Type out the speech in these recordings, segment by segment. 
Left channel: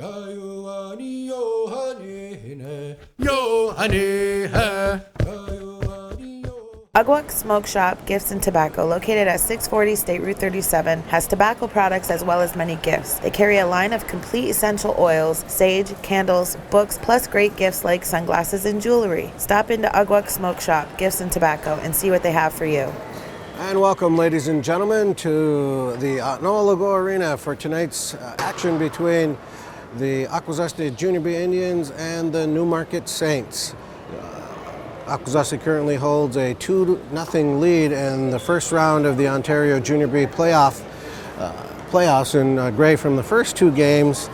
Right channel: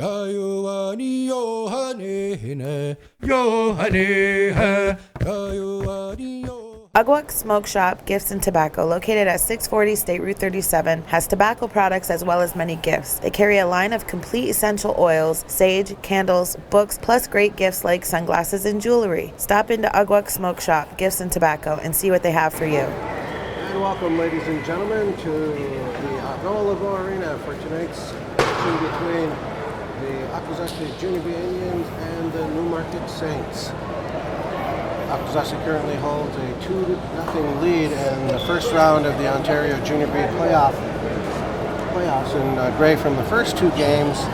Ugwuck Smoke Shop Gifts and Tobacco, located at 640 State Route 37, has tobacco products as well as many gifts. They carry a line of complete essential oils, sage, candles, books, plus great gifts like sunglasses and jewelry. Stop into Ugwuck Smoke Shop Gifts and Tobacco and see what they have for you. And welcome, ladies and gentlemen, to the Noah Lago Arena for tonight's action between the Akwesasne Junior B Indians and the Newmarket Saints. Akwesasne currently holds a 2-0 lead in the first round of the Ontario Junior B playoffs. And Gray, from the first two games,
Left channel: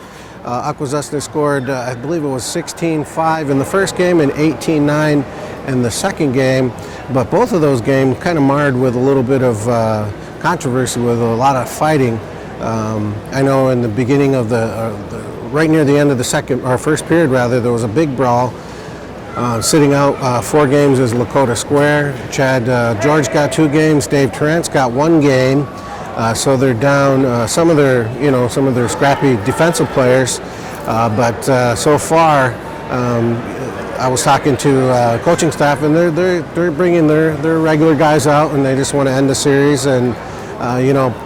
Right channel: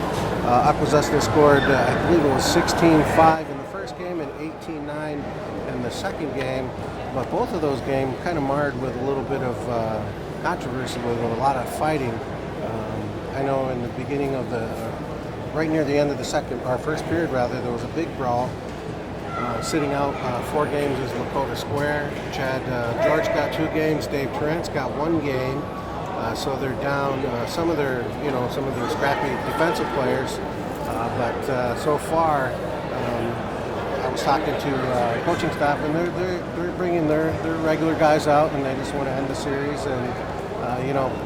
Akwesasne scored, I believe it was 16-5 in the first game and 18-9 in the second game. But both of those games kind of marred with a little bit of controversy, with a lot of fighting. I know in the beginning of right near the end of the first period, there was a big brawl. Sitting out 4 games is Lakota Square. Chad George got 2 games. Dave Terrence got 1 game. So they're down some of their scrappy defensive players. But so far, I was talking to coaching staff, and they're bringing their regular guys out, and they just want to end the series. And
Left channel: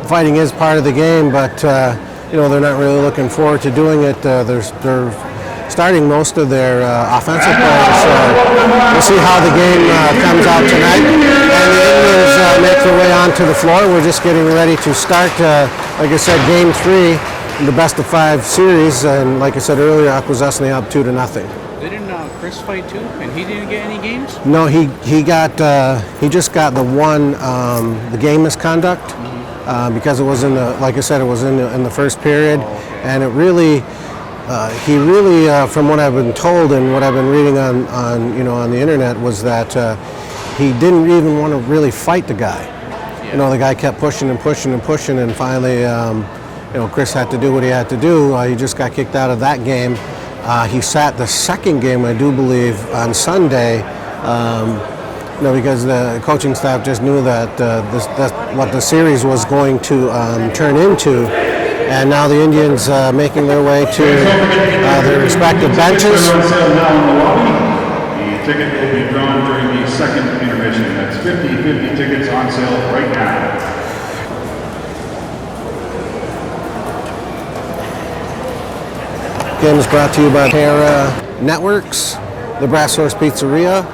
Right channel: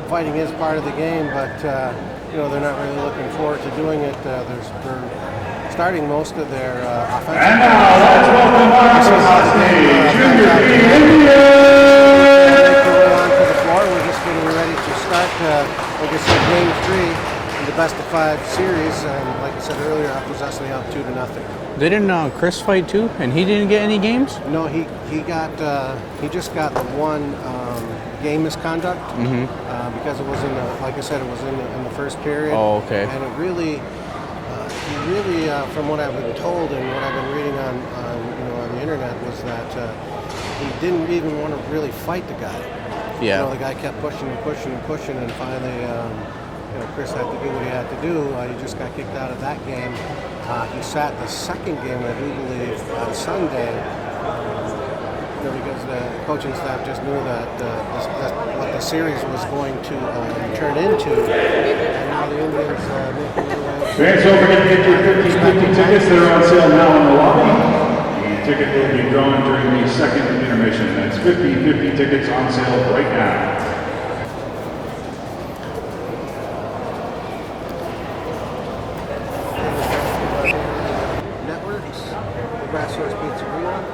fighting is part of the game, but they're not really looking forward to doing it. They're starting most of their offensive players. We'll see how the game comes out tonight. And the Indians make their way onto the floor. We're just getting ready to start, like I said, Game 3, the best-of-5 series. And like I said earlier, Akwesasne up 2-0. Didn't Chris fight too, and he didn't get any games? No, he just got the one, the game misconduct, because it was in the, like I said, it was in the first period. Oh, okay. And it really. He really, from what I've been told and what I've been reading on the internet, was that he didn't even want to really fight the guy. Yeah. The guy kept pushing and pushing and pushing, and finally, Chris had to do what he had to do. He just got kicked out of that game. He sat the second game, I do believe, on Sunday, because the coaching staff just knew that that's what the series was going to turn into. And now the Indians making their way to their respective benches. Tickets are on sale now in the lobby. The ticket will be drawn during the second intermission. That's 50 tickets on sale right now. Game is brought to you by Terra Networks, the Brass Horse Pizzeria,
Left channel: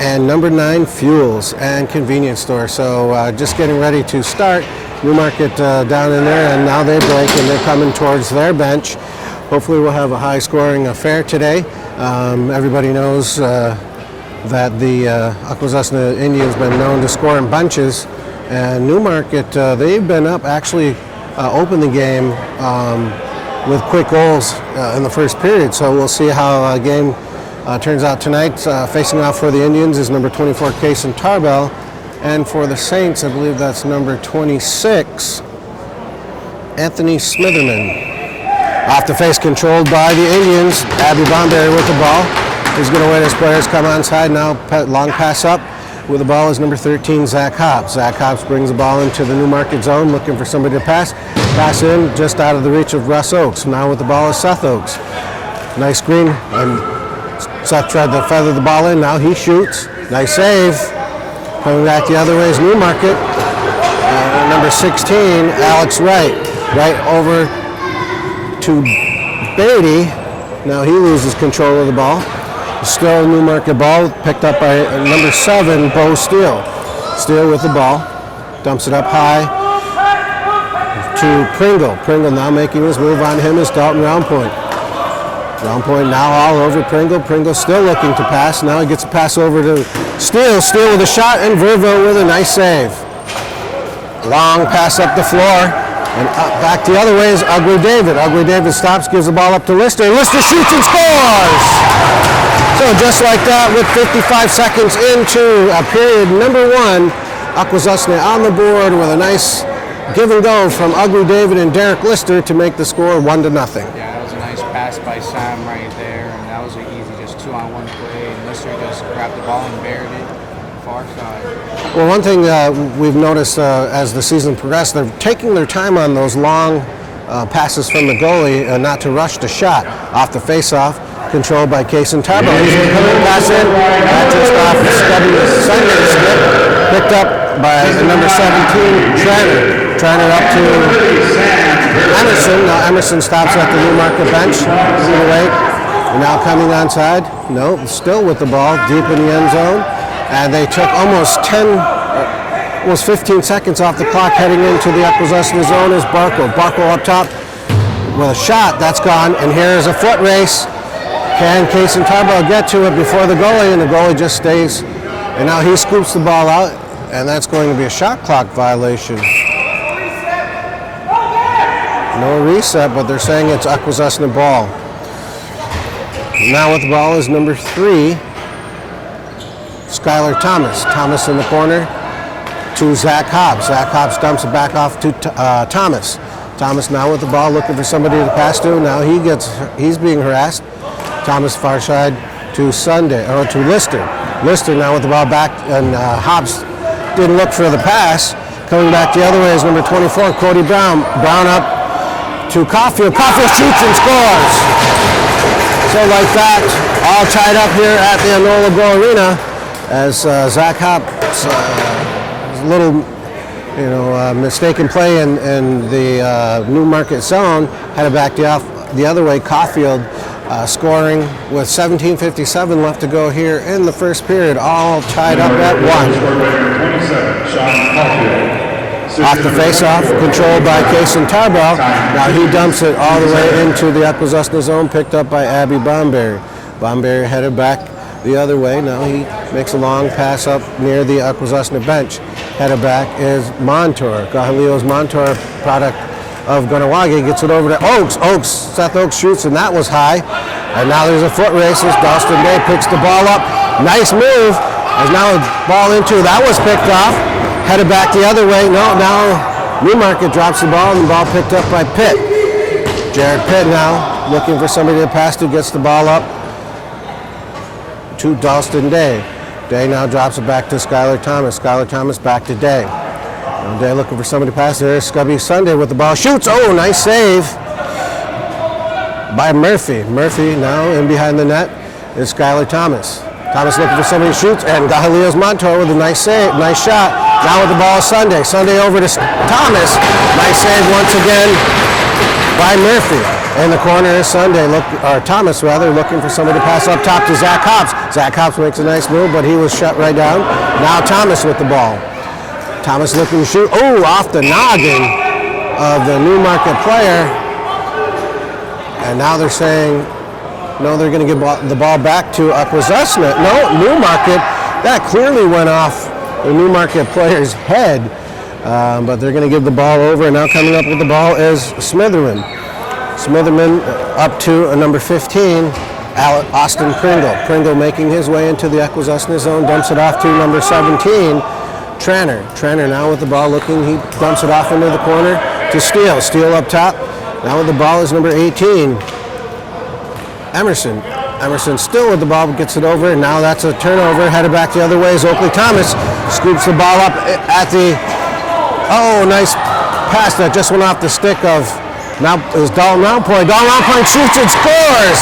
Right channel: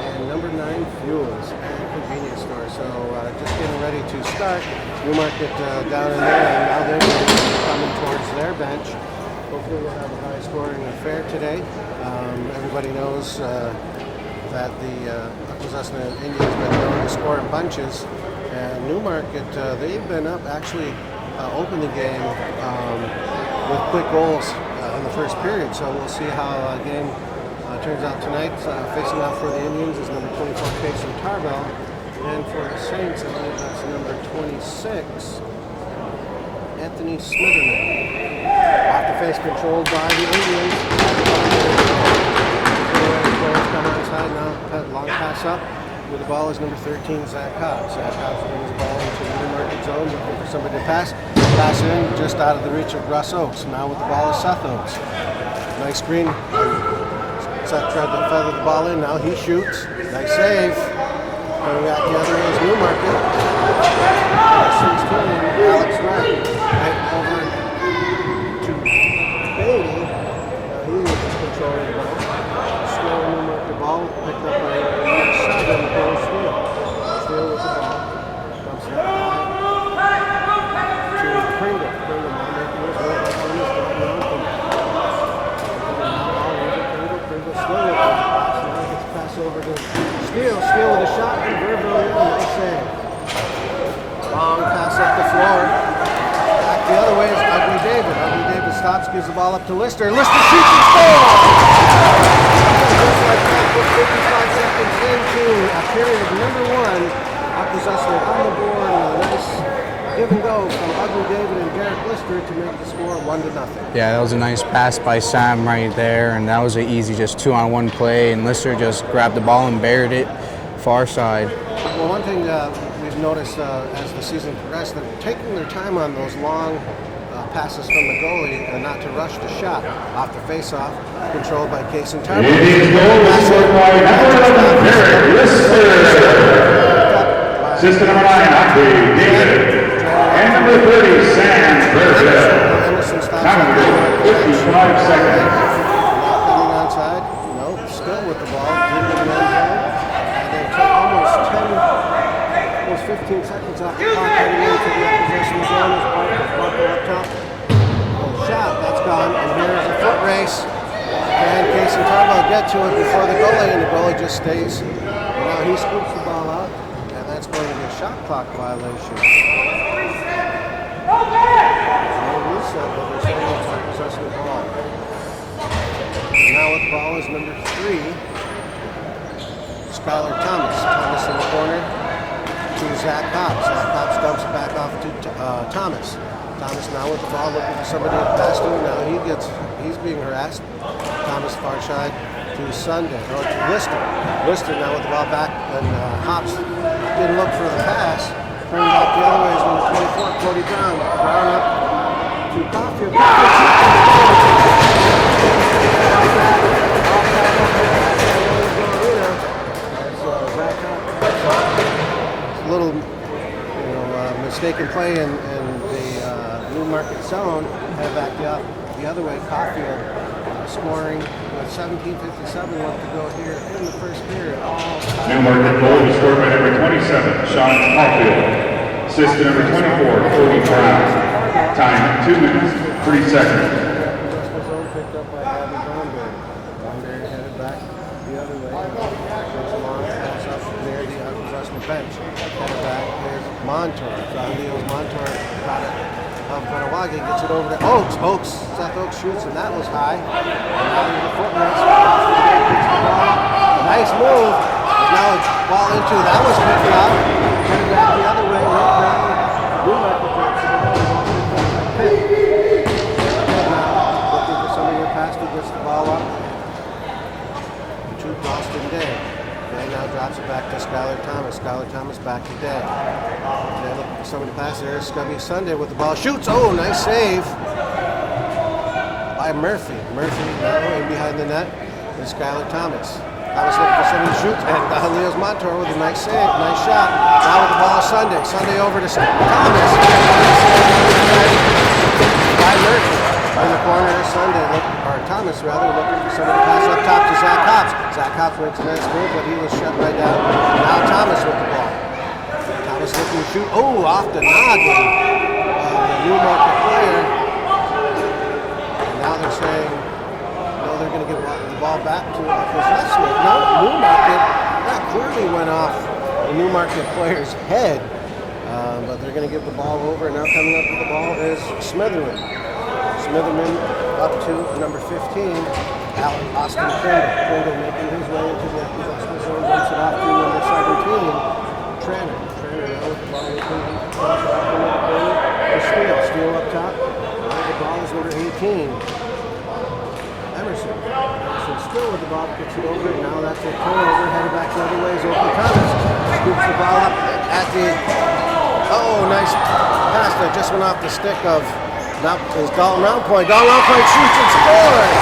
and Number 9 Fuels and Convenience Store. So just getting ready to start. Newmarket down in there, and now they break and they're coming towards their bench. Hopefully we'll have a high-scoring affair today. Everybody knows that the Akwesasne Indians been known to score in bunches, and Newmarket, they've been up, actually opened the game with quick goals in the first period. So we'll see how a game turns out tonight. Facing off for the Indians is number 24, Kason Tarbell. And for the Saints, I believe that's number 26, Anthony Smitherman. Off the face, controlled by the Indians. Abby Bombay with the ball. He's going to wait as players come onside. Now long pass up with the ball is number 13, Zach Hobbs. Zach Hobbs brings the ball into the Newmarket zone, looking for somebody to pass. Pass in, just out of the reach of Russ Oakes. Now with the ball is Seth Oakes. Nice screen. And Seth tried to feather the ball in. Now he shoots. Nice save. Coming back the other way is Newmarket. Number 16, Alex Wright. Right over to Beatty. Now he loses control of the ball. Still Newmarket ball, picked up by number 7, Bo Steele. Steele with the ball. Dumps it up high to Pringle. Pringle now making his move on him is Dalton Roundpoint. Roundpoint now all over Pringle. Pringle still looking to pass. Now he gets a pass over to Steele. Steele with a shot, and Verville with a nice save. Long pass up the floor. And back the other way is Ugly David. Ugly David stops, gives the ball up to Lister. Lister shoots and scores! So just like that, with 55 seconds into period number 1, Akwesasne on the board with a nice give and go from Ugly David and Derek Lister to make the score 1-0. Yeah, that was a nice pass by Sam right there, and that was an easy just 2-on-1 play, and Lister just grabbed the ball and buried it far side. Well, one thing we've noticed as the season progressed, they're taking their time on those long passes from the goalie not to rush the shot. Off the face-off, controlled by Kaysen Tarbo. Pass in, just off picked up by number 17, Tranner up to Emerson. Now Emerson stops at the Newmarket bench. Now coming onside. No, still with the ball, deep in the end zone. And they took almost 15 seconds off the clock heading into the Akwesasne zone is Barco. Barco up top with a shot, that's gone. And here's a foot race. Can Kaysen Tarbo get to it before the goalie? And the goalie just stays. And now he scoops the ball out, and that's going to be a shot clock violation. No reset, but they're saying it's Akwesasne ball. Now with the ball is number 3, Skylar Thomas. Thomas in the corner to Zach Hobbs. Zach Hobbs dumps it back off to Thomas. Thomas now with the ball looking for somebody to pass to. Now he's being harassed. Thomas far side to Lister. Lister now with the ball back, and Hobbs didn't look for the pass. Coming back the other way is number 24, Cody Brown. Brown up to Caulfield. Caulfield shoots and scores. So like that, all tied up here at the Enola Go Arena as Zach Hobbs, a little, mistaken play in the Newmarket zone, headed back the other way. Caulfield scoring with 17:57 left to go here in the first period, all tied up at 1. Off the face-off, controlled by Kaysen Tarbo. Now he dumps it all the way into the Akwesasne zone, picked up by Abby Bomberry. Bomberry headed back the other way. Now he makes a long pass up near the Akwesasne bench. Headed back is Montour. Gahalio's Montour, product of Ganawagi, gets it over to Oaks. Seth Oaks shoots, and that was high. And now there's a foot race as Dalston Day picks the ball up. Nice move. There's now a ball into, that was picked off. Headed back the other way. No, now Newmarket drops the ball, and the ball picked up by Pitt. Jared Pitt now looking for somebody to pass to, gets the ball up to Dalston Day. Day now drops it back to Skylar Thomas. Skylar Thomas back to Day. Day looking for somebody to pass. There's Scubby Sunday with the ball. Shoots. Oh, nice save by Murphy. Murphy now in behind the net is Skylar Thomas. Thomas looking for somebody to shoot, and Gahalio's Montour with a nice save, nice shot. Now with the ball, Sunday. Sunday over to Thomas. Nice save once again by Murphy. In the corner is Sunday, Thomas rather, looking for somebody to pass up top to Zach Hobbs. Zach Hobbs makes a nice move, but he was shut right down. Now Thomas with the ball. Thomas looking to shoot. Oh, off the noggin of the Newmarket player. And now they're saying, no, they're going to give the ball back to Akwesasne. No, Newmarket. That clearly went off the Newmarket player's head. But they're going to give the ball over. And now coming up with the ball is Smitherman. Smitherman up to number 15, Austin Pringle. Pringle making his way into the Akwesasne zone, dumps it off to number 17, Tranner. Tranner now with the ball looking, he dumps it off into the corner to Steele. Steele up top. Now with the ball is number 18, Emerson. Emerson still with the ball, gets it over, and now that's a turnover. Headed back the other way is Oakley Thomas. Scoops the ball up at the, nice pass that just went off the stick of, now is Dalton Roundpoint. Dalton Roundpoint shoots and scores!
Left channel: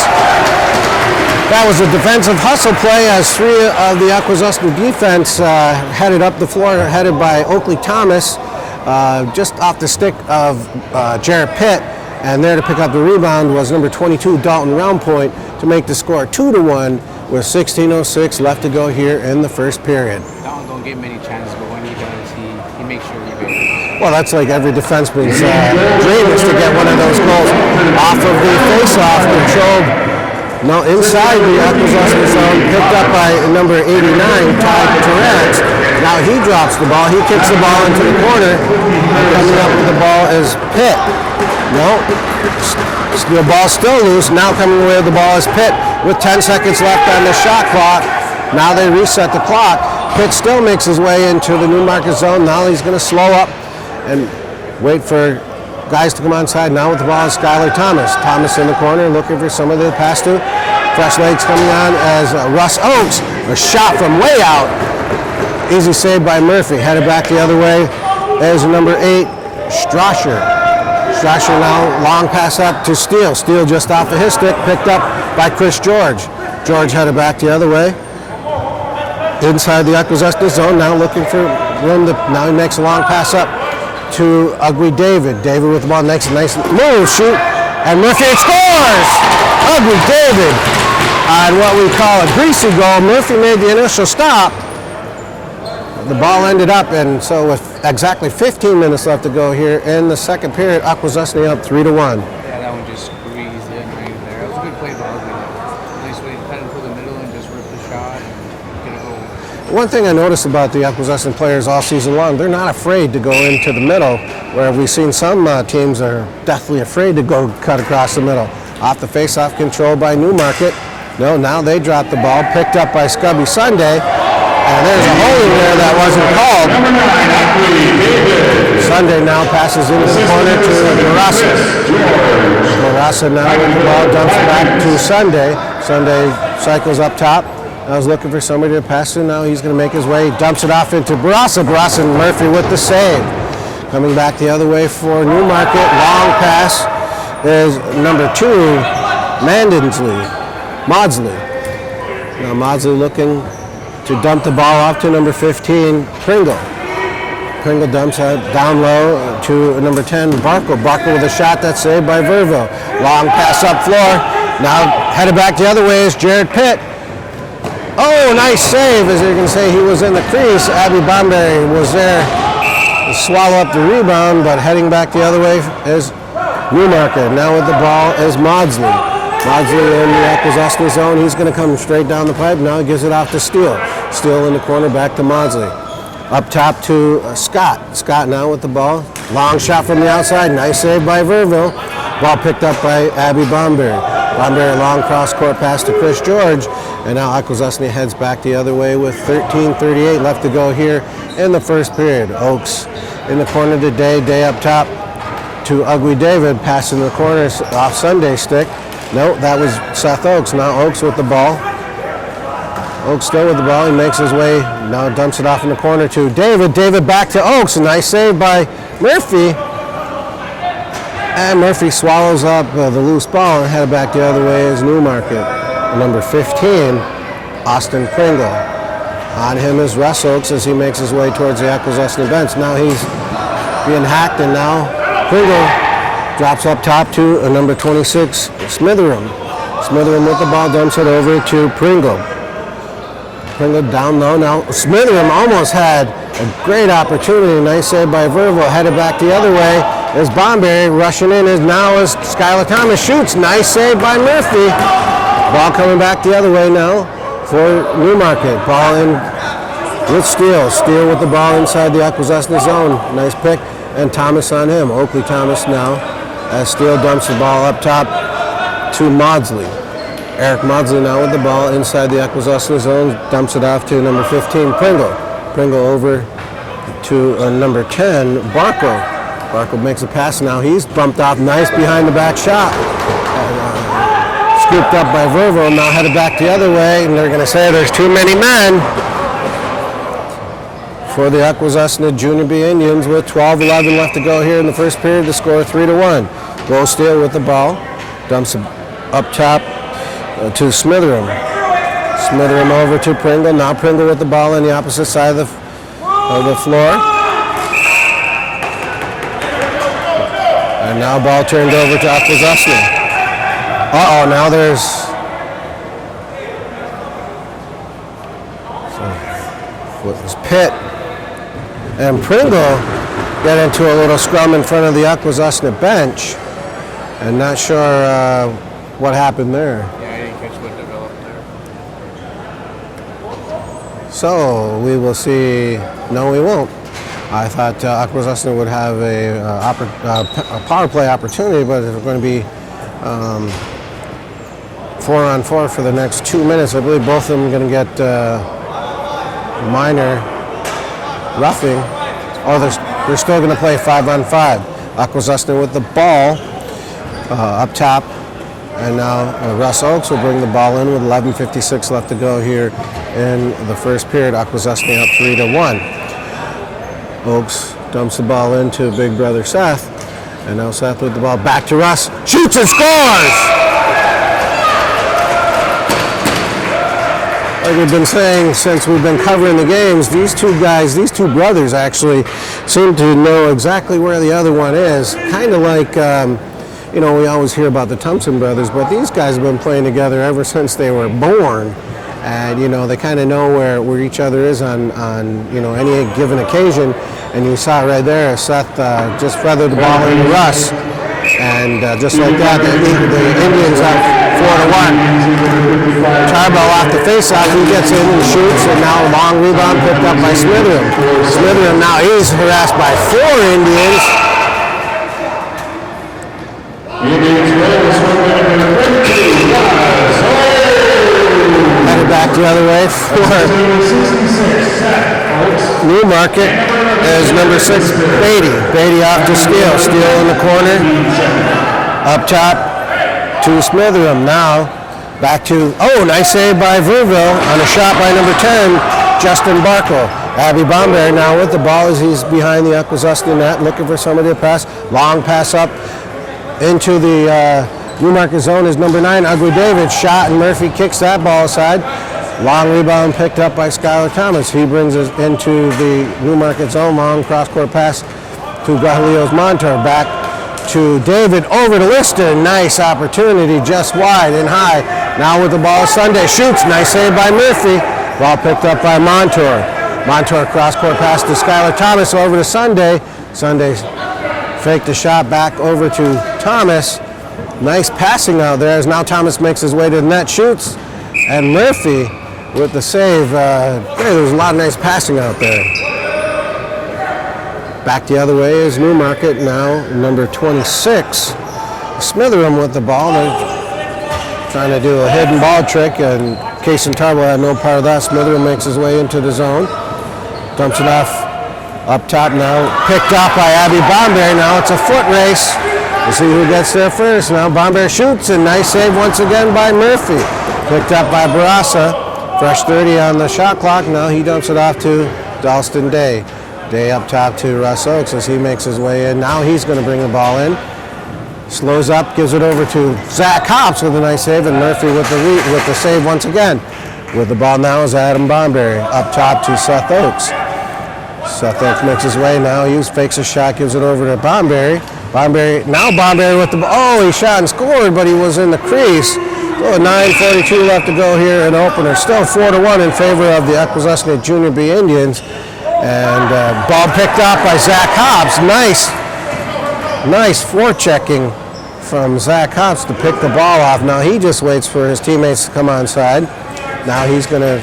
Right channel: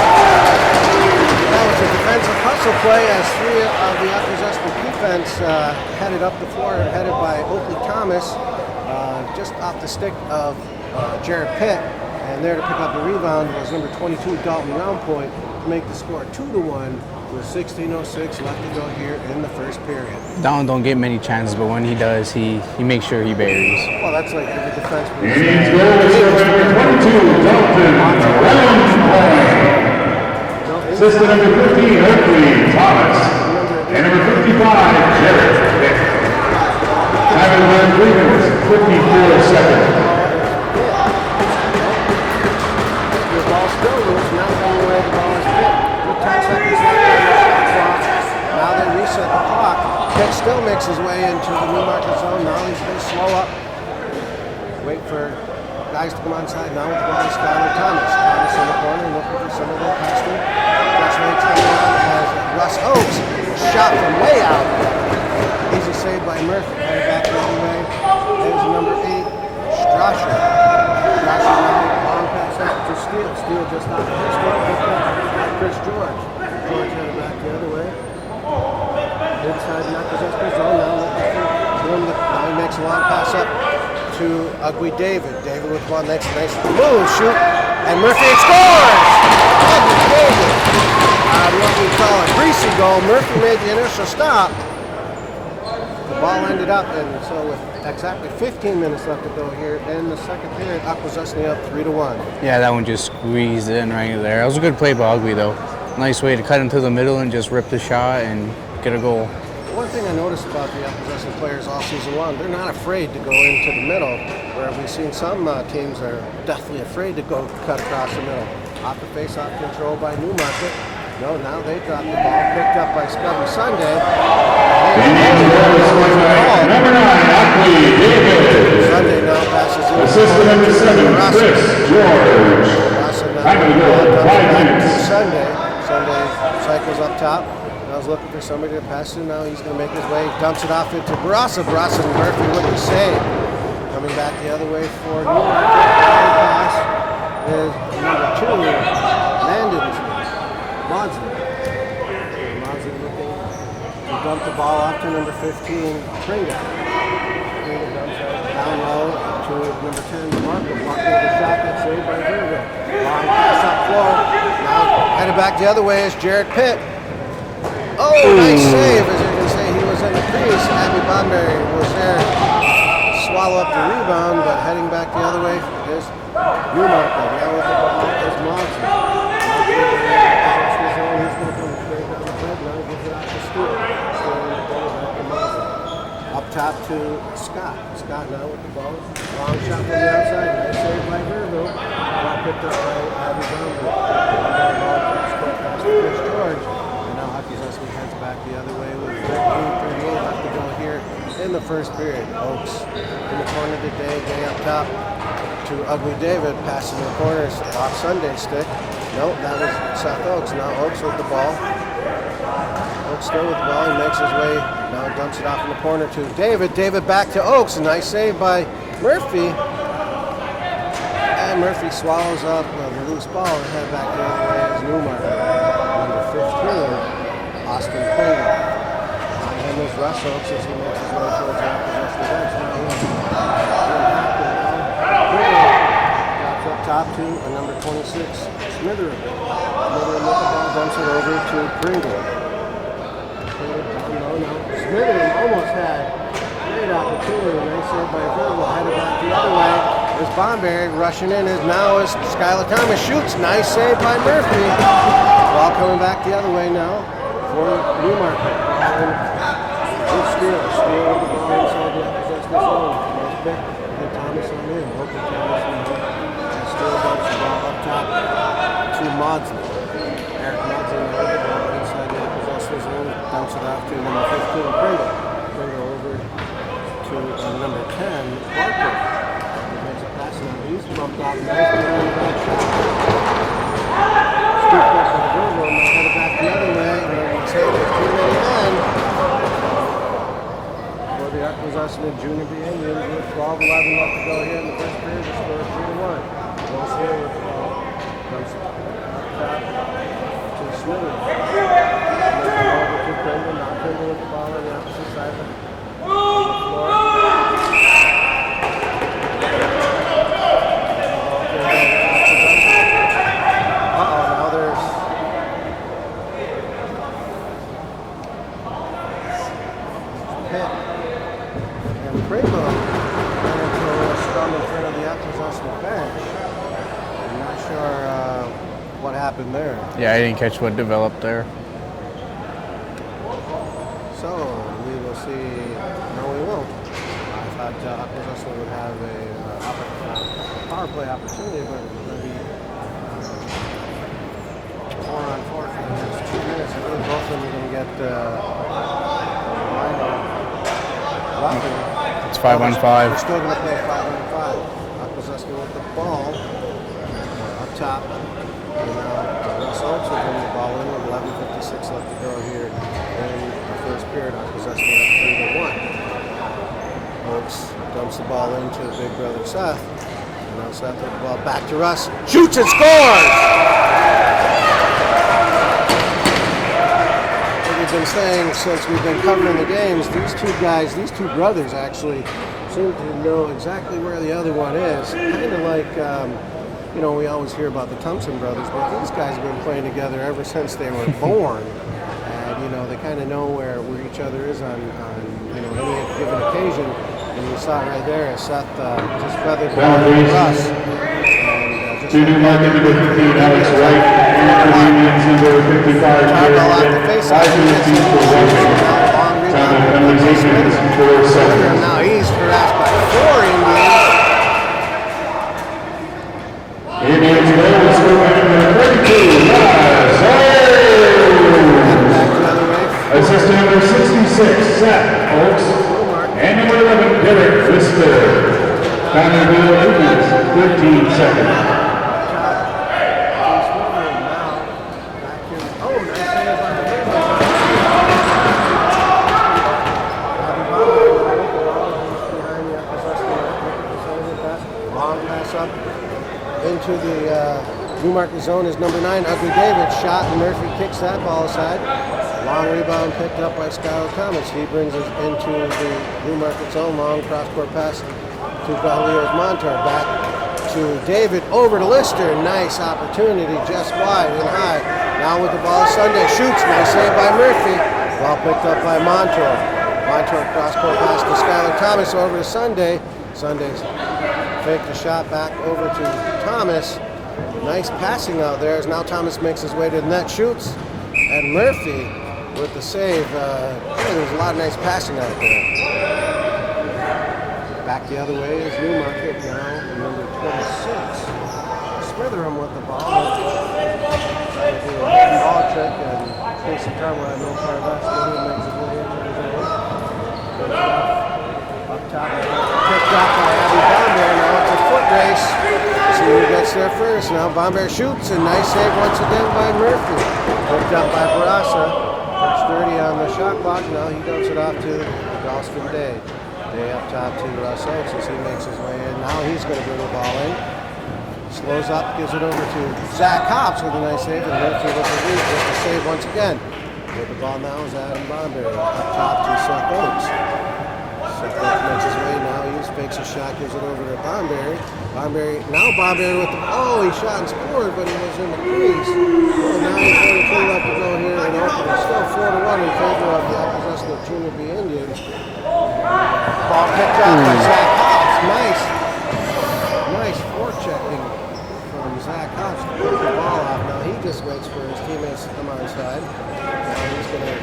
That was a defensive hustle play as 3 of the Akwesasne defense headed up the floor, headed by Oakley Thomas, just off the stick of Jared Pitt. And there to pick up the rebound was number 22, Dalton Roundpoint, to make the score 2-1 with 16:06 left to go here in the first period. Dalton don't get many chances, but when he does, he makes sure he buries. Well, that's like every defenseman's dream is to get one of those goals off of that face-off, controlled. No, inside the Akwesasne zone, picked up by number 89, Todd Torrance. Now he drops the ball, he kicks the ball into the corner. Coming up with the ball is Pitt. No, the ball still loose. Now coming away with the ball is Pitt with 10 seconds left on the shot clock. Now they reset the clock. Pitt still makes his way into the Newmarket zone. Now he's going to slow up and wait for guys to come onside. Now with the ball is Skylar Thomas. Thomas in the corner looking for somebody to pass to. Fresh legs coming on as Russ Oaks. A shot from way out. Easy save by Murphy. Headed back the other way is number 8, Strasher. Strasher now, long pass up to Steele. Steele just off of his stick, picked up by Chris George. George headed back the other way. Inside the Akwesasne zone, now looking for room. Now he makes a long pass up to Ugly David. David with the ball next, nice move, shoot, and Murphy scores! Ugly David on what we call a greasy goal. Murphy made the initial stop. The ball ended up, and so with exactly 15 minutes left to go here in the second period, Akwesasne up 3-1. Yeah, that one just squeezed in right there. It was a good play by Ugly, though. Nice way to cut into the middle and just rip the shot and get a goal. One thing I noticed about the Akwesasne players all season long, they're not afraid to go into the middle, where we've seen some teams are deathly afraid to go cut across the middle. Off the face-off control by Newmarket. No, now they dropped the ball, picked up by Scubby Sunday, and there's a hole in there that wasn't called. Number 9, Ugly David. Sunday now passes into the Assistant corner number to 7, Rasa. Chris George. Rasa now with the ball dumps it back to Sunday. Sunday cycles up top. I was looking for somebody to pass to. Now he's going to make his way. He dumps it off into Barassa. Barassa and Murphy with the save. Coming back the other way for Newmarket. Long pass is number 2, Maudsley. Now Maudsley looking to dump the ball off to number 15, Pringle. Pringle dumps it down low to number 10, Barkle. Barkle with a shot that's saved by Verville. Long pass up floor. Now headed back the other way is Jared Pitt. Oh, nice save. As you can see, he was in the crease. Abby Bombay was there to swallow up the rebound, but heading back the other way is Newmarket. Now with the ball is Maudsley. Maudsley in the Akwesasne zone. He's going to come straight down the pipe. Now he gives it off to Steele. Steele in the corner, back to Maudsley. Up top to Scott. Scott now with the ball. Long shot from the outside. Nice save by Verville. Ball picked up by Abby Bomberry. Bomberry long cross-court pass to Chris George. And now Akwesasne heads back the other way with 13:38 left to go here in the first period. Oaks in the corner today. Day up top to Ugly David. Passing the corner off Sunday's stick. No, that was Seth Oaks. Now Oaks with the ball. Oaks still with the ball. He makes his way. Now dumps it off in the corner to David. David back to Oaks. A nice save by Murphy. And Murphy swallows up the loose ball and headed back the other way is Newmarket. Number 15, Austin Pringle. On him is Russ Oaks as he makes his way towards the Akwesasne bench. Now he's being hacked, and now Pringle drops up top to number 26, Smitheram. Smitheram with the ball, dumps it over to Pringle. Pringle down low. Now Smitheram almost had a great opportunity. Nice save by Verville. Headed back the other way is Bomberry. Rushing in is now is Skylar Thomas. Shoots. Nice save by Murphy. Ball coming back the other way now for Newmarket. Ball in with Steele. Steele with the ball inside the Akwesasne zone. Nice pick. And Thomas on him. Oakley Thomas now as Steele dumps the ball up top to Maudsley. Eric Maudsley now with the ball inside the Akwesasne zone. Dumps it off to number 15, Pringle. Pringle over to number 10, Barkle. Barkle makes a pass now. He's bumped off nice behind the back shot. Scooped up by Verville, now headed back the other way, and they're going to say there's too many men for the Akwesasne Junior B Indians with 12-11 left to go here in the first period. The score 3-1. Will Steele with the ball, dumps up top to Smitheram. Smitheram over to Pringle. Now Pringle with the ball on the opposite side of the floor. And now ball turned over to Akwesasne. Uh-oh, now there's Pitt and Pringle get into a little scrum in front of the Akwesasne bench. And not sure what happened there. Yeah, I didn't catch what developed there. So we will see. No, we won't. I thought Akwesasne would have a power play opportunity, but it's going to be 4-on-4 for the next 2 minutes. I believe both of them are going to get minor roughing. It's 5-on-5. They're still going to play 5-on-5. Akwesasne with the ball up top. And now Russ Oaks will bring the ball in with 11:56 left to go here in the first period. Akwesasne up 3-1. Oaks dumps the ball into Big Brother Seth. And now Seth with the ball back to Russ. Shoots and scores! Like we've been saying since we've been covering the games, these two guys, these two brothers actually seem to know exactly where the other one is. Kind of like, you know, we always hear about the Thompson brothers, but these guys have been playing together ever since they were born. And, you know, they kind of know where each other is on, you know, any given occasion. And you saw right there, Seth just feathered the ball into Russ. And just like that, the Indians have 4-1. Tarbell off the face side, he gets in and shoots, and now a long rebound picked up by Smithers. Smithers now he's harassed by 4 Indians. Indians goal is scored by number 32, Headed back the other way. number 66, Seth Oaks. Newmarket is number 6, Beatty. Beatty off to Steele. Steele in the corner. Up top to Smitheram. Now back to, oh, nice save by Verville on a shot by number 10, Justin Barkle. Abby Bomberry now with the ball as he's behind the Akwesasne net, looking for somebody to pass. Long pass up into the Newmarket zone is number 9, Ugly David. Shot and Murphy kicks that ball aside. Long rebound picked up by Skylar Thomas. He brings us into the Newmarket zone. Long cross-court pass to Gahlios Montour. Back to David, over to Lister. Nice opportunity, just wide and high. Now with the ball, Sunday shoots. Nice save by Murphy. Ball picked up by Montour. Montour cross-court pass to Skylar Thomas, over to Sunday. Sunday faked the shot back over to Thomas. Nice passing out there as now Thomas makes his way to the net, shoots. And Murphy with the save. There was a lot of nice passing out there. Back the other way is Newmarket, now number 26. Smitheram with the ball. They're trying to do a hidden ball trick, and Case and Tarbell had no part of that. Smitheram makes his way into the zone. Dumps it off up top now. Picked up by Abby Bomberry. Now it's a foot race. We'll see who gets there first. Now Bomberry shoots, and nice save once again by Murphy. Picked up by Barassa. Fresh 30 on the shot clock. Now he dumps it off to Dalston Day. Day up top to Russ Oaks as he makes his way in. Now he's going to bring the ball in. Slows up, gives it over to Zach Hops with a nice save, and Murphy with the save once again. With the ball now is Adam Bomberry. Up top to Seth Oaks. Seth Oaks makes his way now. He fakes a shot, gives it over to Bomberry. Now Bomberry with the ball. Oh, he shot and scored, but he was in the crease. 9:42 left to go here in opener. Still 4-1 in favor of the Akwesasne Junior B Indians. And ball picked up by Zach Hobbs. Nice forechecking from Zach Hobbs to pick the ball off. Now he just waits for his teammates to come on side. Now he's going to,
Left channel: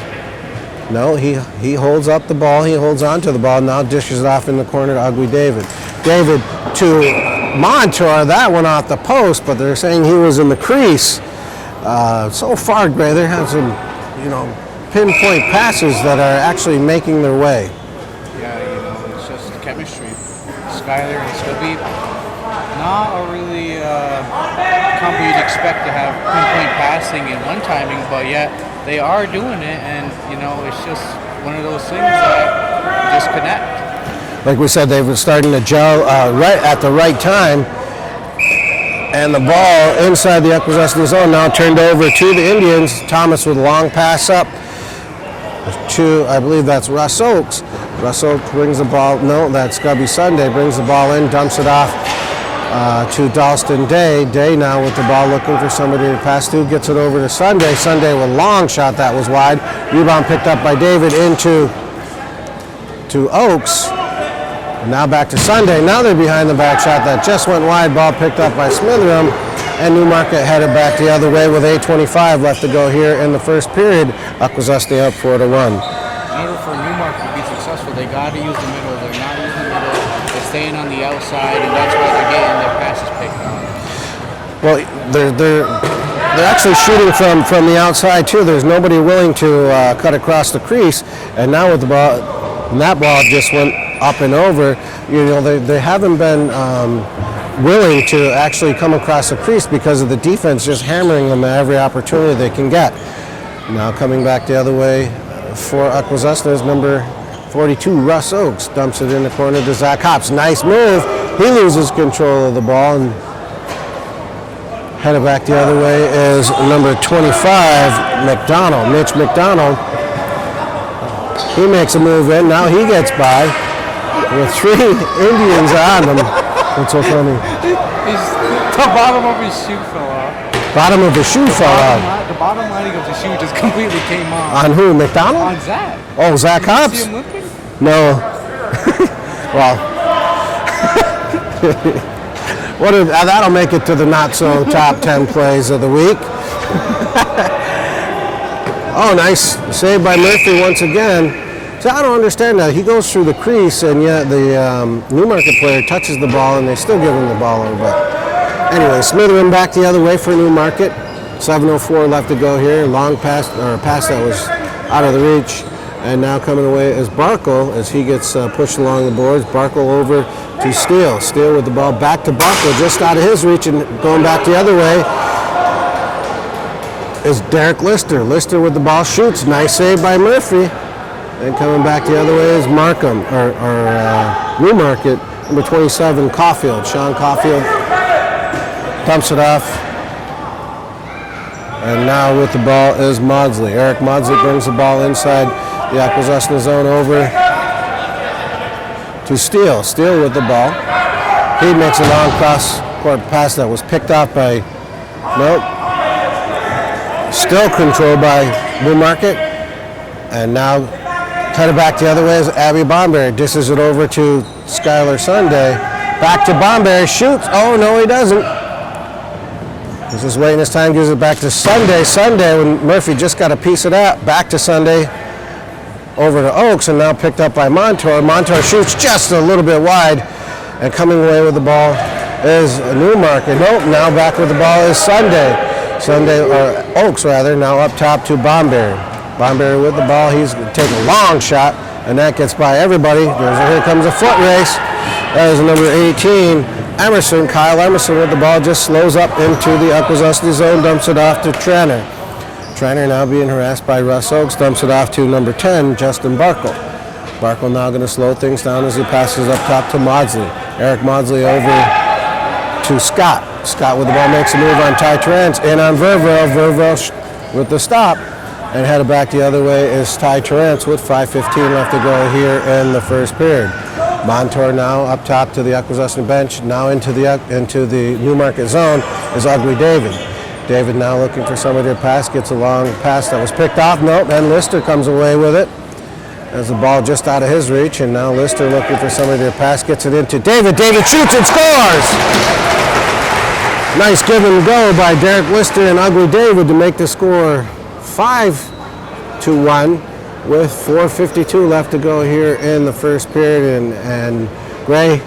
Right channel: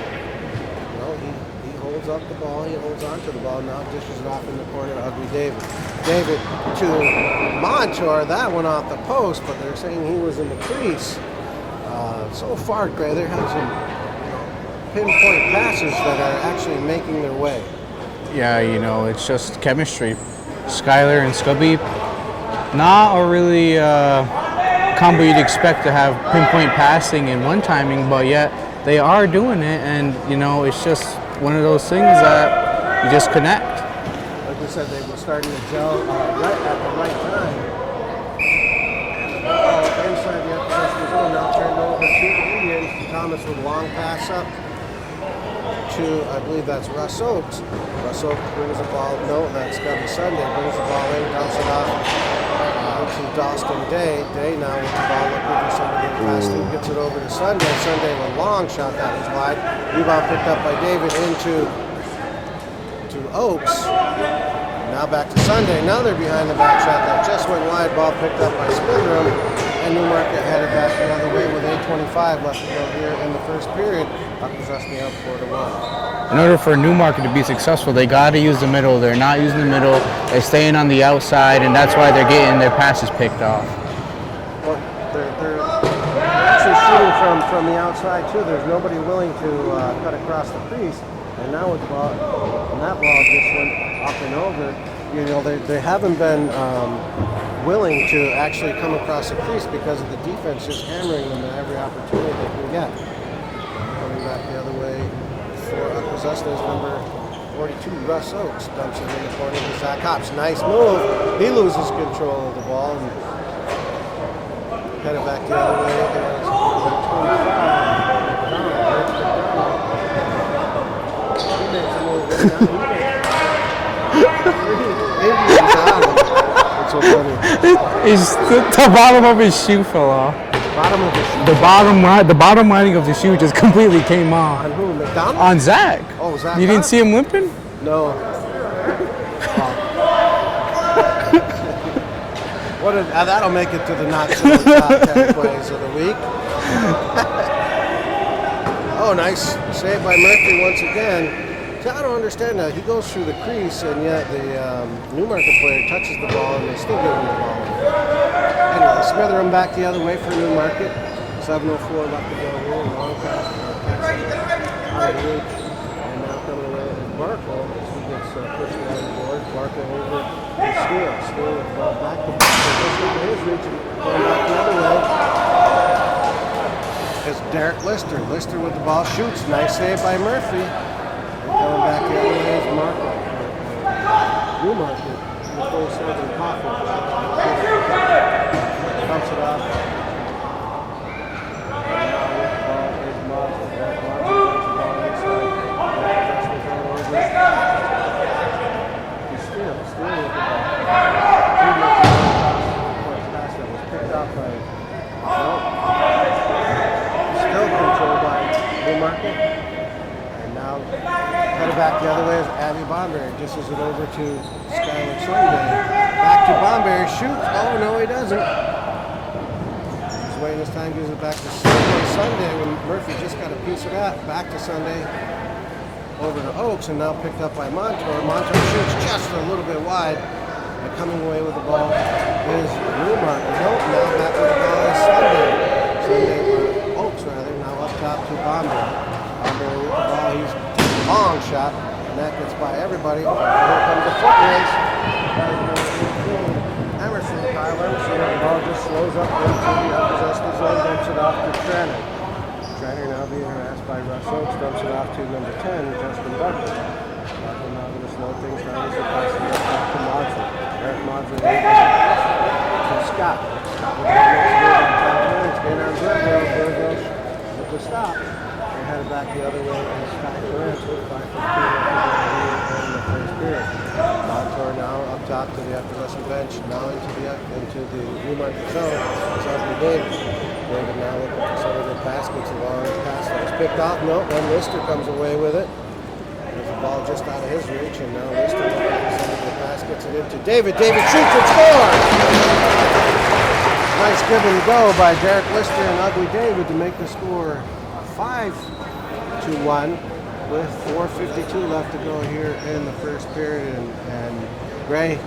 no, he holds up the ball. He holds on to the ball. Now dishes it off in the corner to Ugly David. David to Montour. That one off the post, but they're saying he was in the crease. So far, Gray, they're having some, pinpoint passes that are actually making their way. Yeah, it's just chemistry. Skylar and Scubby, not a really combo you'd expect to have pinpoint passing and one timing, but yet they are doing it, and it's just one of those things that you just connect. Like we said, they were starting to gel right at the right time. And the ball inside the Akwesasne zone now turned over to the Indians. Thomas with a long pass up to, I believe that's Russ Oaks. Russ Oaks brings the ball, no, that's Scubby Sunday, brings the ball in, dumps it off to Dalston Day. Day now with the ball looking for somebody to pass to, gets it over to Sunday. Sunday with a long shot that was wide. Rebound picked up by David into Oaks. Now back to Sunday. Now they're behind the back shot that just went wide. Ball picked up by Smitheram, and Newmarket headed back the other way with 8:25 left to go here in the first period. Akwesasne up 4-1. In order for Newmarket to be successful, they got to use the middle. They're not using the middle. They're staying on the outside, and that's why they're getting their passes picked off. Well, they're actually shooting from the outside too. There's nobody willing to cut across the crease, and now with the ball, and that ball just went up and over. They haven't been willing to actually come across the crease because of the defense just hammering them at every opportunity they can get. Now coming back the other way for Akwesasne is number 42, Russ Oaks. Dumps it in the corner to Zach Hops. Nice move. He loses control of the ball and headed back the other way is number 25, McDonald, Mitch McDonald. He makes a move in. Now he gets by with 3 Indians on him. What's so funny? The bottom of his shoe fell off. Bottom of the shoe fell off. The bottom lining of the shoe just completely came off. On who? McDonald? On Zach. Oh, Zach You Hobbs? didn't see him whimpering? No. Well, that'll make it to the not-so top 10 plays of the week. Oh, nice save by Murphy once again. So I don't understand that. He goes through the crease, and yet the Newmarket player touches the ball, and they still give him the ball a little bit. Anyway, Smitherman back the other way for Newmarket. 7:04 left to go here. Long pass, or a pass that was out of the reach. And now coming away is Barkle as he gets pushed along the boards. Barkle over to Steele. Steele with the ball back to Barkle, just out of his reach, and going back the other way is Derek Lister. Lister with the ball shoots. Nice save by Murphy. And coming back the other way is Markham, or Newmarket, number 27, Caulfield. Sean Caulfield dumps it off. And now with the ball is Maudsley. Eric Maudsley brings the ball inside the Akwesasne zone over to Steele. Steele with the ball. He makes a long cross-court pass that was picked off by, nope. Still controlled by Newmarket. And now headed back the other way is Abby Bomberry. Dishes it over to Skylar Sunday. Back to Bomberry. Shoots. Oh, no, he doesn't. He's just waiting his time. Gives it back to Sunday. Sunday, when Murphy just got a piece of that. Back to Sunday. Over to Oaks, and now picked up by Montour. Montour shoots just a little bit wide. And coming away with the ball is Newmarket. Nope, now back with the ball is Sunday. Or Oaks, rather, now up top to Bomberry. Bomberry with the ball. He's taking a long shot, and that gets by everybody. Here comes a foot race. That is number 18, Emerson. Kyle Emerson with the ball just slows up into the Akwesasne zone, dumps it off to Tranter. Tranter now being harassed by Russ Oaks, dumps it off to number 10, Justin Barkle. Barkle now going to slow things down as he passes up top to Maudsley. Eric Maudsley over to Scott. Scott with the ball makes a move on Ty Terrence. In on Verville. Verville with the stop. And headed back the other way is Ty Terrence with 5:15 left to go here in the first period. Montour now up top to the Akwesasne bench. Now into the Newmarket zone is Ugly David. David now looking for somebody to pass. Gets a long pass that was picked off. Nope, and Lister comes away with it. As the ball just out of his reach, and now Lister looking for somebody to pass. Gets it into David. David shoots and scores! Nice give and go by Derek Lister and Ugly David to make the score 5-1 with 4:52 left to go here in the first period. And Gray,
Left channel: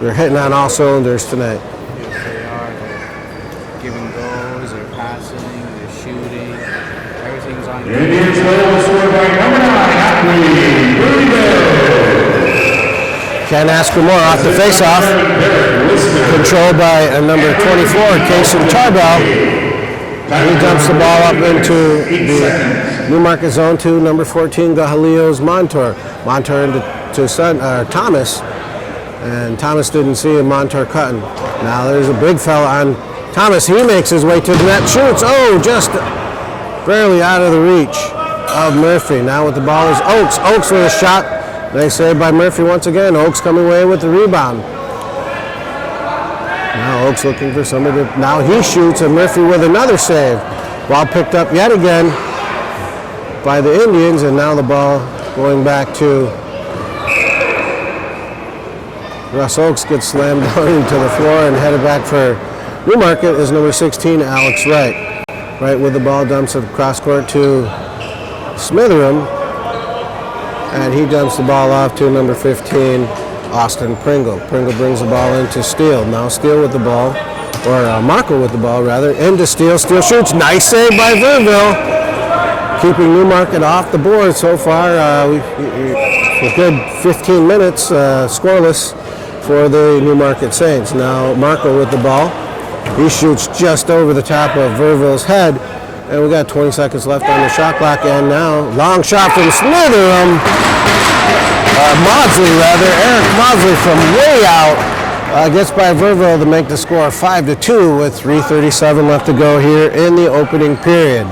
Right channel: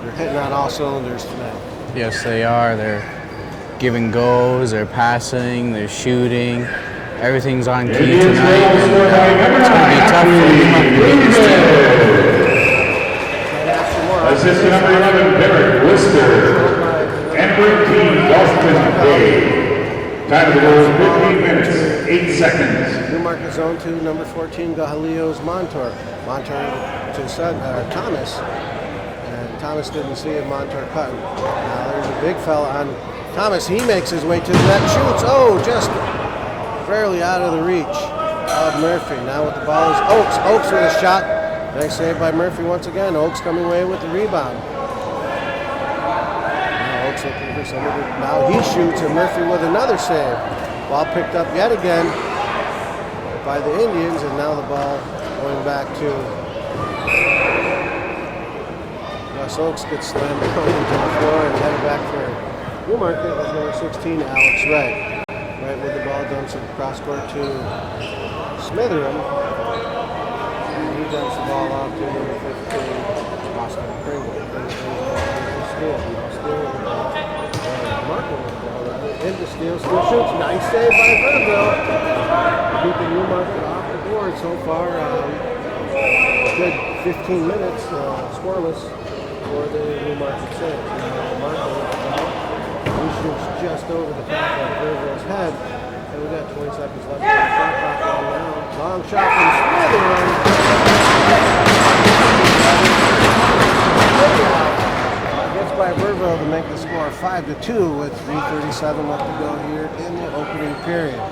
they're hitting on all cylinders tonight. Yes, they are. They're giving goals, they're passing, they're shooting. Everything's on key. Indians goal scored by number 9, Can't ask for more off the face-off. Controlled by number 24, Kelson Charbel. He dumps the ball up into the Newmarket zone to number 14, Gahalios Montour. Montour into Thomas, and Thomas didn't see him. Montour cutting. Now there's a big fella on Thomas. He makes his way to the net, shoots. Oh, just barely out of the reach of Murphy. Now with the ball is Oaks. Oaks with a shot. They saved by Murphy once again. Oaks coming away with the rebound. Now Oaks looking for somebody. Now he shoots, and Murphy with another save. Ball picked up yet again by the Indians, and now the ball going back to Russ Oaks. Gets slammed down into the floor and headed back for Newmarket is number 16, Alex Wright. Wright with the ball dumps it cross court to Smitheram, and he dumps the ball off to number 15, Austin Pringle. Pringle brings the ball into Steele. Now Steele with the ball, or Markle with the ball rather, into Steele. Steele shoots. Nice save by Verville. Keeping Newmarket off the board so far. A good 15 minutes scoreless for the Newmarket Saints. Now Markle with the ball. He shoots just over the top of Verville's head. And we got 20 seconds left on the shot clock, and now long shot from Smitheram. Maudsley rather, Eric Maudsley from way out Gets by Verville to make the score 5-2 with 3:37 left to go here in the opening period.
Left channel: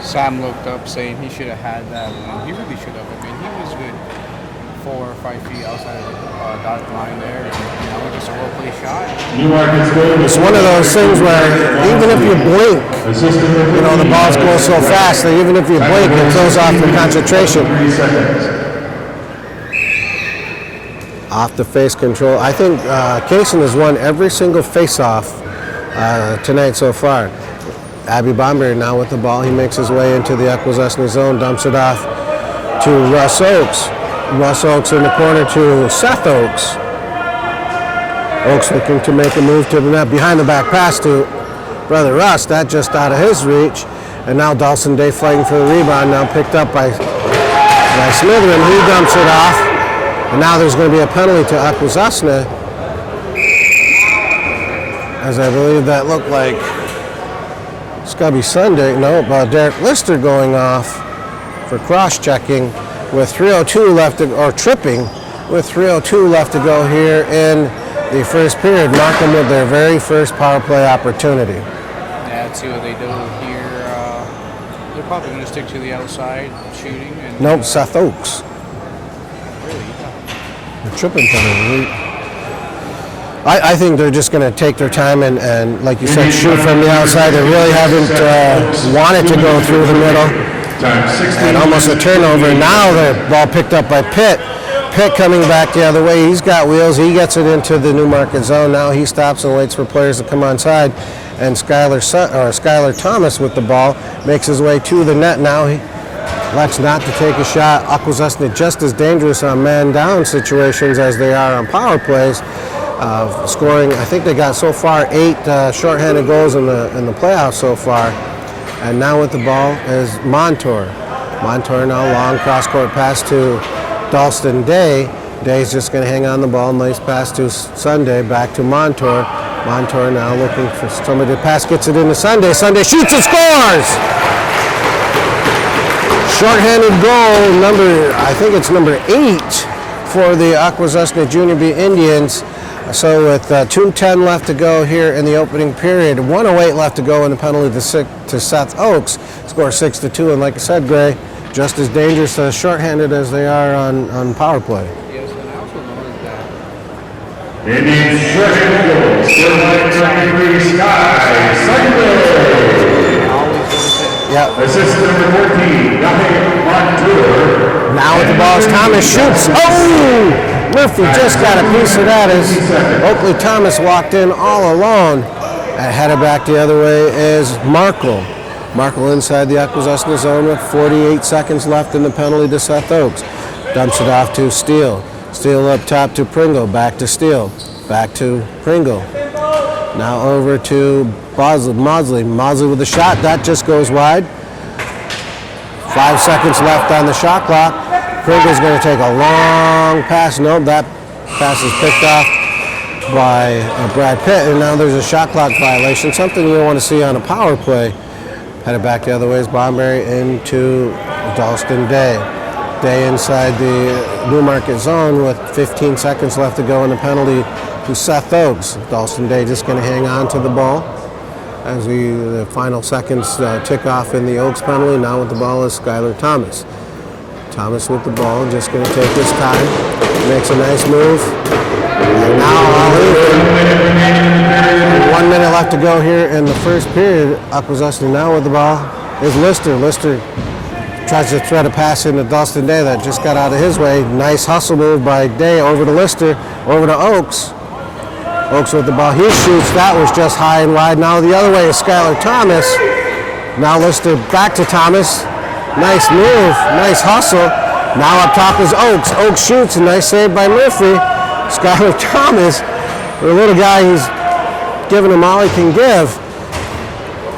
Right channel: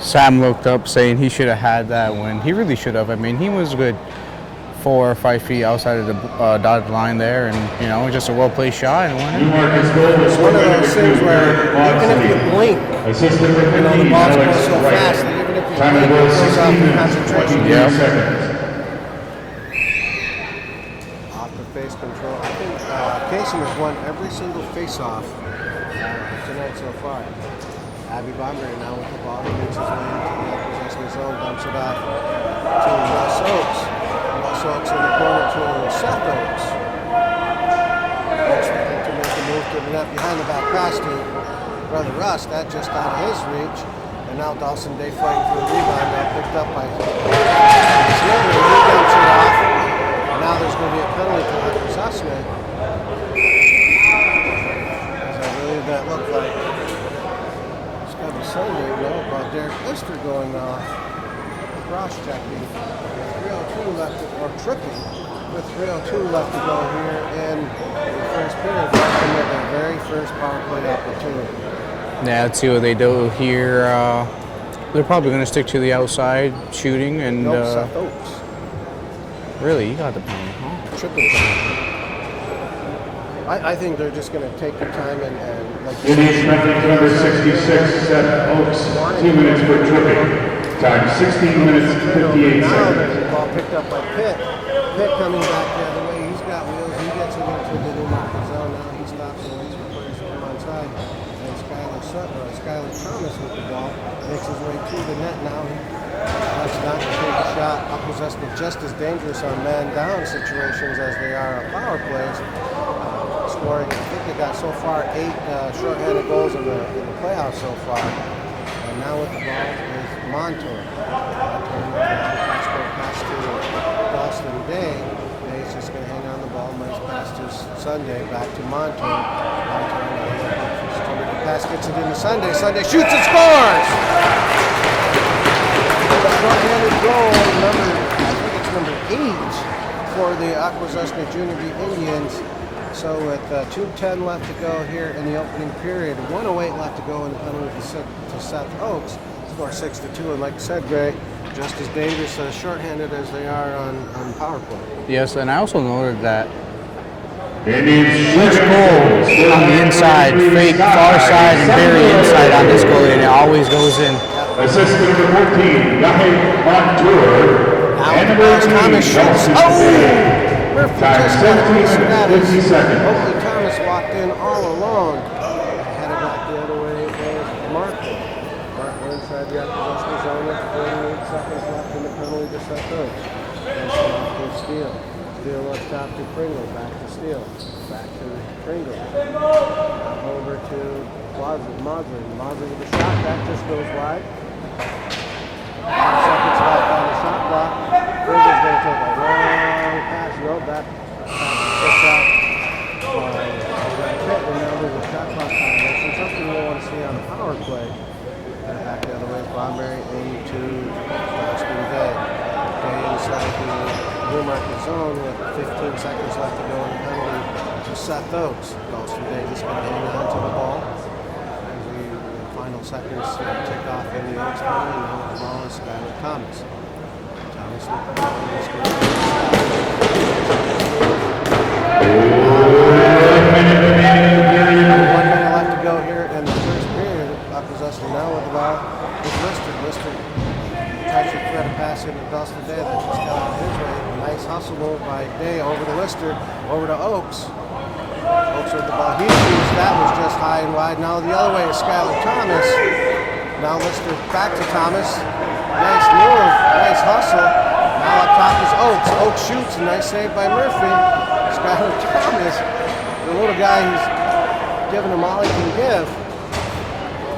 Sam looked up saying he should have had that win. He really should have. I mean, he was good 4 or 5 feet outside of the dotted line there, and just a well-placed shot. It's one of those things where even if you blink, the ball's going so fast that even if you blink, it throws off your concentration. Off the face control. I think Kaysen has won every single face-off tonight so far. Abby Bomberry now with the ball. He makes his way into the Akwesasne zone, dumps it off to Russ Oakes. Russ Oakes in the corner to Seth Oakes. Oakes looking to make a move to the net. Behind the back pass to Brother Russ. That just out of his reach. And now Dawson Day fighting for the rebound. Now picked up by Smitherman. He dumps it off. And now there's going to be a penalty to Akwesasne. As I believe that looked like Scubby Sunday. Nope, Derek Lister going off for cross-checking with 3:02 left to, or tripping with 3:02 left to go here in the first period. Markham with their very first power play opportunity. Yeah, let's see what they do here. They're probably going to stick to the outside shooting. And Nope, Seth Oakes. Really? You got him. Tripping penalty. I think they're just going to take their time and, like you said, shoot from the outside. They really haven't wanted to go through the middle. And almost a turnover. Now the ball picked up by Pitt. Pitt coming back the other way. He's got wheels. He gets it into the Newmarket zone. Now he stops and waits for players to come onside. And Skylar Thomas with the ball makes his way to the net. Now he elects not to take a shot. Akwesasne just as dangerous on man-down situations as they are on power plays. Scoring, I think they got so far 8 shorthanded goals in the playoffs so far. And now with the ball is Montour. Montour now long cross-court pass to Dalston Day. Day's just going to hang on the ball. Nice pass to Sunday, back to Montour. Montour now looking for somebody to pass, gets it into Sunday. Sunday shoots and scores! Short-handed goal, I think it's number 8 for the Akwesasne Junior B Indians. So with 2:10 left to go here in the opening period, 1:08 left to go in the penalty to Seth Oakes. Score 6-2, and like I said, Gray, just as dangerous short-handed as they are on power play. Yes, and I also noted that Indians short-handed goal. Still inside on this goal, it always goes in. Yep. Assist number 14, Guy Montour. Now with the ball, Thomas shoots. Oh! Murphy just got a piece of that as Oakley Thomas walked in all alone. And headed back the other way is Markle. Markle inside the Akwesasne zone with 48 seconds left in the penalty to Seth Oakes. Dumps it off to Steele. Steele up top to Pringle. Back to Steele. Back to Pringle. Now over to Mosley. Mosley with the shot. That just goes wide. 5 seconds left on the shot clock. Pringle's going to take a long pass. No, that pass is picked off by Brad Pitt, and now there's a shot clock violation, something you don't want to see on a power play. Headed back the other way is Bomberry into Dalston Day. Day inside the Newmarket zone with 15 seconds left to go in the penalty to Seth Oakes. Dalston Day just going to hang on to the ball as the final seconds tick off in the Oakes penalty. Now with the ball is Skylar Thomas. Thomas with the ball, just going to take his time. Makes a nice move. And now 1 minute left to go here in the first period. Akwesasne now with the ball is Lister. Lister tries to thread a pass into Dalston Day that just got out of his way. Nice hustle move by Day over to Lister, over to Oakes. Oakes with the ball, he shoots. That was just high and wide. Now the other way is Skylar Thomas. Now Lister back to Thomas. Nice move, nice hustle. Now up top is Oakes. Oakes shoots, a nice save by Murphy. Skylar Thomas, the little guy who's giving him all he can give.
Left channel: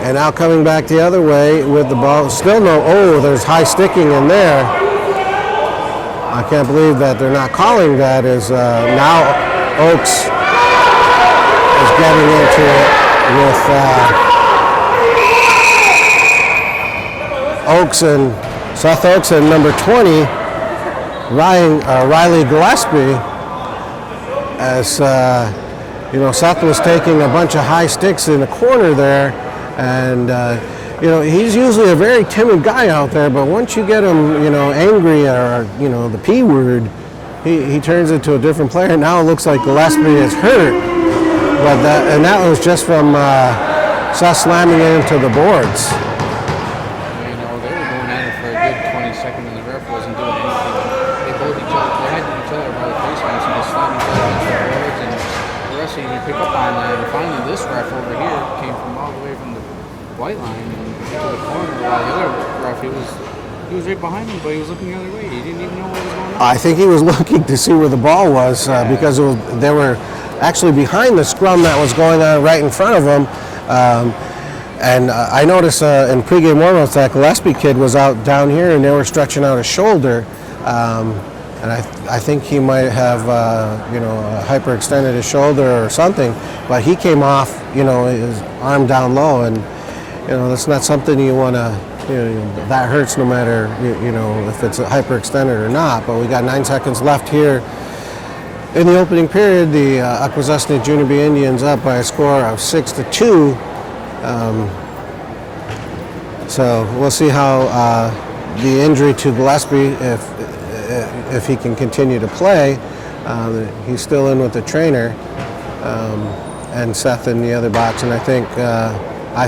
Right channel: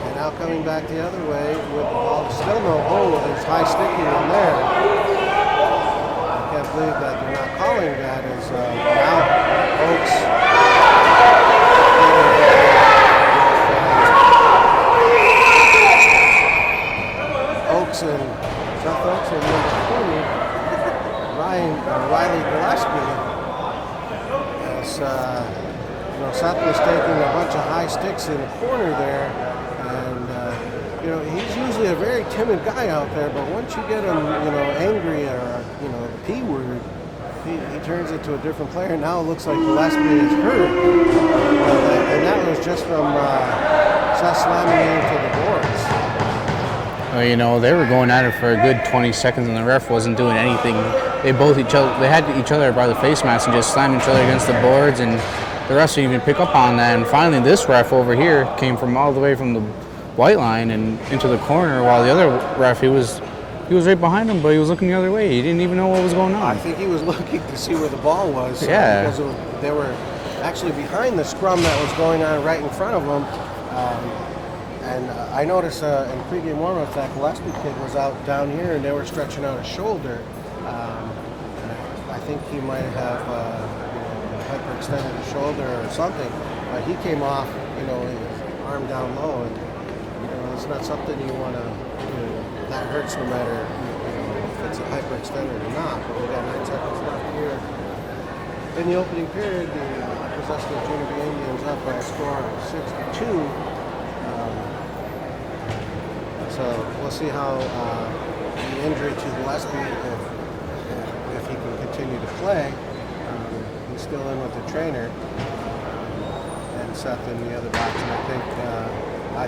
And now coming back the other way with the ball. Still there's high sticking in there. I can't believe that they're not calling that as now Oakes is getting into it with Oakes and Seth Oakes and number 20, Riley Gillespie. as Seth was taking a bunch of high sticks in the corner there, and he's usually a very timid guy out there, but once you get him, angry or the P word, he turns into a different player. Now it looks like Gillespie is hurt, but that was just from Seth slamming into the boards. Well, they were going at it for a good 20 seconds, and the ref wasn't doing anything. They had each other by the face mask and just slammed each other against the boards, and the refs didn't even pick up on that. And finally, this ref over here came from all the way from the white line and into the corner, while the other ref, he was right behind him, but he was looking the other way. He didn't even know what was going on. I think he was looking to see where the ball was, because they were actually behind the scrum that was going on right in front of him. And I noticed in pregame warm-ups that Gillespie kid was out down here, and they were stretching out his shoulder. And I think he might have, hyperextended his shoulder or something. But he came off, his arm down low, and that's not something you want to. That hurts no matter, if it's hyperextended or not. But we got 9 seconds left here in the opening period. The Akwesasne Junior B Indians up by a score of 6-2. So we'll see how the injury to Gillespie, if he can continue to play. He's still in with the trainer, and Seth in the other box, and I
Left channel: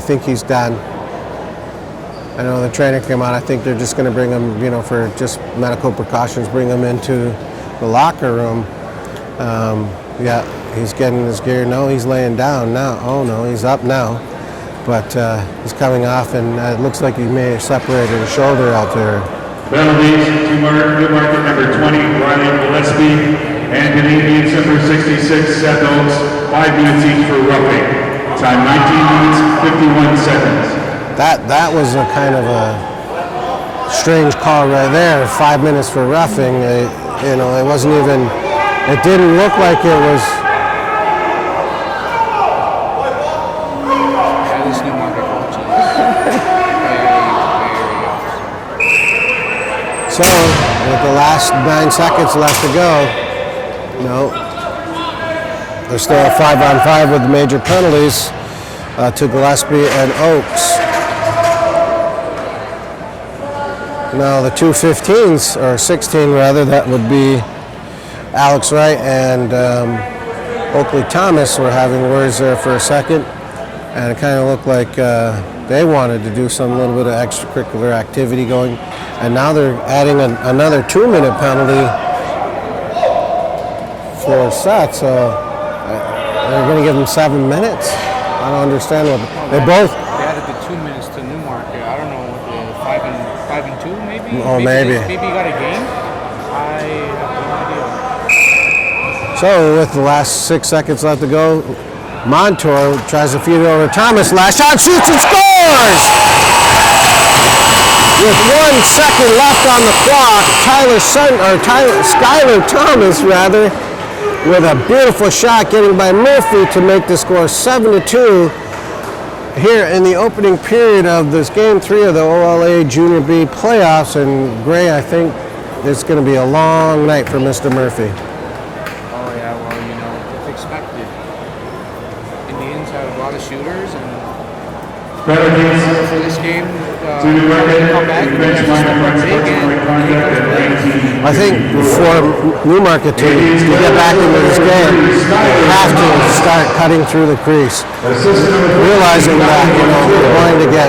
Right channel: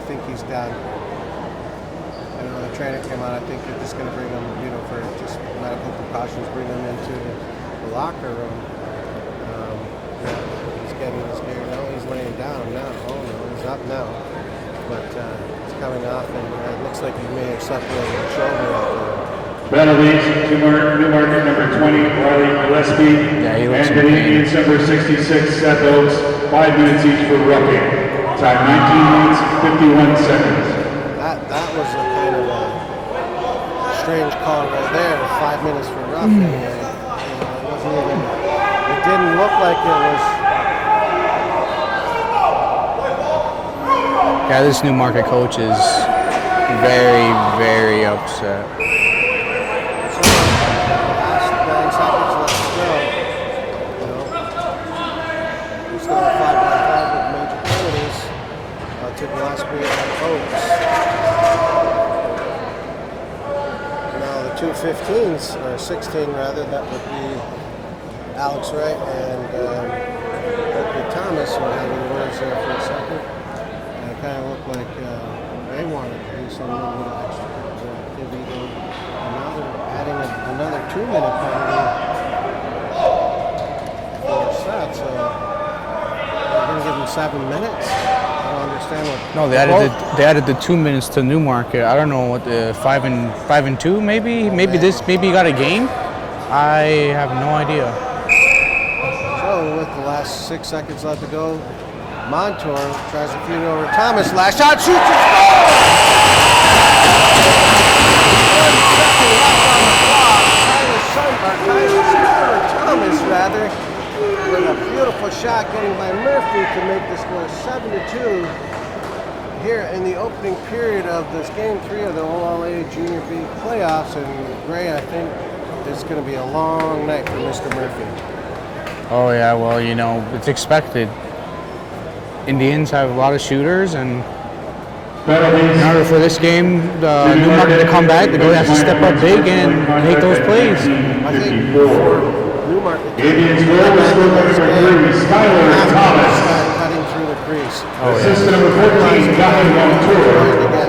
think he's done. I know the trainer came out. I think they're just going to bring him, for just medical precautions, bring him into the locker room. He's getting his gear. No, he's laying down now. Oh no, he's up now. But he's coming off, and it looks like he may have separated his shoulder out there. Penalties, Newmarket number 20, Ryan Gillespie, and Canadians number 66, Seth Oakes, 5 minutes each for roughing. Time 19 minutes, 51 seconds. That was a kind of a strange call right there. 5 minutes for roughing. It wasn't even. It didn't look like it was. Yeah, this Newmarket coach is very, very upset. So with the last 9 seconds left to go, they're still at 5-on-5 with the major penalties to Gillespie and Oakes. Now the 2 15s, or 16 rather, that would be Alex Wright and Oakley Thomas were having words there for a second, and it kind of looked like they wanted to do some little bit of extracurricular activity going, and now they're adding another 2-minute penalty for Seth, so they're going to give him 7 minutes. I don't understand what the problem. They added the 2 minutes to Newmarket. I don't know what the 5 and 2 maybe. Well, maybe you got a game. I have no idea. So with the last 6 seconds left to go, Montour tries to feed it over Thomas. Last shot, shoots and scores! With 1 second left on the clock, Skylar Thomas with a beautiful shot getting by Murphy to make the score 7-2 here in the opening period of this game 3 of the OLA Junior B playoffs. And Gray, I think it's going to be a long night for Mr. Murphy. Oh yeah, well, it's expected. Indians have a lot of shooters, and for this game, Newmarket to come back, they're going to have to step up big and hit those plays. I think for Newmarket to get back into this game, they have to start cutting through the crease. Realizing that they're going to get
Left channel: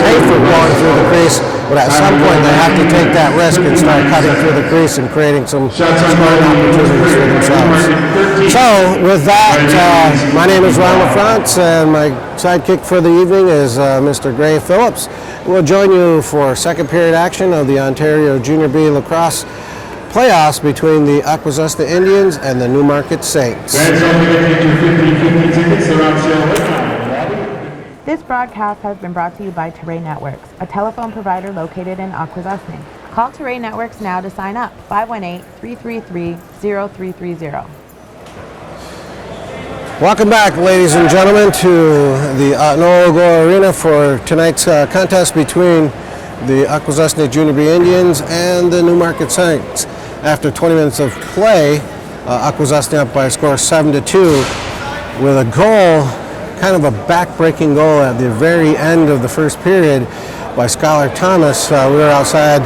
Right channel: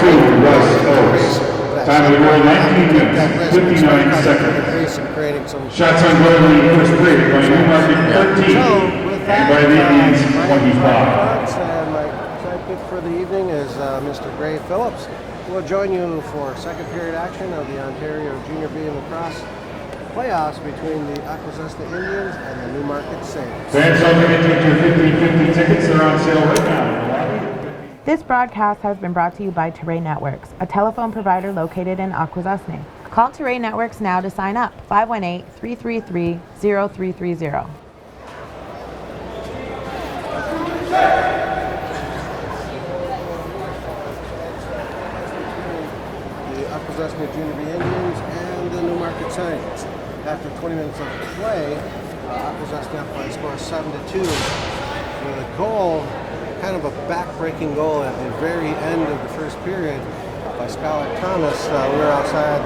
paid for going through the crease, but at some point they have to take that risk and start cutting through the crease and creating some scoring opportunities for themselves. So with that, my name is Ron LaFrance, and my sidekick for the evening is Mr. Gray Phillips. We'll join you for second period action of the Ontario Junior B Lacrosse playoffs between the Akwesasne Indians and the Newmarket Saints. This broadcast has been brought to you by Terrain Networks, a telephone provider located in Akwesasne. Call Terrain Networks now to sign up, 518-333-0330. Welcome back, ladies and gentlemen, to the Akwesasne Arena for tonight's contest between the Akwesasne Junior B Indians and the Newmarket Saints. After 20 minutes of play, Akwesasne up by a score of 7-2 with a goal, kind of a back-breaking goal at the very end of the first period by Skylar Thomas. We were outside,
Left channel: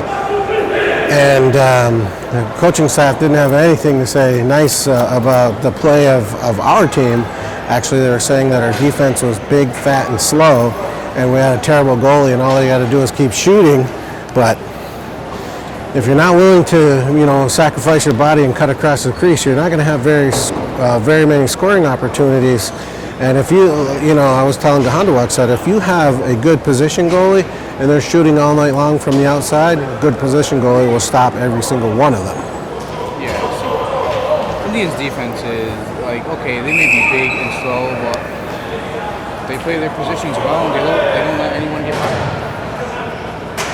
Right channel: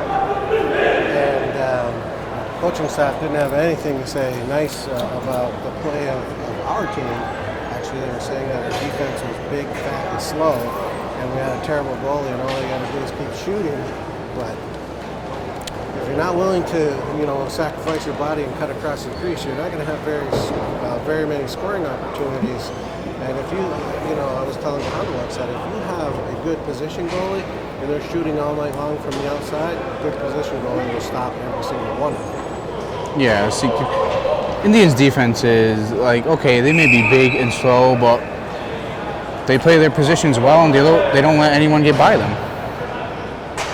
and the coaching staff didn't have anything to say nice about the play of our team. Actually, they were saying that our defense was big, fat, and slow, and we had a terrible goalie, and all you got to do is keep shooting. But if you're not willing to, sacrifice your body and cut across the crease, you're not going to have very many scoring opportunities. And if I was telling the Honduaks that if you have a good position goalie and they're shooting all night long from the outside, a good position goalie will stop every single one of them. Yeah, see, Indians' defense is okay, they may be big and slow, but they play their positions well and they don't let anyone get by them.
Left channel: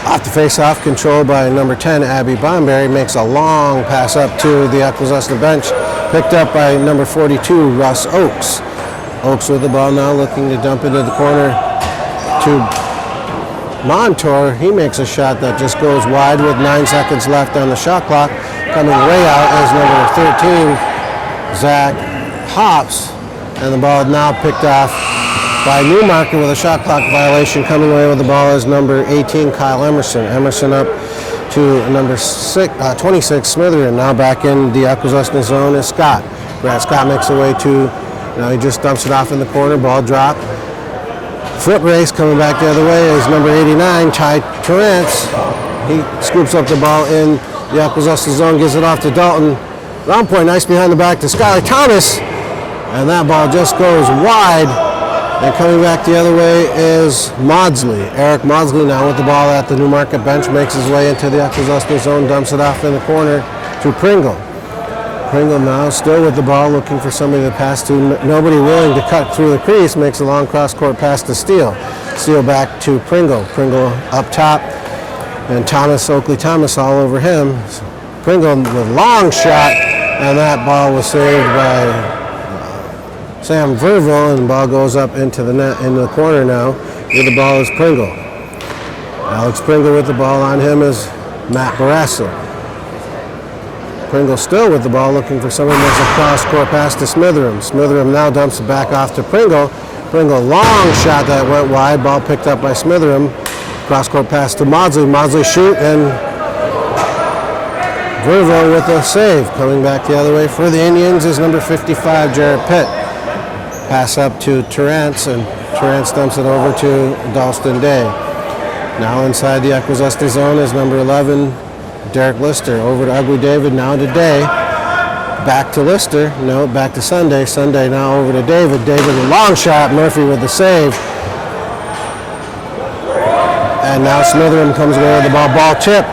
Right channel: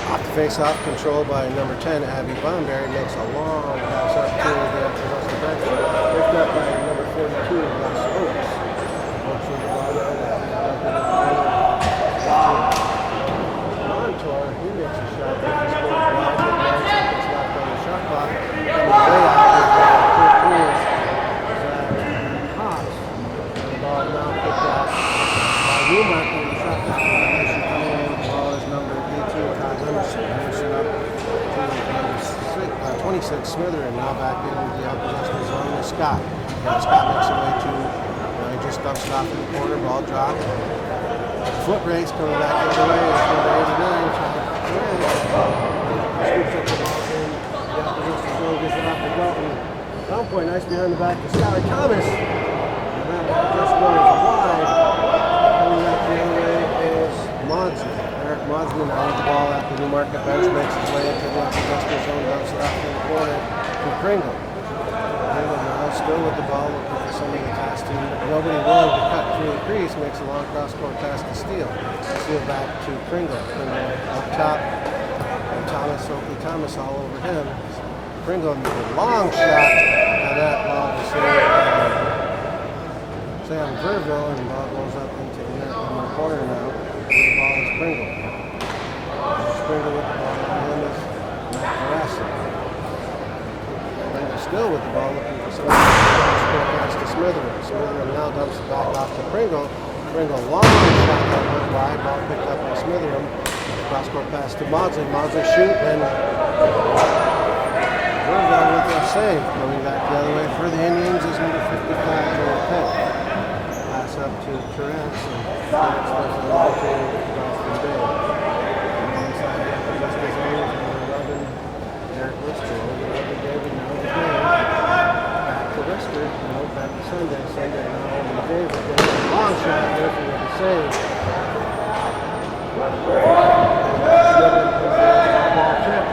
Off the face-off, controlled by number 10, Abby Bonberry, makes a long pass up to the Akwesasne bench, picked up by number 42, Russ Oakes. Oakes with the ball now, looking to dump into the corner to Montour. He makes a shot that just goes wide with 9 seconds left on the shot clock. Coming way out is number 13, Zach Hops, and the ball now picked off by Newmarket with a shot clock violation. Coming away with the ball is number 18, Kyle Emerson. Emerson up to number 26, Smitherin. Now back in the Akwesasne zone is Scott. Brad Scott makes a way to, now he just dumps it off in the corner, ball drop. Foot race coming back the other way is number 89, Ty Torrance. He scoops up the ball in the Akwesasne zone, gives it off to Dalton. Round point, nice behind the back to Skylar Thomas. And that ball just goes wide. And coming back the other way is Maudsley. Eric Maudsley now with the ball at the Newmarket bench, makes his way into the Akwesasne zone, dumps it off in the corner to Pringle. Pringle now still with the ball, looking for somebody to pass to. Nobody willing to cut through the crease, makes a long cross-court pass to Steele. Steele back to Pringle. Pringle up top, and Oakley Thomas all over him. Pringle with long shot, and that ball was saved by Sam Verville, and the ball goes up into the net in the corner now. With the ball is Pringle. Alex Pringle with the ball on him is Matt Barrasso. Pringle still with the ball, looking for someone that's a cross-court pass to Smitherin. Smitherin now dumps it back off to Pringle. Pringle, long shot that went wide. Ball picked up by Smitherin. Cross-court pass to Maudsley. Maudsley shoot, and Verville with a save. Coming back the other way for the Indians is number 55, Jarrett Pitt. Pass up to Torrance, and Torrance dumps it over to Dalston Day. Now inside the Akwesasne zone is number 11, Derek Lister. Over to Ugly David, now to Day. Back to Lister, no, back to Sunday. Sunday now over to David. David with a long shot, Murphy with the save. And now Smitherin comes away with the ball. Ball tip,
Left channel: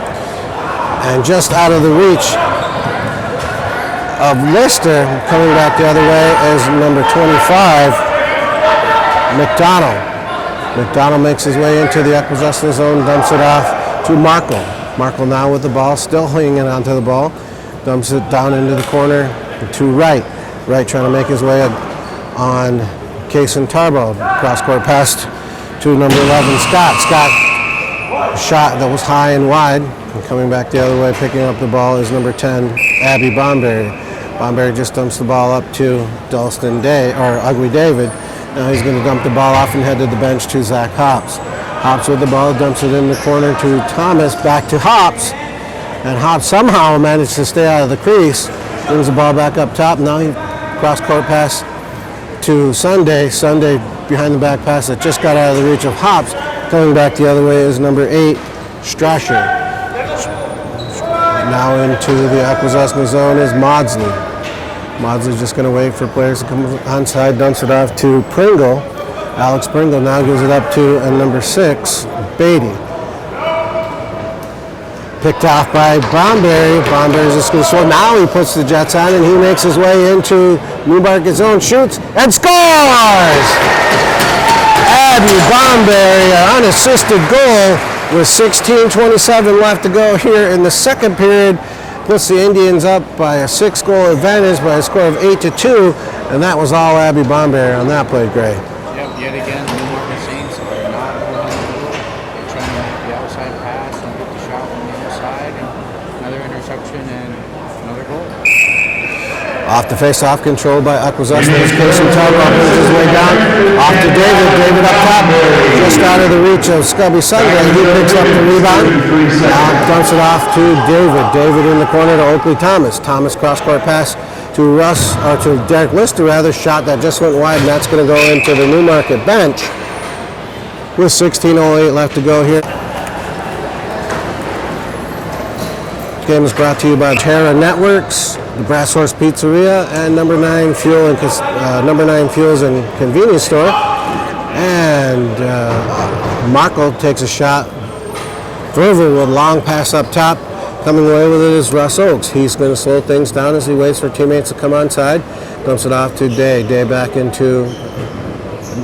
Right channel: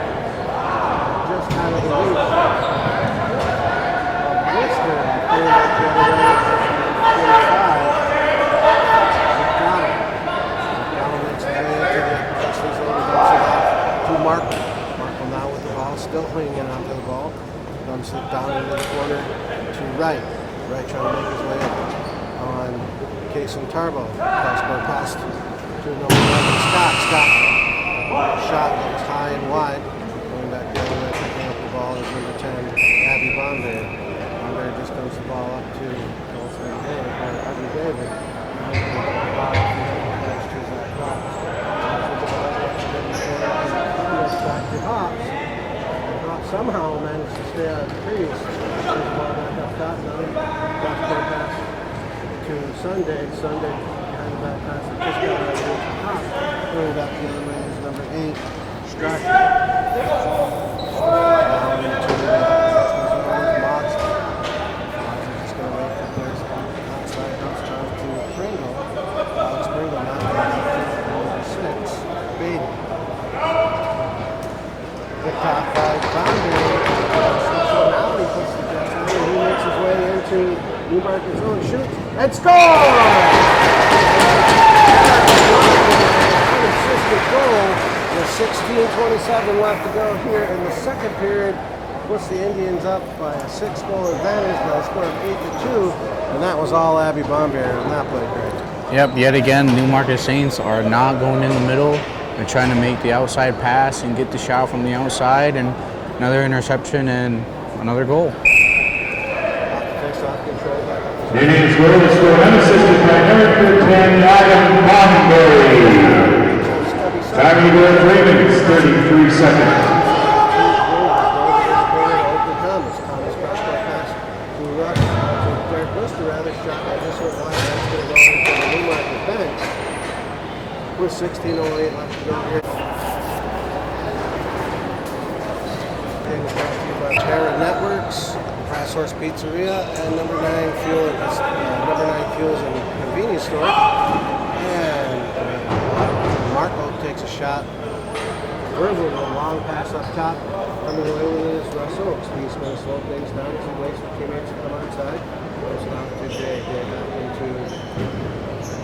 and just out of the reach of Lister. Coming back the other way is number 25, McDonald. McDonald makes his way into the Akwesasne zone, dumps it off to Markle. Markle now with the ball, still hanging onto the ball, dumps it down into the corner to Wright. Wright trying to make his way on Kason Tarbo. Cross-court pass to number 11, Scott. Scott, shot that was high and wide. And coming back the other way, picking up the ball is number 10, Abby Bonberry. Bonberry just dumps the ball up to Dalston Day, or Ugly David. Now he's going to dump the ball off and head to the bench to Zach Hops. Hops with the ball, dumps it in the corner to Thomas, back to Hops. And Hops somehow managed to stay out of the crease. Brings the ball back up top. Now he cross-court pass to Sunday. Sunday behind the back pass that just got out of the reach of Hops. Coming back the other way is number 8, Strasher. Now into the Akwesasne zone is Maudsley. Maudsley's just going to wait for players to come onside, dumps it off to Pringle. Alex Pringle now gives it up to number 6, Beatty. Picked off by Bonberry. Bonberry's just going to score. Now he puts the Jets on, and he makes his way into Newmarket zone, shoots, and scores! Abby Bonberry, an unassisted goal with 16:27 left to go here in the second period. Puts the Indians up by a 6-goal advantage by a score of 8-2, and that was all Abby Bonberry on that play, Gray. Yep, yet again, Newmarket Saints are not going in the middle. They're trying to make the outside pass and get the shot from the outside, and another interception and another goal. Off the face-off, controlled by Akwesasne. Gives him time, runs his way down. Off to David. David up top. Just out of the reach of Scubby Sunday. He picks up the rebound. Dumps it off to David. David in the corner to Oakley Thomas. Thomas cross-court pass to Russ, or to Derek Lister rather. Shot that just went wide, and that's going to go into the Newmarket bench with 16:08 left to go here. This game is brought to you by Terra Networks, the Brass Horse Pizzeria, and Number 9 Fuels and Convenience Store. And Markle takes a shot. Verver with a long pass up top. Coming away with it is Russ Oakes. He's going to slow things down as he waits for teammates to come onside. Dumps it off to Day. Day back into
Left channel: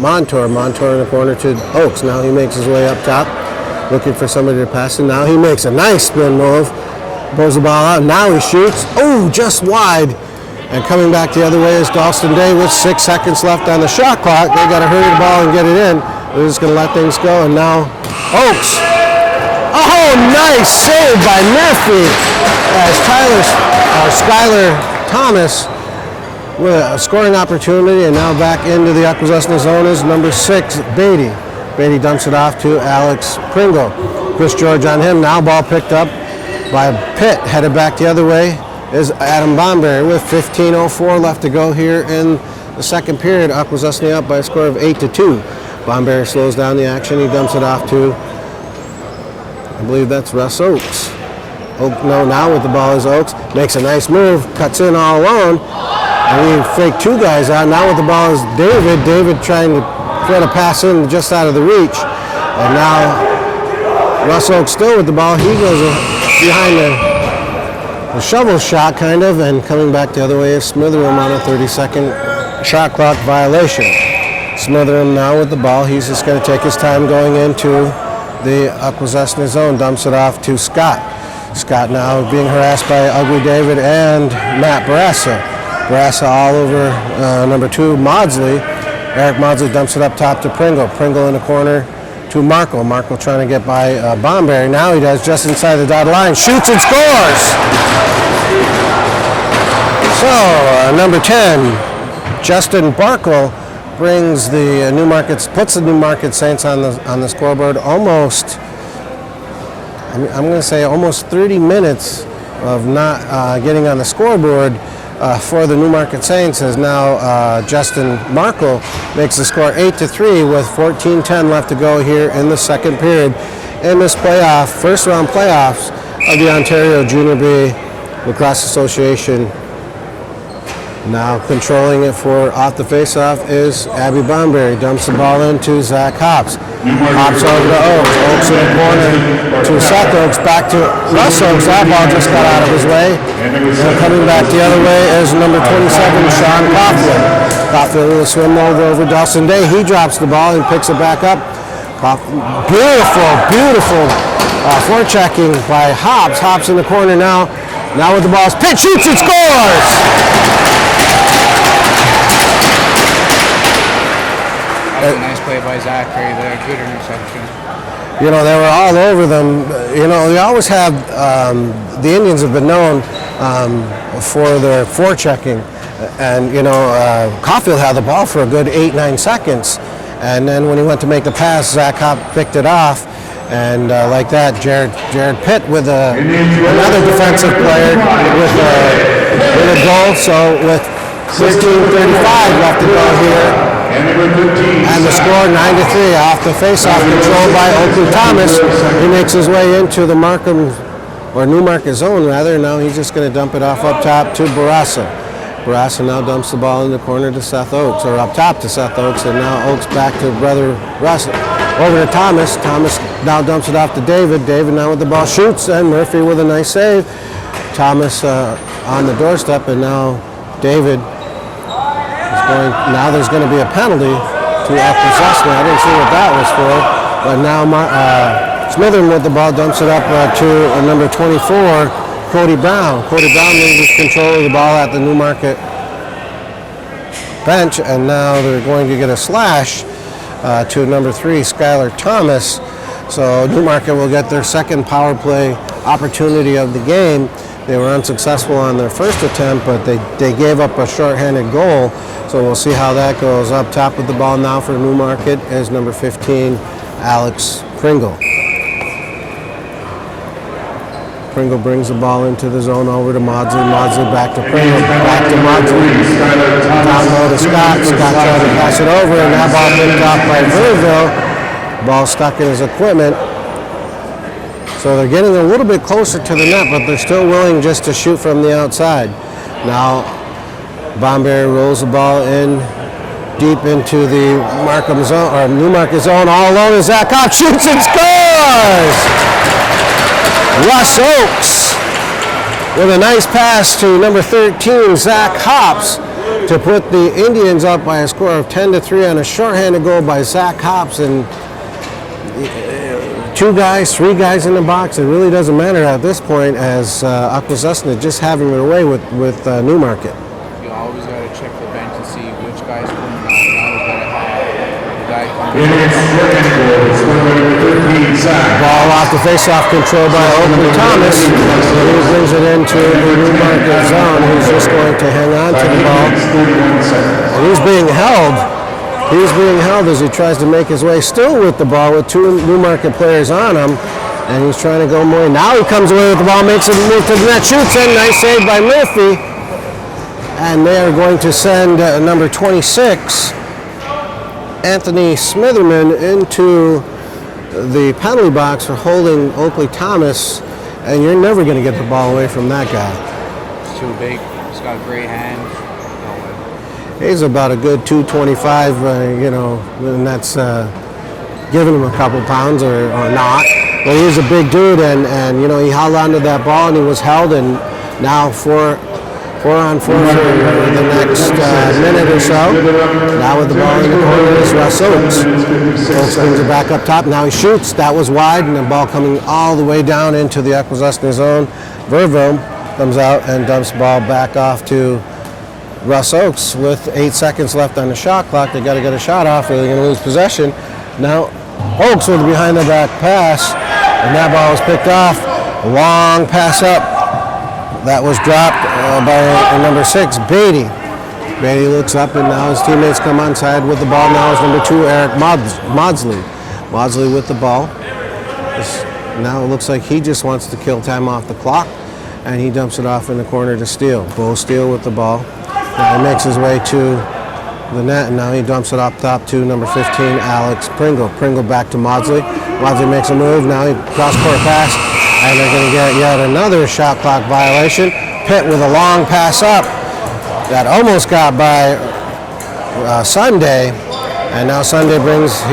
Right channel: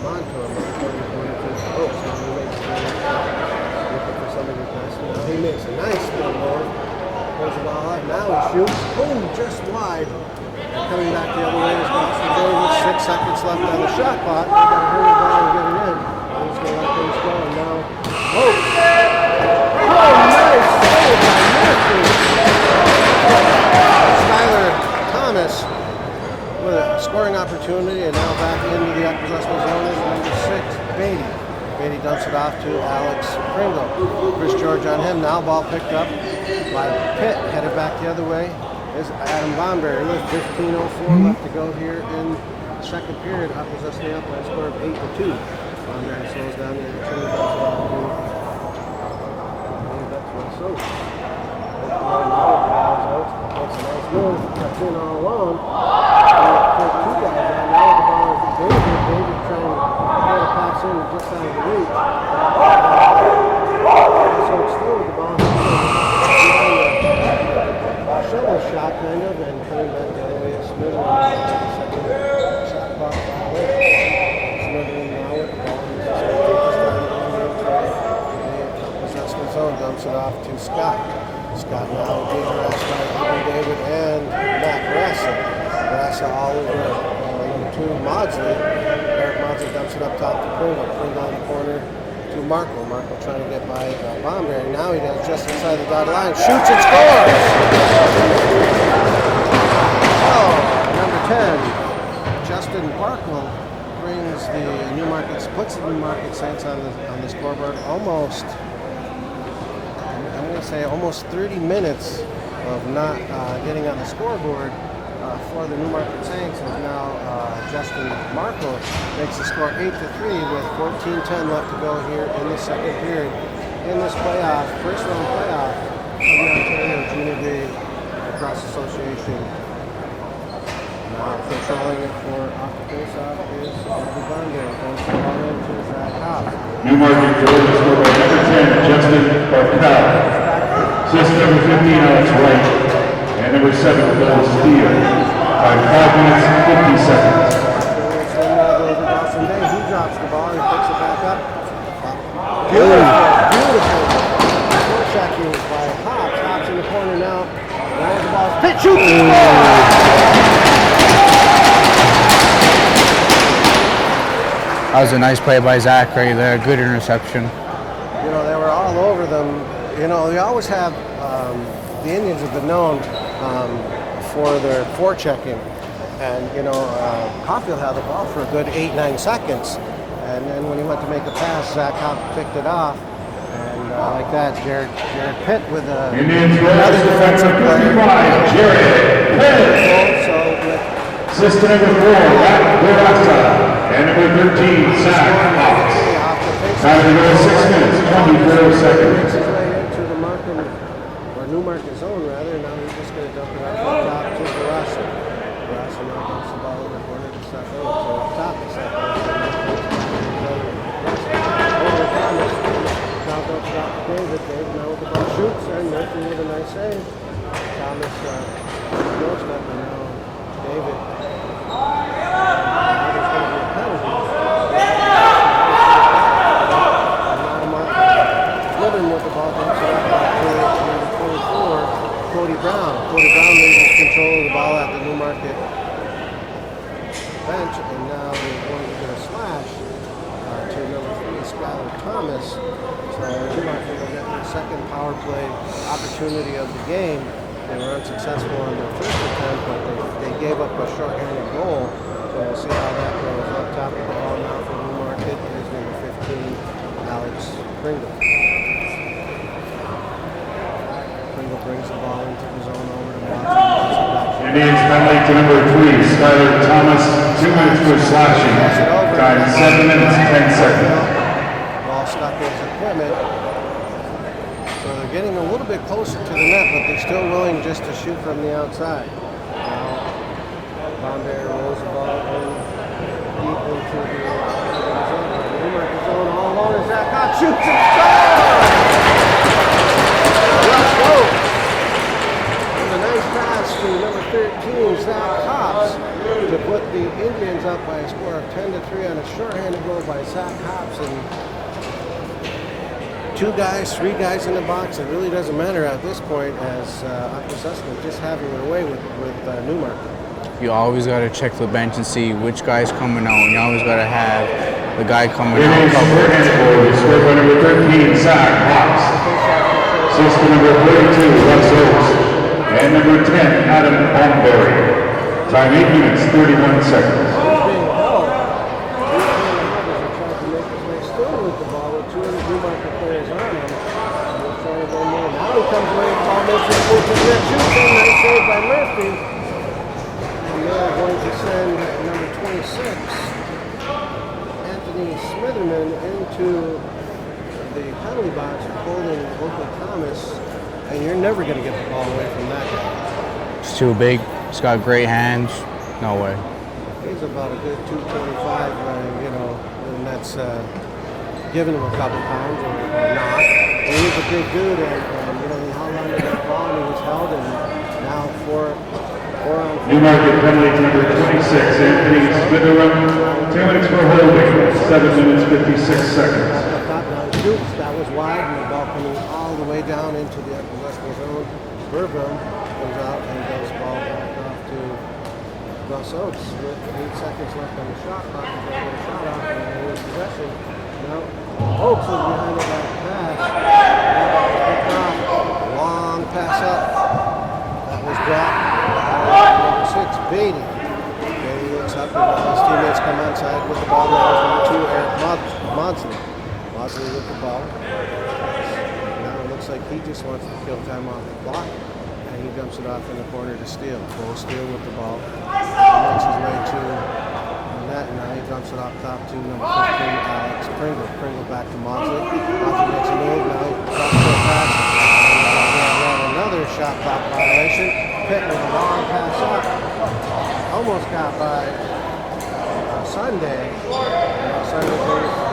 Montour. Montour in the corner to Oakes. Now he makes his way up top, looking for somebody to pass him. Now he makes a nice spin move. Pulls the ball out. Now he shoots. Oh, just wide. And coming back the other way is Dalston Day with 6 seconds left on the shot clock. They got to hurry the ball and get it in. They're just going to let things go. And now Oakes. Oh, nice save by Murphy. Skylar Thomas with a scoring opportunity, and now back into the Akwesasne zone is number 6, Beatty. Beatty dumps it off to Alex Pringle. Chris George on him. Now ball picked up by Pitt. Headed back the other way is Adam Bomberry with 15:04 left to go here in the second period. Akwesasne up by a score of 8-2. Bomberry slows down the action. He dumps it off to, I believe that's Russ Oakes. Now with the ball is Oakes. Makes a nice move. Cuts in all alone. And he faked 2 guys out. Now with the ball is David. David trying to throw a pass in just out of the reach. And now Russ Oakes still with the ball. He goes behind the shovel shot, kind of, and coming back the other way is Smitheram on a 30-second shot clock violation. Smitheram now with the ball. He's just going to take his time going into the Akwesasne zone. Dumps it off to Scott. Scott now being harassed by Ugly David and Matt Barassa. Barassa all over number 2, Maudsley. Eric Maudsley dumps it up top to Pringle. Pringle in the corner to Markle. Markle trying to get by Bomberry. Now he does, just inside the dotted line. Shoots and scores! So, number 10, Justin Barkle brings the puts the Newmarket Saints on the scoreboard almost, I'm going to say almost 30 minutes of not getting on the scoreboard for the Newmarket Saints, as now Justin Markle makes the score 8-3 with 14:10 left to go here in the second period in this first round playoffs of the Ontario Junior B Lacrosse Association. Now controlling it for off the face-off is Abby Bomberry. Dumps the ball into Zach Hobbs. Hobbs over to Oakes. Oakes in the corner to Seth Oakes. Back to Russ Oakes. That ball just got out of his way. Coming back the other way is number 27, Sean Coughlin. Coughlin with a swim over Dawson Day. He drops the ball and picks it back up. Beautiful forechecking by Hobbs. Hobbs in the corner now. Now with the ball, pitch, shoots, and scores! That was a nice play by Zach right there. Good interception. You know, they were all over them. You know, they always have, the Indians have been known for their forechecking. And, you know, Caulfield had the ball for a good 8-9 seconds. And then when he went to make the pass, Zach Hopp picked it off. And like that, Jared Pitt with another defensive player with a goal. So with 15:35 left to go here. And the score 9-3 off the faceoff, controlled by Oakley Thomas. He makes his way into the Newmarket zone rather. Now he's just going to dump it off up top to Barassa. Barassa now dumps the ball in the corner to Seth Oakes, or up top to Seth Oakes, and now Oakes back to brother Russ. Over to Thomas. Thomas now dumps it off to David. David now with the ball shoots, and Murphy with a nice save. Thomas on the doorstep, and now David is going. Now there's going to be a penalty to Akwesasne. I didn't see what that was for, but now Smithern with the ball dumps it up to number 24. Cody Brown. Cody Brown loses control of the ball at the Newmarket bench, and now they're going to get a slash to number 3, Skylar Thomas. So Newmarket will get their second power play opportunity of the game. They were unsuccessful on their first attempt, but they gave up a short-handed goal. So we'll see how that goes. Up top with the ball now for Newmarket is number 15, Alex Pringle. Pringle brings the ball into the zone over to Maudsley. Maudsley back to Pringle. Back to Maudsley. Skylar Thomas, Scott. Scott trying to pass it over, and that ball picked up by Louisville. Ball stuck in his equipment. So they're getting a little bit closer to the net, but they're still willing just to shoot from the outside. Now, Bomberry rolls the ball in deep into the Markham zone, or Newmarket zone, all alone as Zach Hops shoots and scores! Russ Oakes with a nice pass to number 13, Zach Hops, to put the Indians up by a score of 10-3 on a shorthanded goal by Zach Hops. And 2 guys, 3 guys in the box, it really doesn't matter at this point, as Akwesasne just having their way with Newmarket. You always got to check the bench and see which guy's coming out. You always got to have the guy coming Indians out. shorthanded goal is scored by number 13, Zach. Ball off the face-off control by Owen Thomas. He brings it into the Newmarket zone. He's just going to hang on to the ball. 31 seconds. And he's being held. He's being held as he tries to make his way still with the ball with 2 Newmarket players on him. And he's trying to go more. Now he comes away with the ball, makes a move to the net, shoots in. Nice save by Murphy. And they are going to send number 26, Anthony Smitherman, into the penalty box for holding Oakley Thomas. And you're never going to get the ball away from that guy. It's too big. He's got great hands. No way. He's about a good 225, and that's giving him a couple pounds or not. But he's a big dude, and he held onto that ball and he was held, and now 4 on 4 for the next minute or so. Now with the ball in the corner is Russ Oakes. Oakes brings it back up top. Now he shoots. That was wide, and the ball coming all the way down into the Akwesasne zone. Verville comes out and dumps the ball back off to Russ Oakes with 8 seconds left on the shot clock. They got to get a shot off or they're going to lose possession. Now Oakes with a behind the back pass, and that ball was picked off. A long pass up. That was dropped by number 6, Beatty. Beatty looks up, and now his teammates come onside with the ball. Now is number 2, Eric Maudsley. Maudsley with the ball. Now it looks like he just wants to kill time off the clock, and he dumps it off in the corner to Steele. Bo Steele with the ball. Now he makes his way to the net, and now he dumps it up top to number 15, Alex Pringle. Pringle back to Maudsley. Maudsley makes a move. Now he cross-court pass, and they're going to get yet another shot clock violation. Pitt with a long pass up that almost got by Sunday, and now Sunday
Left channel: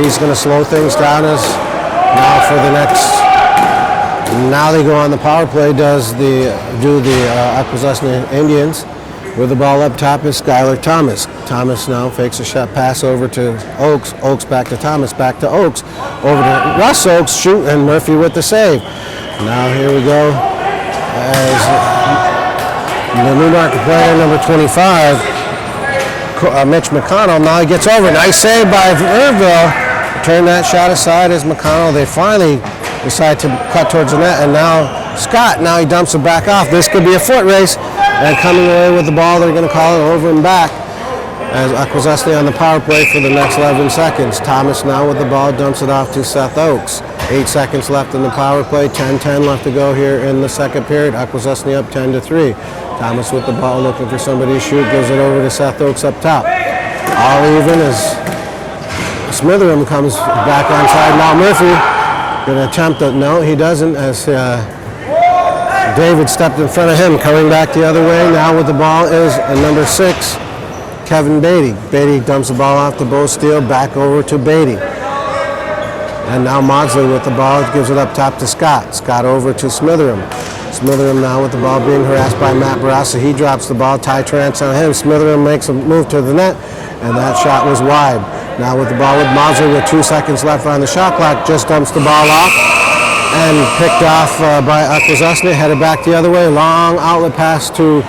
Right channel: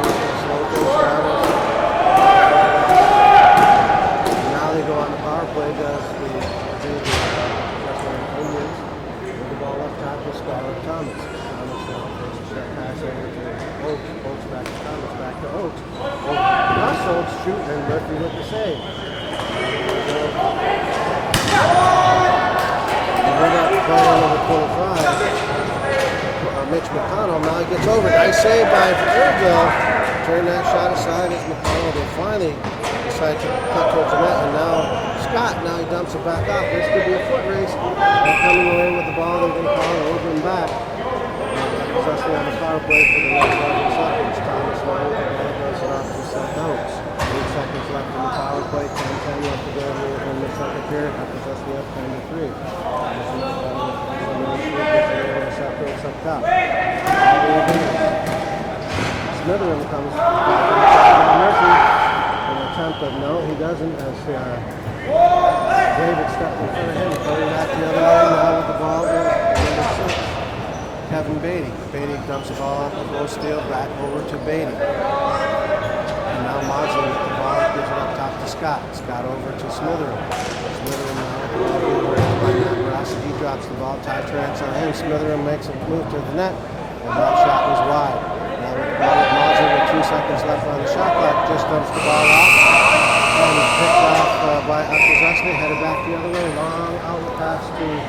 he's going to slow things down as now for the next. Now they go on the power play. Do the Akwesasne Indians. With the ball up top is Skylar Thomas. Thomas now fakes a shot pass over to Oakes. Oakes back to Thomas, back to Oakes. Over to Russ Oakes, shoot, and Murphy with the save. Now here we go. As the Newmarket player, number 25, Mitch McConnell. Now he gets over. Nice save by Verville. Turn that shot aside as McConnell. They finally decide to cut towards the net, and now Scott, now he dumps it back off. This could be a foot race, and coming away with the ball, they're going to call it over and back as Akwesasne on the power play for the next 11 seconds. Thomas now with the ball, dumps it off to Seth Oakes. 8 seconds left in the power play, 10-10 left to go here in the second period. Akwesasne up 10-3. Thomas with the ball, looking for somebody to shoot, gives it over to Seth Oakes up top. All even as Smitherham comes back onside. Now Murphy going to attempt it. No, he doesn't, as David stepped in front of him. Coming back the other way now with the ball is number 6, Kevin Beatty. Beatty dumps the ball off to Bo Steele, back over to Beatty. And now Maudsley with the ball, gives it up top to Scott. Scott over to Smitherham. Smitherham now with the ball being harassed by Matt Barassa. He drops the ball, Ty Trance on him. Smitherham makes a move to the net, and that shot was wide. Now with the ball with Maudsley with 2 seconds left on the shot clock, just dumps the ball off and picked off by Akwesasne, headed back the other way. Long outlet pass to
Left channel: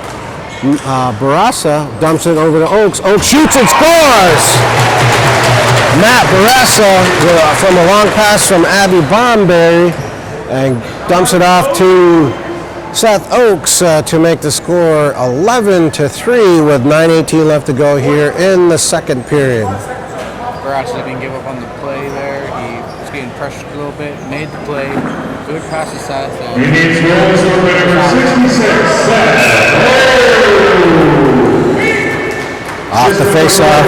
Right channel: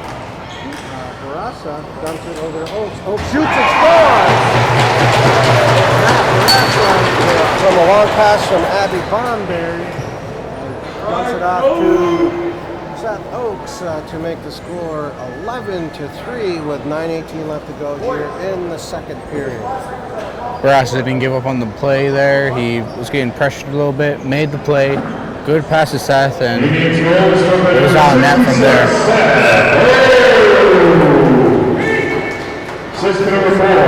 Barassa, dumps it over to Oakes. Oakes shoots and scores! Matt Barassa from a long pass from Abby Bomberry and dumps it off to Seth Oaks to make the score 11-3 with 9:18 left to go here in the second period. Barassa didn't give up on the play there. He was getting pressured a little bit, made the play. Good pass to Seth, and off the face-off,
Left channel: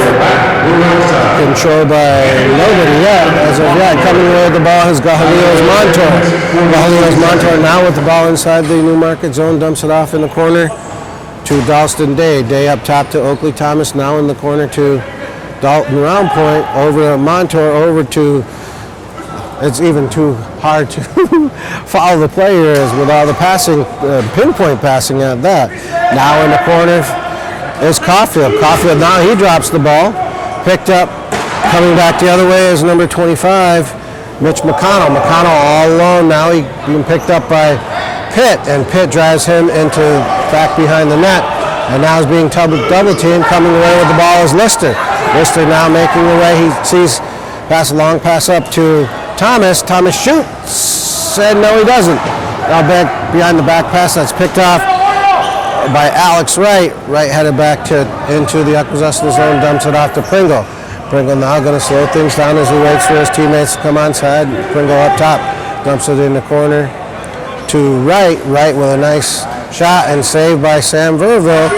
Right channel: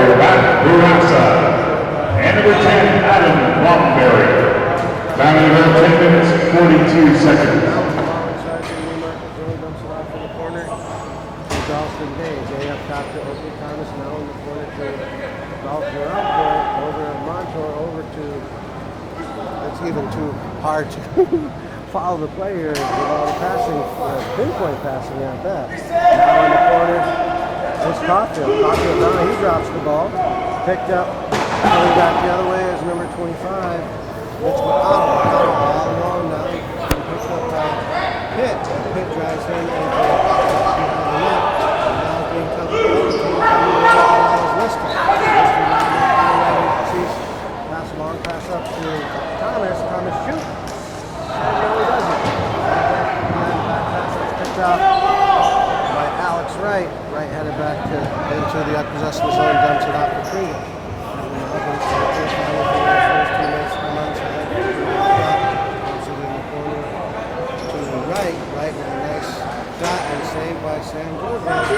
controlled by nobody yet. As of yet, coming away with the ball is Gahalio's Montour. Gahalio's Montour now with the ball inside the Newmarket zone, dumps it off in the corner to Dalston Day. Day up top to Oakley Thomas, now in the corner to Dalton Round Point, over to Montour, over to, it's even too hard to follow the play here is with all the passing, pinpoint passing at that. Now in the corner is Caulfield. Caulfield now, he drops the ball. Picked up, coming back the other way is number 25, Mitch McConnell. McConnell all alone now, he been picked up by Pitt, and Pitt drives him into back behind the net. And now is being double teamed. Coming away with the ball is Lister. Lister now making the way. He sees pass, a long pass up to Thomas. Thomas shoots, and no, he doesn't. Now back behind the back pass that's picked off by Alex Wright. Wright headed back into the Akwesasne zone, dumps it off to Pringle. Pringle now going to slow things down as he waits for his teammates to come onside. Pringle up top, dumps it in the corner to Wright. Wright with a nice shot and saved by Sam Verville.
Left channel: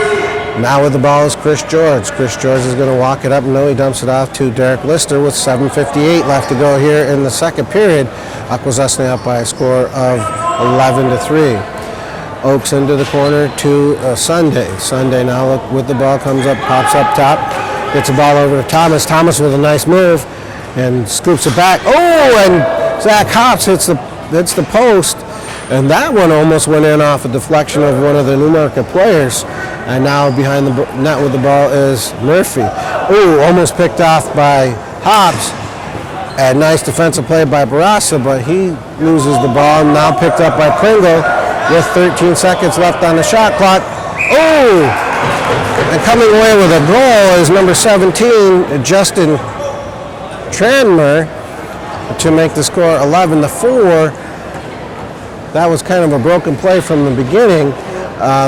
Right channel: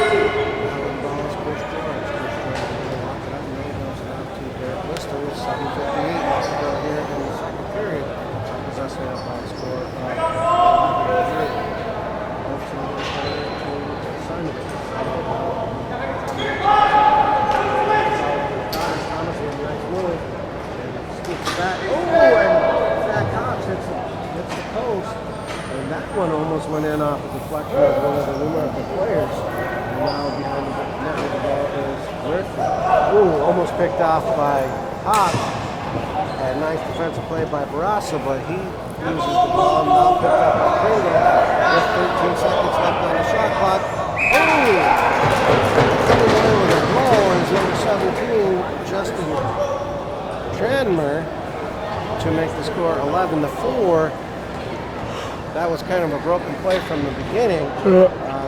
Now with the ball is Chris George. Chris George is going to walk it up. No, he dumps it off to Derek Lister with 7:58 left to go here in the second period. Akwesasne up by a score of 11-3. Oaks into the corner to Sunday. Sunday now with the ball, comes up, pops up top, gets the ball over to Thomas. Thomas with a nice move and scoops it back. Oh, and Zach Hops hits the post. And that one almost went in off a deflection of one of the Newmarket players. And now behind the net with the ball is Murphy. Ooh, almost picked off by Hobbs. And nice defensive play by Barassa, but he loses the ball. Now picked up by Pringle with 13 seconds left on the shot clock. Ooh! And coming away with a goal is number 17, Justin Tranmer, to make the score 11-4. That was kind of a broken play from the beginning.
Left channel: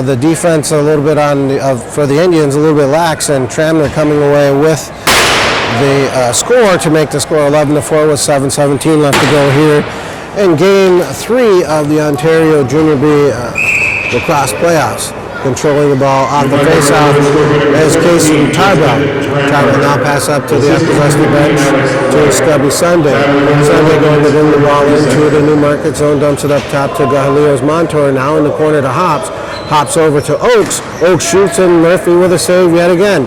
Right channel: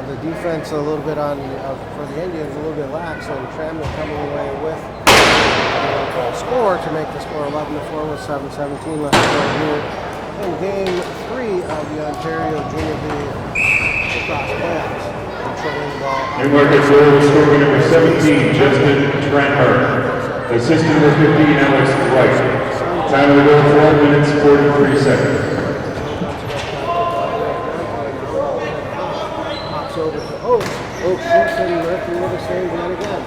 The defense a little bit for the Indians a little bit lax, and Tranmer coming away with the score to make the score 11-4 with 7:17 left to go here in Game 3 of the Ontario Junior B lacrosse playoffs. Controlling the ball off the face-off is Casey Tarbell. Tarbell now pass up to the Akwesasne bench to Scubby Sunday. Sunday going to move the ball into the Newmarket zone, dumps it up top to Gahalio's Montour. Now in the corner to Hops. Hops over to Oaks. Oaks shoots, and Murphy with a save yet again.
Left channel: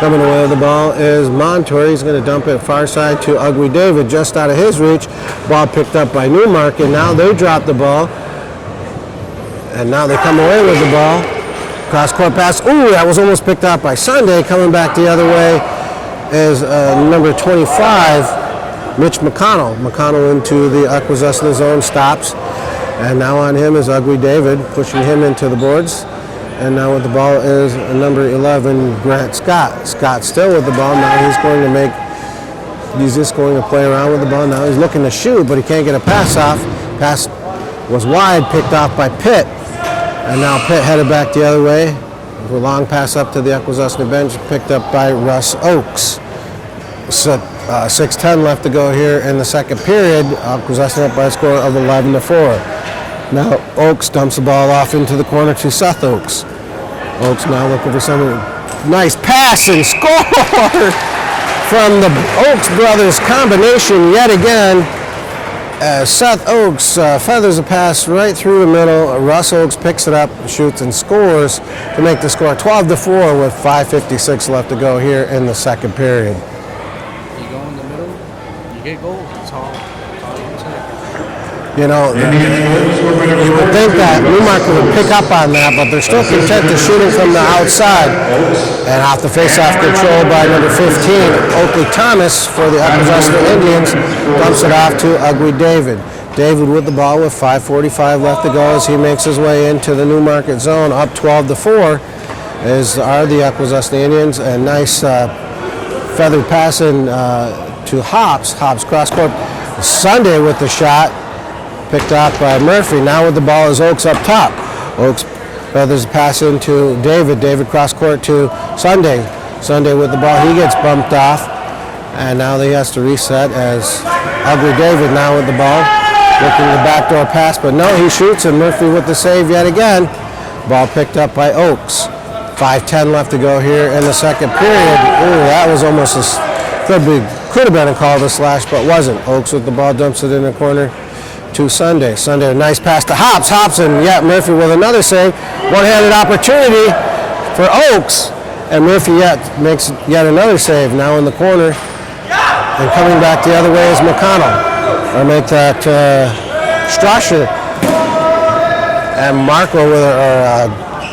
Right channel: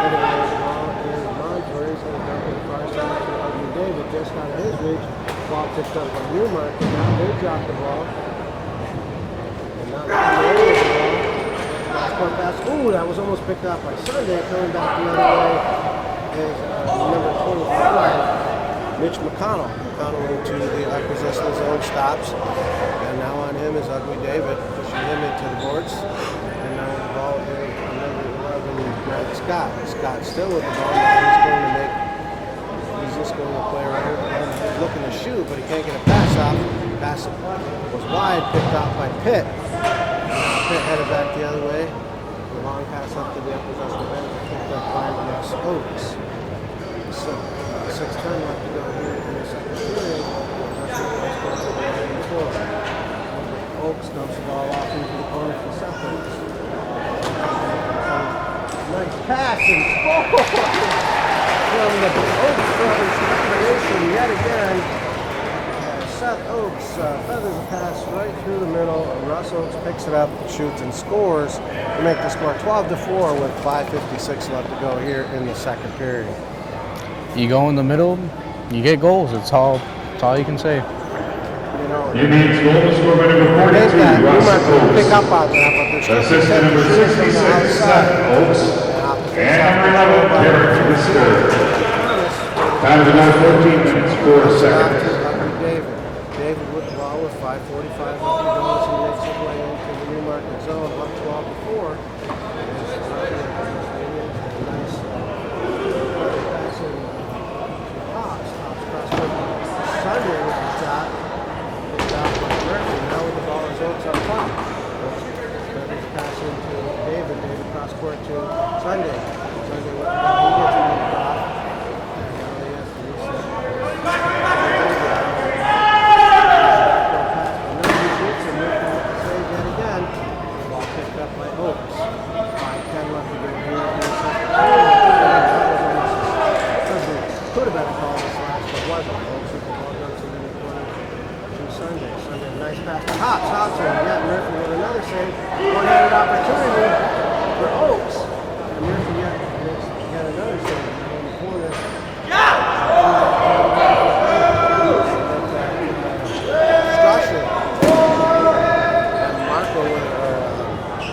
Coming away with the ball is Montour. He's going to dump it far side to Ugly David, just out of his reach. Ball picked up by Newmarket. Now they drop the ball. And now they come away with the ball. Cross-court pass. Ooh, that was almost picked up by Sunday. Coming back the other way is number 25, Mitch McConnell. McConnell into the Akwesasne zone, stops. And now on him is Ugly David, pushing him into the boards. And now with the ball is number 11, Grant Scott. Scott still with the ball. Now he's just going to play around with the ball. Now he's looking to shoot, but he can't get a pass off. Pass was wide, picked off by Pitt. And now Pitt headed back the other way. A long pass up to the Akwesasne bench, picked up by Russ Oaks. So 6:10 left to go here in the second period. Akwesasne up by a score of 11-4. Now Oaks dumps the ball off into the corner to Seth Oaks. Oaks now looking for some nice pass and score from the Oaks brothers combination yet again. Seth Oaks feathers a pass right through the middle. Russ Oaks picks it up, shoots, and scores to make the score 12-4 with 5:56 left to go here in the second period. You go in the middle, you get goals. That's all you can say. You know, I think that Newmarket will pick up on that, but they're still content to shoot from the outside. And off the face-off control by number 15, Oakley Thomas for the Akwesasne Indians, dumps it off to Ugly David. David with the ball with 5:45 left to go as he makes his way into the Newmarket zone, up 12-4 are the Akwesasne Indians. A nice feathered pass in to Hops. Hops cross-court. Sunday with the shot. Picked off by Murphy. Now with the ball is Oaks up top. Oaks feathers a pass into David. David cross court to Sunday. Sunday with the ball. He gets bumped off. And now he has to reset as Ugly David now with the ball. Looking the backdoor pass, but no, he shoots, and Murphy with the save yet again. Ball picked up by Oaks. 5:10 left to go here in the second period. Ooh, that was almost could have been a call to slash, but wasn't. Oaks with the ball, dumps it in the corner to Sunday. Sunday, a nice pass to Hops. Hops, and yet Murphy with another save. One-handed opportunity for Oaks, and Murphy makes yet another save. Now in the corner, and coming back the other way is McConnell. Or make that Strasher and Marco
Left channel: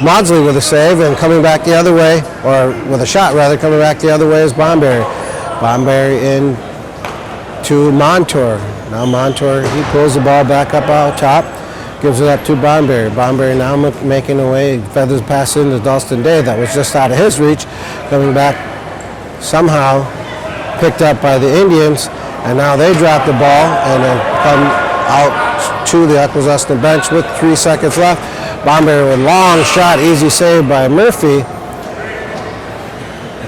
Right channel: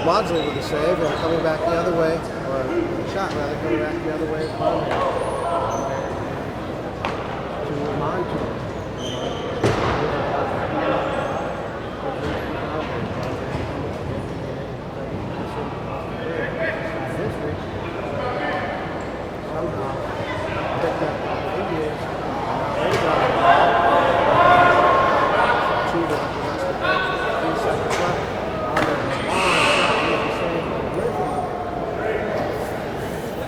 Maudsley with a save, and coming back the other way, or with a shot rather, coming back the other way is Bomberry. Bomberry in to Montour. Now Montour, he pulls the ball back up out top, gives it up to Bomberry. Bomberry now making away, feathers pass into Dalston Day. That was just out of his reach. Coming back somehow, picked up by the Indians. And now they drop the ball and they come out to the Akwesasne bench with 3 seconds left. Bomberry with long shot, easy save by Murphy.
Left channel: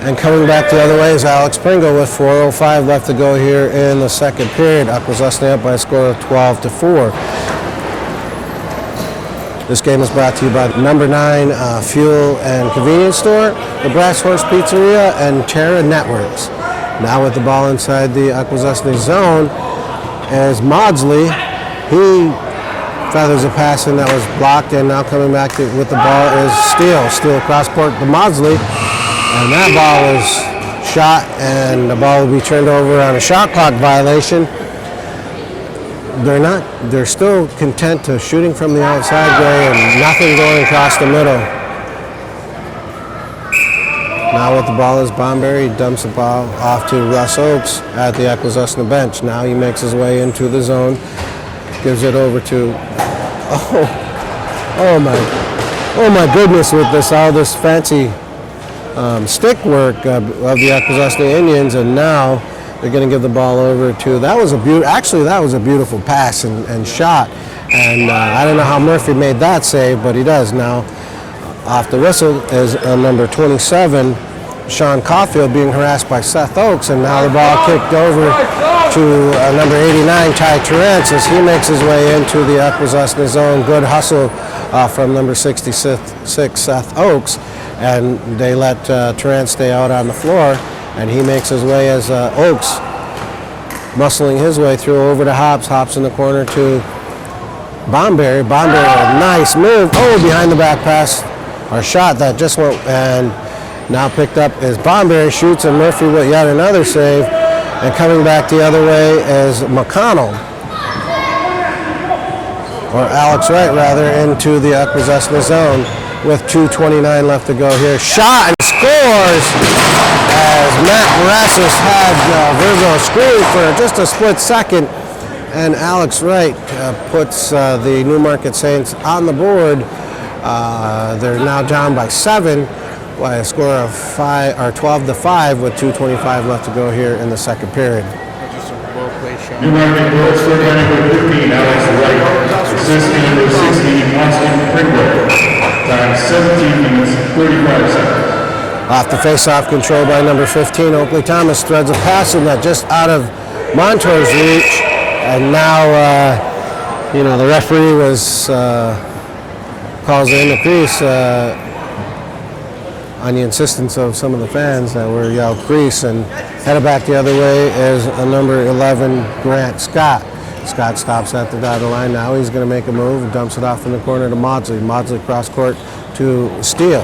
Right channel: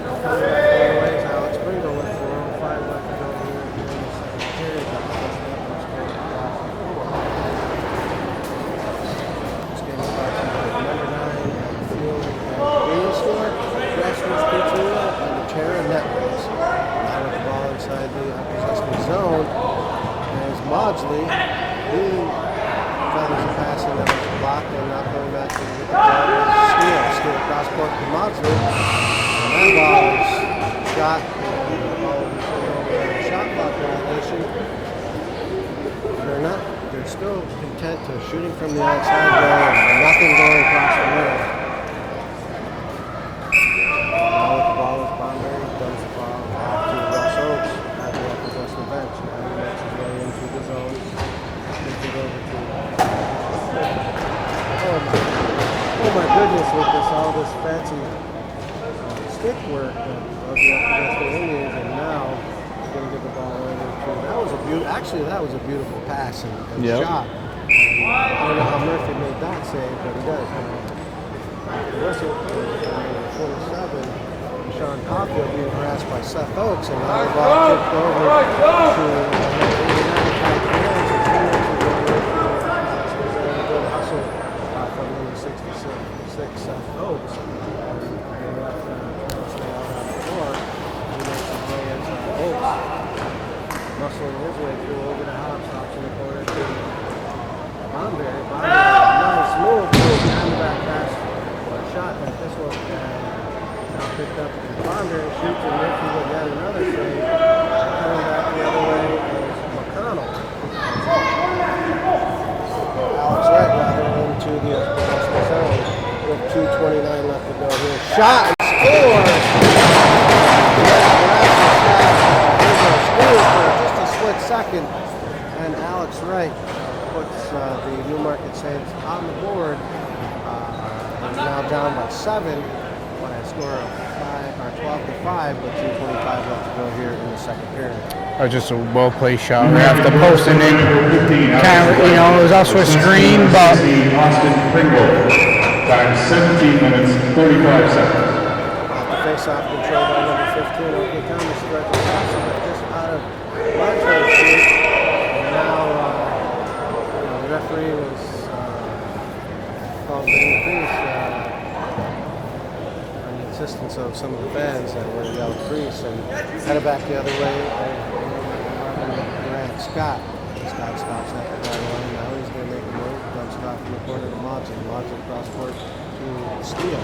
And coming back the other way is Alex Pringle with 4:05 left to go here in the second period. Akwesasne up by a score of 12-4. This game is brought to you by number 9 Fuel and Convenience Store, the Brass Horse Pizzeria, and Terra Networks. Now with the ball inside the Akwesasne zone as Maudsley, he feathers a pass in that was blocked, and now coming back with the ball is Steele. Steele cross court to Maudsley, and that ball is shot, and the ball will be turned over on a shot clock violation. They're still content to shooting from the outside going, and nothing going across the middle. Now with the ball is Bomberry, dumps the ball off to Russ Oaks at the Akwesasne bench. Now he makes his way into the zone, gives it over to, oh my goodness, with all this fancy stick work of the Akwesasne Indians, and now they're going to give the ball over to, that was a beautiful pass and shot, and I don't know how Murphy made that save, but he does now. Off the whistle is number 27, Sean Caulfield, being harassed by Seth Oaks, and now the ball kicked over to number 89, Ty Terrence, as he makes his way into the Akwesasne zone. Good hustle from number 66, Seth Oaks, and they let Terrence stay out on the floor, and he makes his way as Oaks muscling his way through over to Hops. Hops in the corner to Bomberry. Bomberry, a nice move. Oh, behind the back pass. Our shot that just went, and now picked up is Bomberry, shoots, and Murphy with yet another save. And coming back the other way is McConnell, or Alex Wright rather, into the Akwesasne zone with 2:29 left to go here. Shot and scores as Matt Morassus had Virgo screwed for just a split second, and Alex Wright puts the Newmarket Saints on the board. They're now down by 7 by a score of 12-5 with 2:25 left to go here in the second period. Just a well-played shot. Number 15, Alex Wright. Assistant number 16, Austin Pringle. Time 17 minutes, 45 seconds. Off the face-off, control by number 15, Oakley Thomas threads a pass in that just out of Montour's reach, and now the referee calls in the crease on the insistence of some of the fans that were yelled crease, and headed back the other way is number 11, Grant Scott. Scott stops at the dotted line. Now he's going to make a move and dumps it off in the corner to Maudsley. Maudsley cross court to Steele.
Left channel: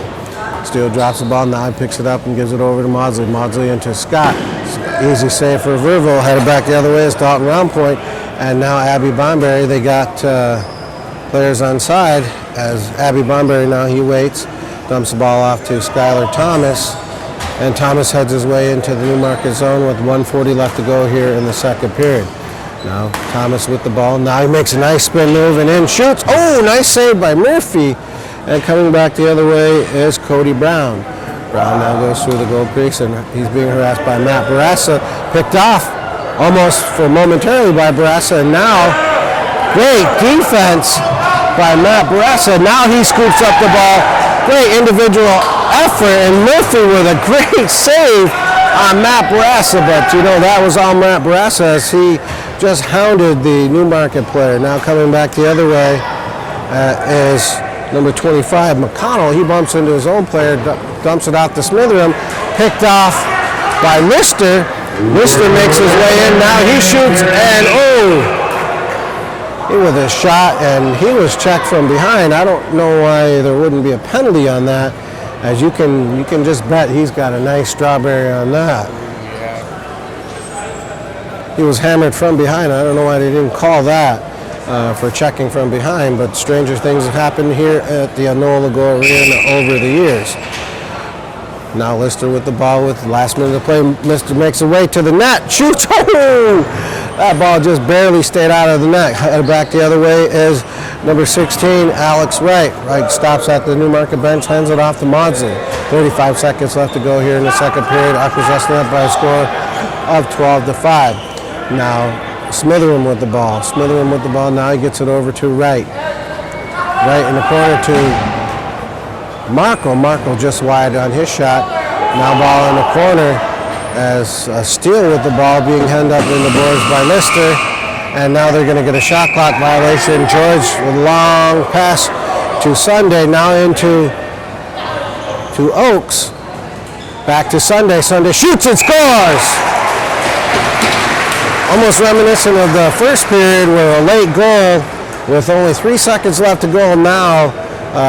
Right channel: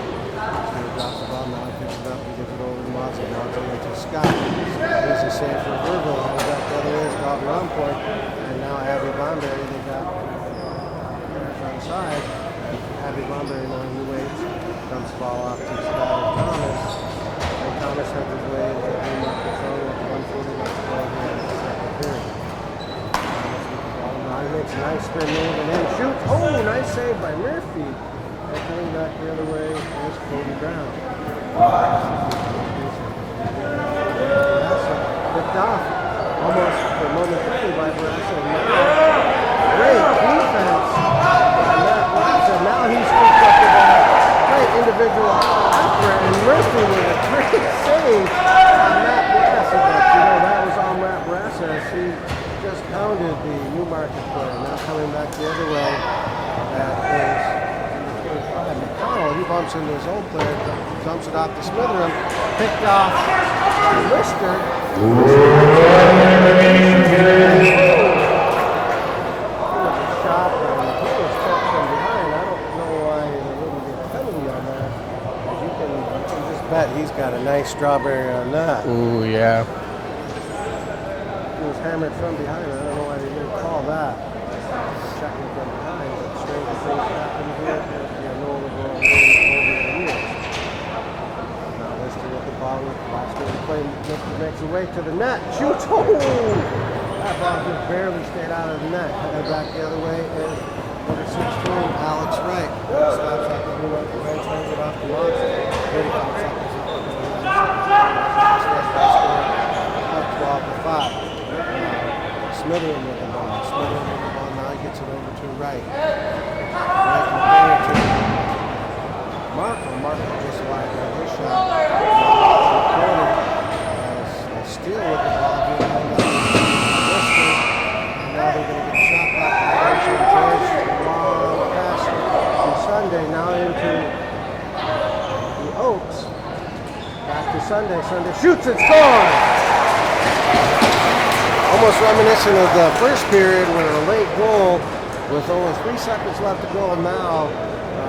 Steele drops the ball. Now he picks it up and gives it over to Maudsley. Maudsley into Scott. Easy save for Verville. Headed back the other way is Dalton Roundpoint. And now Abby Bomberry. They got players on side as Abby Bomberry now he waits. Dumps the ball off to Skylar Thomas. And Thomas heads his way into the Newmarket zone with 1:40 left to go here in the second period. Now Thomas with the ball. Now he makes a nice spin move and in shoots. Oh, nice save by Murphy. And coming back the other way is Cody Brown. Brown now goes through the goal crease, and he's being harassed by Matt Barassa. Picked off almost for momentarily by Barassa, and now great defense by Matt Baressa. Now he scoops up the ball. Great individual effort, and Murphy with a great save on Matt Baressa. But that was all Matt Baressa as he just hounded the Newmarket player. Now coming back the other way is number 25, McConnell. He bumps into his own player, dumps it out to Smitheram, picked off by Lister. Lister makes his way in. Now he shoots, and he with a shot, and he was checked from behind. I don't know why there wouldn't be a penalty on that, as you can just bet he's got a nice strawberry on that. Ooh, yeah. He was hammered from behind. I don't know why they didn't call that for checking from behind, but stranger things have happened here at the Anola Arena over the years. Now Lister with the ball with last minute of play. Lister makes a way to the net, shoots. Oh! That ball just barely stayed out of the net. Headed back the other way is number 16, Alex Wright. Wright stops at the Newmarket bench, hands it off to Maudsley. 35 seconds left to go here in the second period. Akwesasne up by a score of 12-5. Now Smitheram with the ball. Smitheram with the ball. Now he gets it over to Wright. Wright in the corner to Markle. Markle just wide on his shot. Now ball in the corner as Steele with the ball being hemmed up in the boards by Lister. And now they're going to get a shot clock violation. George with a long pass to Sunday. Now into Oaks. Back to Sunday. Sunday shoots and scores! Almost reminiscent of the first period where a late goal with only 3 seconds left to go. Now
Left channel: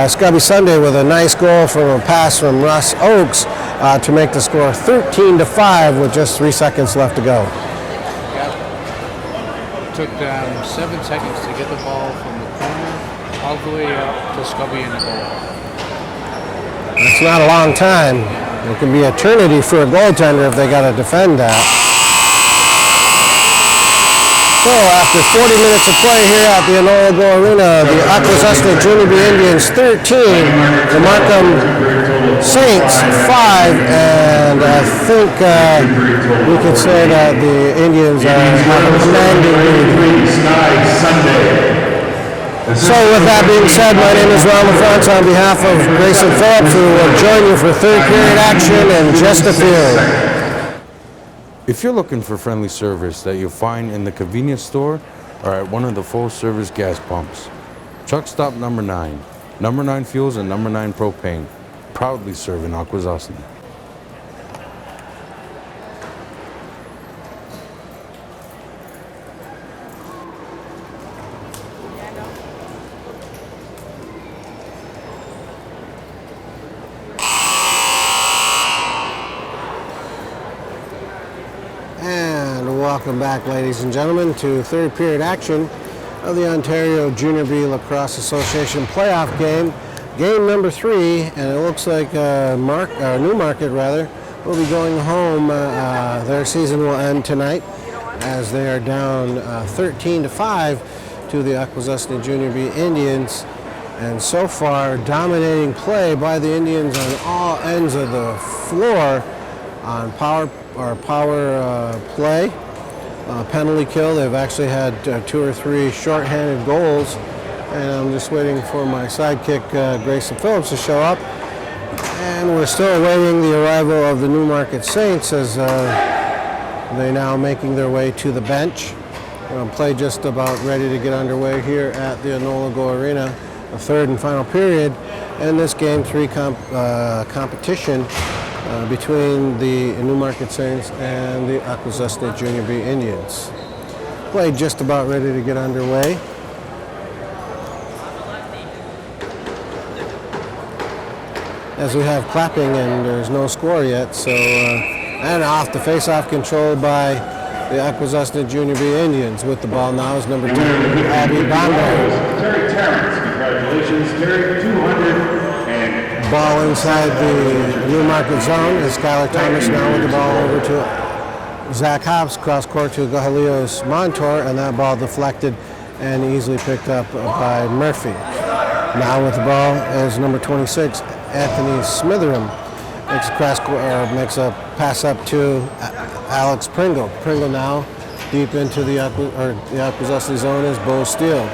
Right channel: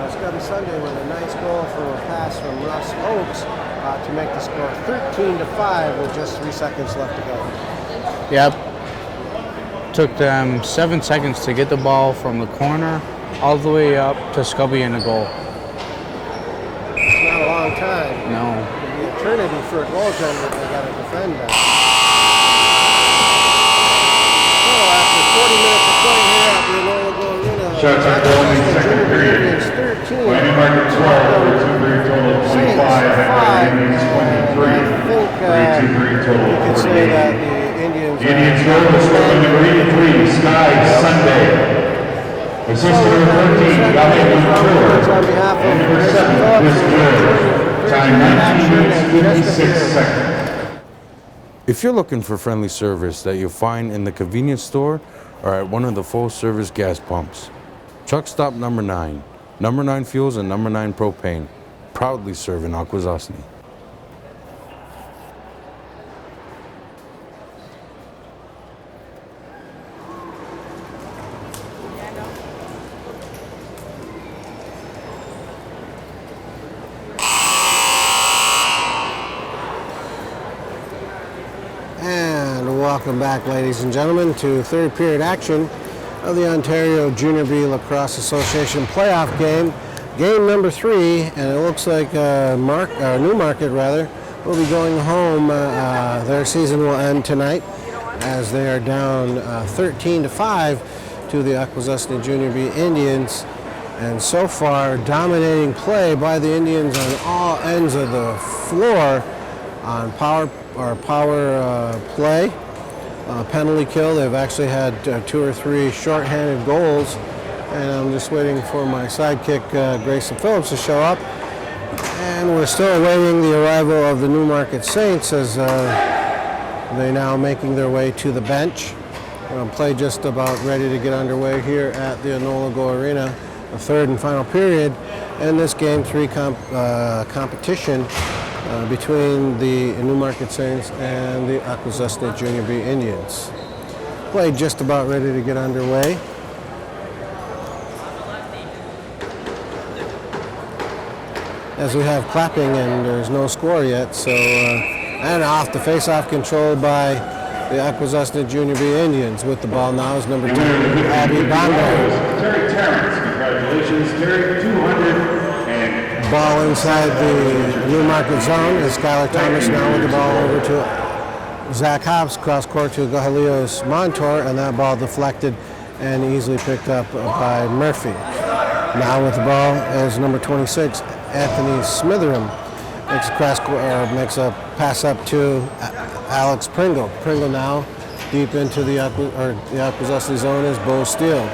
Scubby Sunday with a nice goal from a pass from Russ Oaks to make the score 13-5 with just 3 seconds left to go. Yep. Took them 7 seconds to get the ball from the corner all the way up to Scubby in the goal. That's not a long time. No. It can be eternity for a goaltender if they got to defend that. So after 40 minutes of play here at the Anola Arena, the Akwesasne Junior B Indians 13, the Markham Saints 5, and I think we could say that the Indians are So with that being said, my name is Ron Lawrence on behalf of Grayson Phillips, who will join you for third period action in just a few. If you're looking for friendly service that you'll find in the convenience store or at one of the full-service gas pumps, Truck Stop Number 9, Number 9 Fuels and Number 9 Propane, proudly serving Akwesasne. Welcome back, ladies and gentlemen, to third period action of the Ontario Junior B Lacrosse Association playoff game. Game number 3, and it looks like Newmarket will be going home. Their season will end tonight as they are down 13-5 to the Akwesasne Junior B Indians. And so far, dominating play by the Indians on all ends of the floor on power play. Penalty kill. They've actually had 2 or 3 shorthanded goals, and I'm just waiting for my sidekick Grayson Phillips to show up. And we're still awaiting the arrival of the Newmarket Saints as they're now making their way to the bench. Play just about ready to get underway here at the Anola Arena, the third and final period in this Game 3 competition between the Newmarket Saints and the Akwesasne Junior B Indians. Play just about ready to get underway. As we have clapping and there's no score yet, so and off the face-off control by the Akwesasne Junior B Indians. With the ball now is number 10, Abby Bondo. Terry Terrence, congratulations, Terry, 200. Ball inside the Newmarket zone is Skylar Thomas now with the ball over to Zach Hobbs, cross court to Gahalios Montour, and that ball deflected and easily picked up by Murphy. Now with the ball is number 26, Anthony Smitheram. Makes a pass up to Alex Pringle. Pringle now deep into the Akwesasne zone is Bo Steele.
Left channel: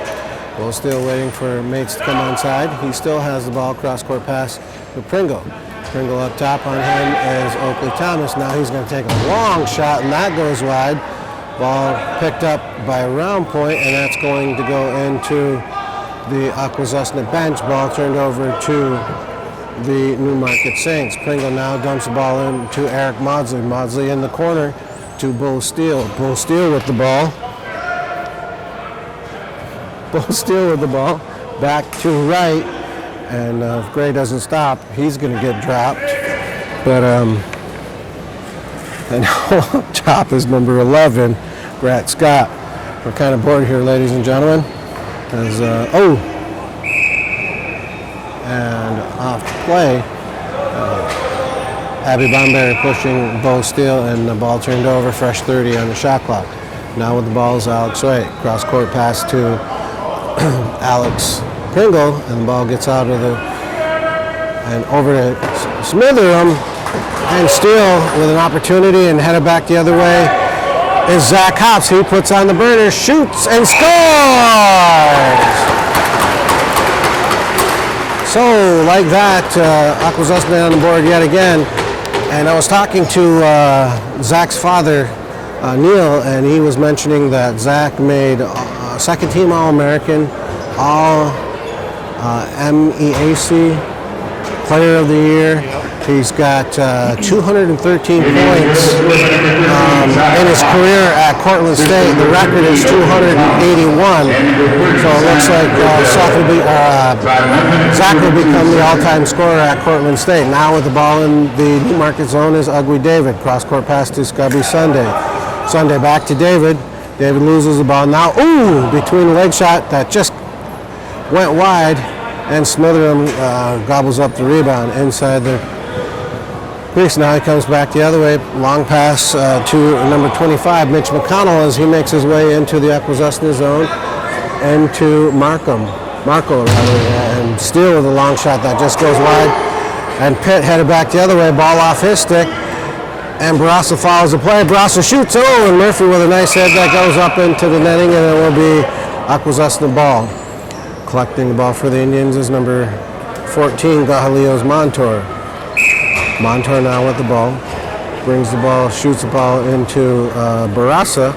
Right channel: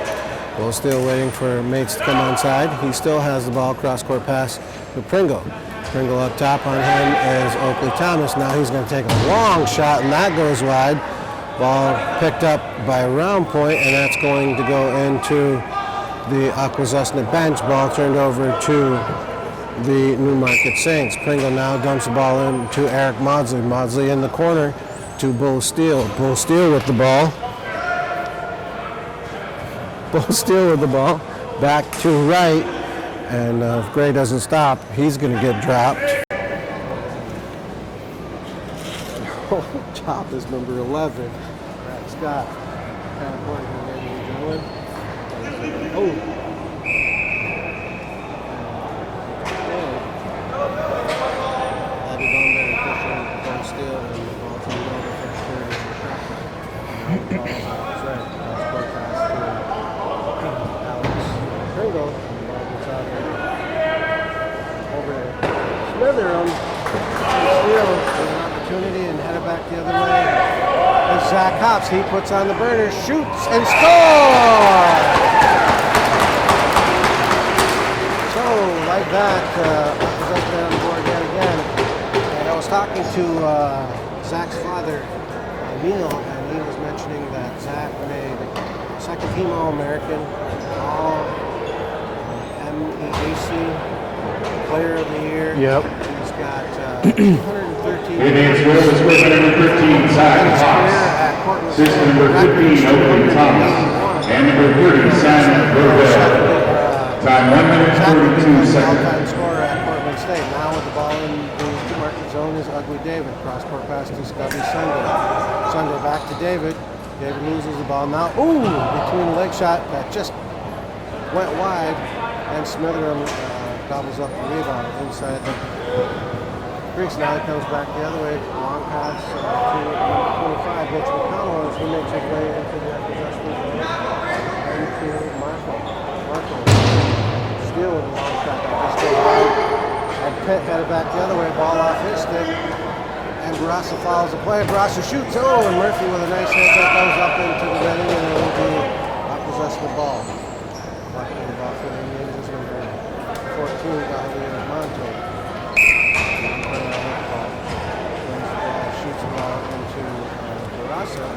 Bull Steel waiting for mates to come onside. He still has the ball, cross-court pass to Pringle. Pringle up top on him is Oakley Thomas. Now he's going to take a long shot, and that goes wide. Ball picked up by Round Point, and that's going to go into the Akwesasne bench. Ball turned over to the Newmarket Saints. Pringle now dumps the ball in to Eric Maudsley. Maudsley in the corner to Bull Steel. Bull Steel with the ball. Bull Steel with the ball. Back to right. And if Gray doesn't stop, he's going to get dropped. But and top is number 11, Brett Scott. We're kind of bored here, ladies and gentlemen. As and off play, Abby Bomberry pushing Bull Steel, and the ball turned over. Fresh 30 on the shot clock. Now with the ball is Alex Wright. Cross court pass to Alex Pringle, and the ball gets out of the and over to Smitheram, and Steele with an opportunity and headed back the other way is Zach Hops. He puts on the burner, shoots and scores. So like that, Akwesasne on the board yet again. And I was talking to Zach's father, Neil, and he was mentioning that Zach made second team All-American, all MEAC Player of the Year. Yep. He's got 213 points in his career at Cortland State. The record is 281. So it looks like Zach will become the all-time scorer at Cortland State. Now with the ball in the Newmarket zone is Ugly David. Cross-court pass to Scubby Sunday. Sunday back to David. David loses the ball. Now, between the leg shot that just went wide, and Smitheram gobbles up the rebound inside the crease. Now he comes back the other way. Long pass to number 25, Mitch McConnell, as he makes his way into the Akwesasne zone, into Marco, and Steele with a long shot that just goes wide. And Pitt headed back the other way, ball off his stick. And Barassa follows the play. Barassa shoots, and Murphy with a nice head that goes up into the netting, and it will be Akwesasne ball. Collecting the ball for the Indians is number 14, Gahalios Montour. Montour now with the ball. Brings the ball, shoots the ball into Barassa.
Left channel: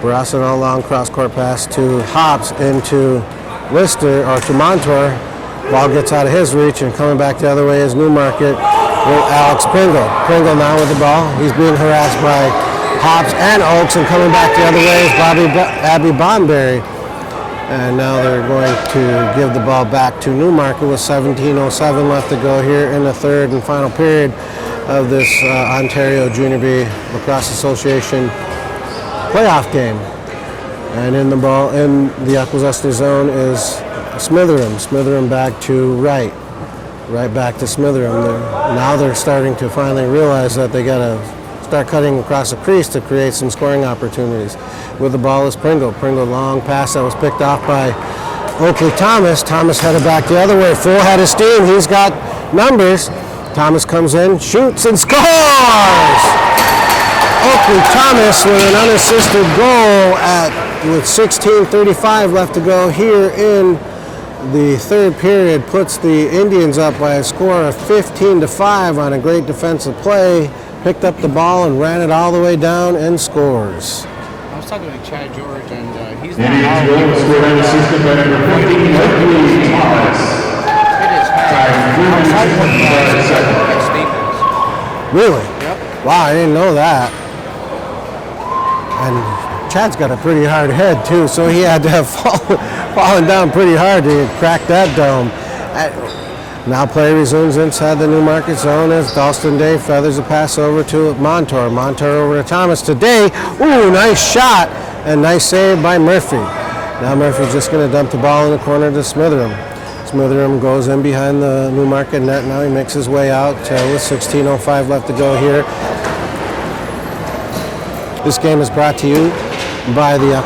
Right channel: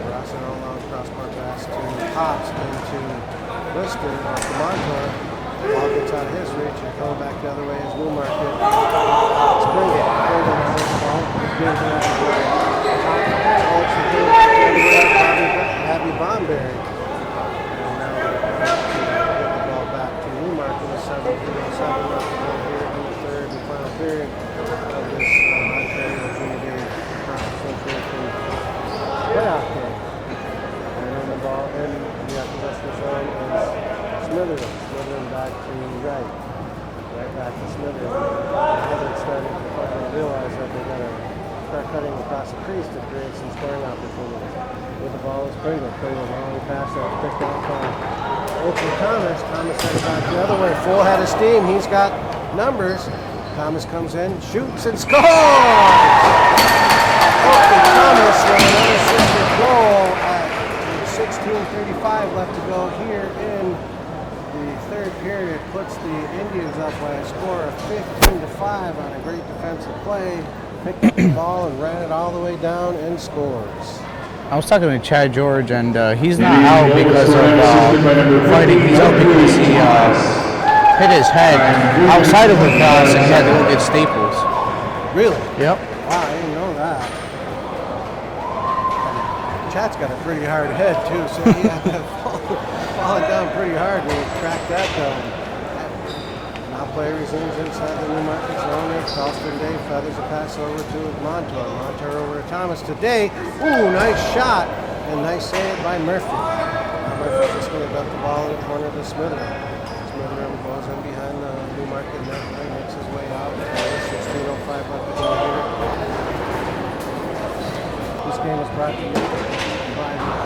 Barassa on a long cross-court pass to Hops into Lister, or to Montour. Ball gets out of his reach, and coming back the other way is Newmarket with Alex Pringle. Pringle now with the ball. He's being harassed by Hops and Oaks, and coming back the other way is Abby Bonberry. And now they're going to give the ball back to Newmarket with 17:07 left to go here in the third and final period of this Ontario Junior B Lacrosse Association playoff game. And in the ball in the Akwesasne zone is Smitheram. Smitheram back to right back to Smitheram. Now they're starting to finally realize that they got to start cutting across the crease to create some scoring opportunities. With the ball is Pringle. Pringle long pass that was picked off by Oakley Thomas. Thomas headed back the other way. Full head of steam. He's got numbers. Thomas comes in, shoots, and scores! Oakley Thomas with an unassisted goal with 16:35 left to go here in the third period. Puts the Indians up by a score of 15-5 on a great defensive play. Picked up the ball and ran it all the way down and scores. I was talking to Chad George, and he's not out because hit his head outside of the box and get Staples. Really? Yep. Wow, I didn't know that. And Chad's got a pretty hard head too, so he had to have fallen down pretty hard to crack that dome. Now play resumes inside the Newmarket zone as Dalston Day feathers a pass over to Montour. Montour over to Thomas today. Ooh, nice shot and nice save by Murphy. Now Murphy's just going to dump the ball in the corner to Smitheram. Smitheram goes in behind the Newmarket net. Now he makes his way out with 16:05 left to go here. This game is brought to you by the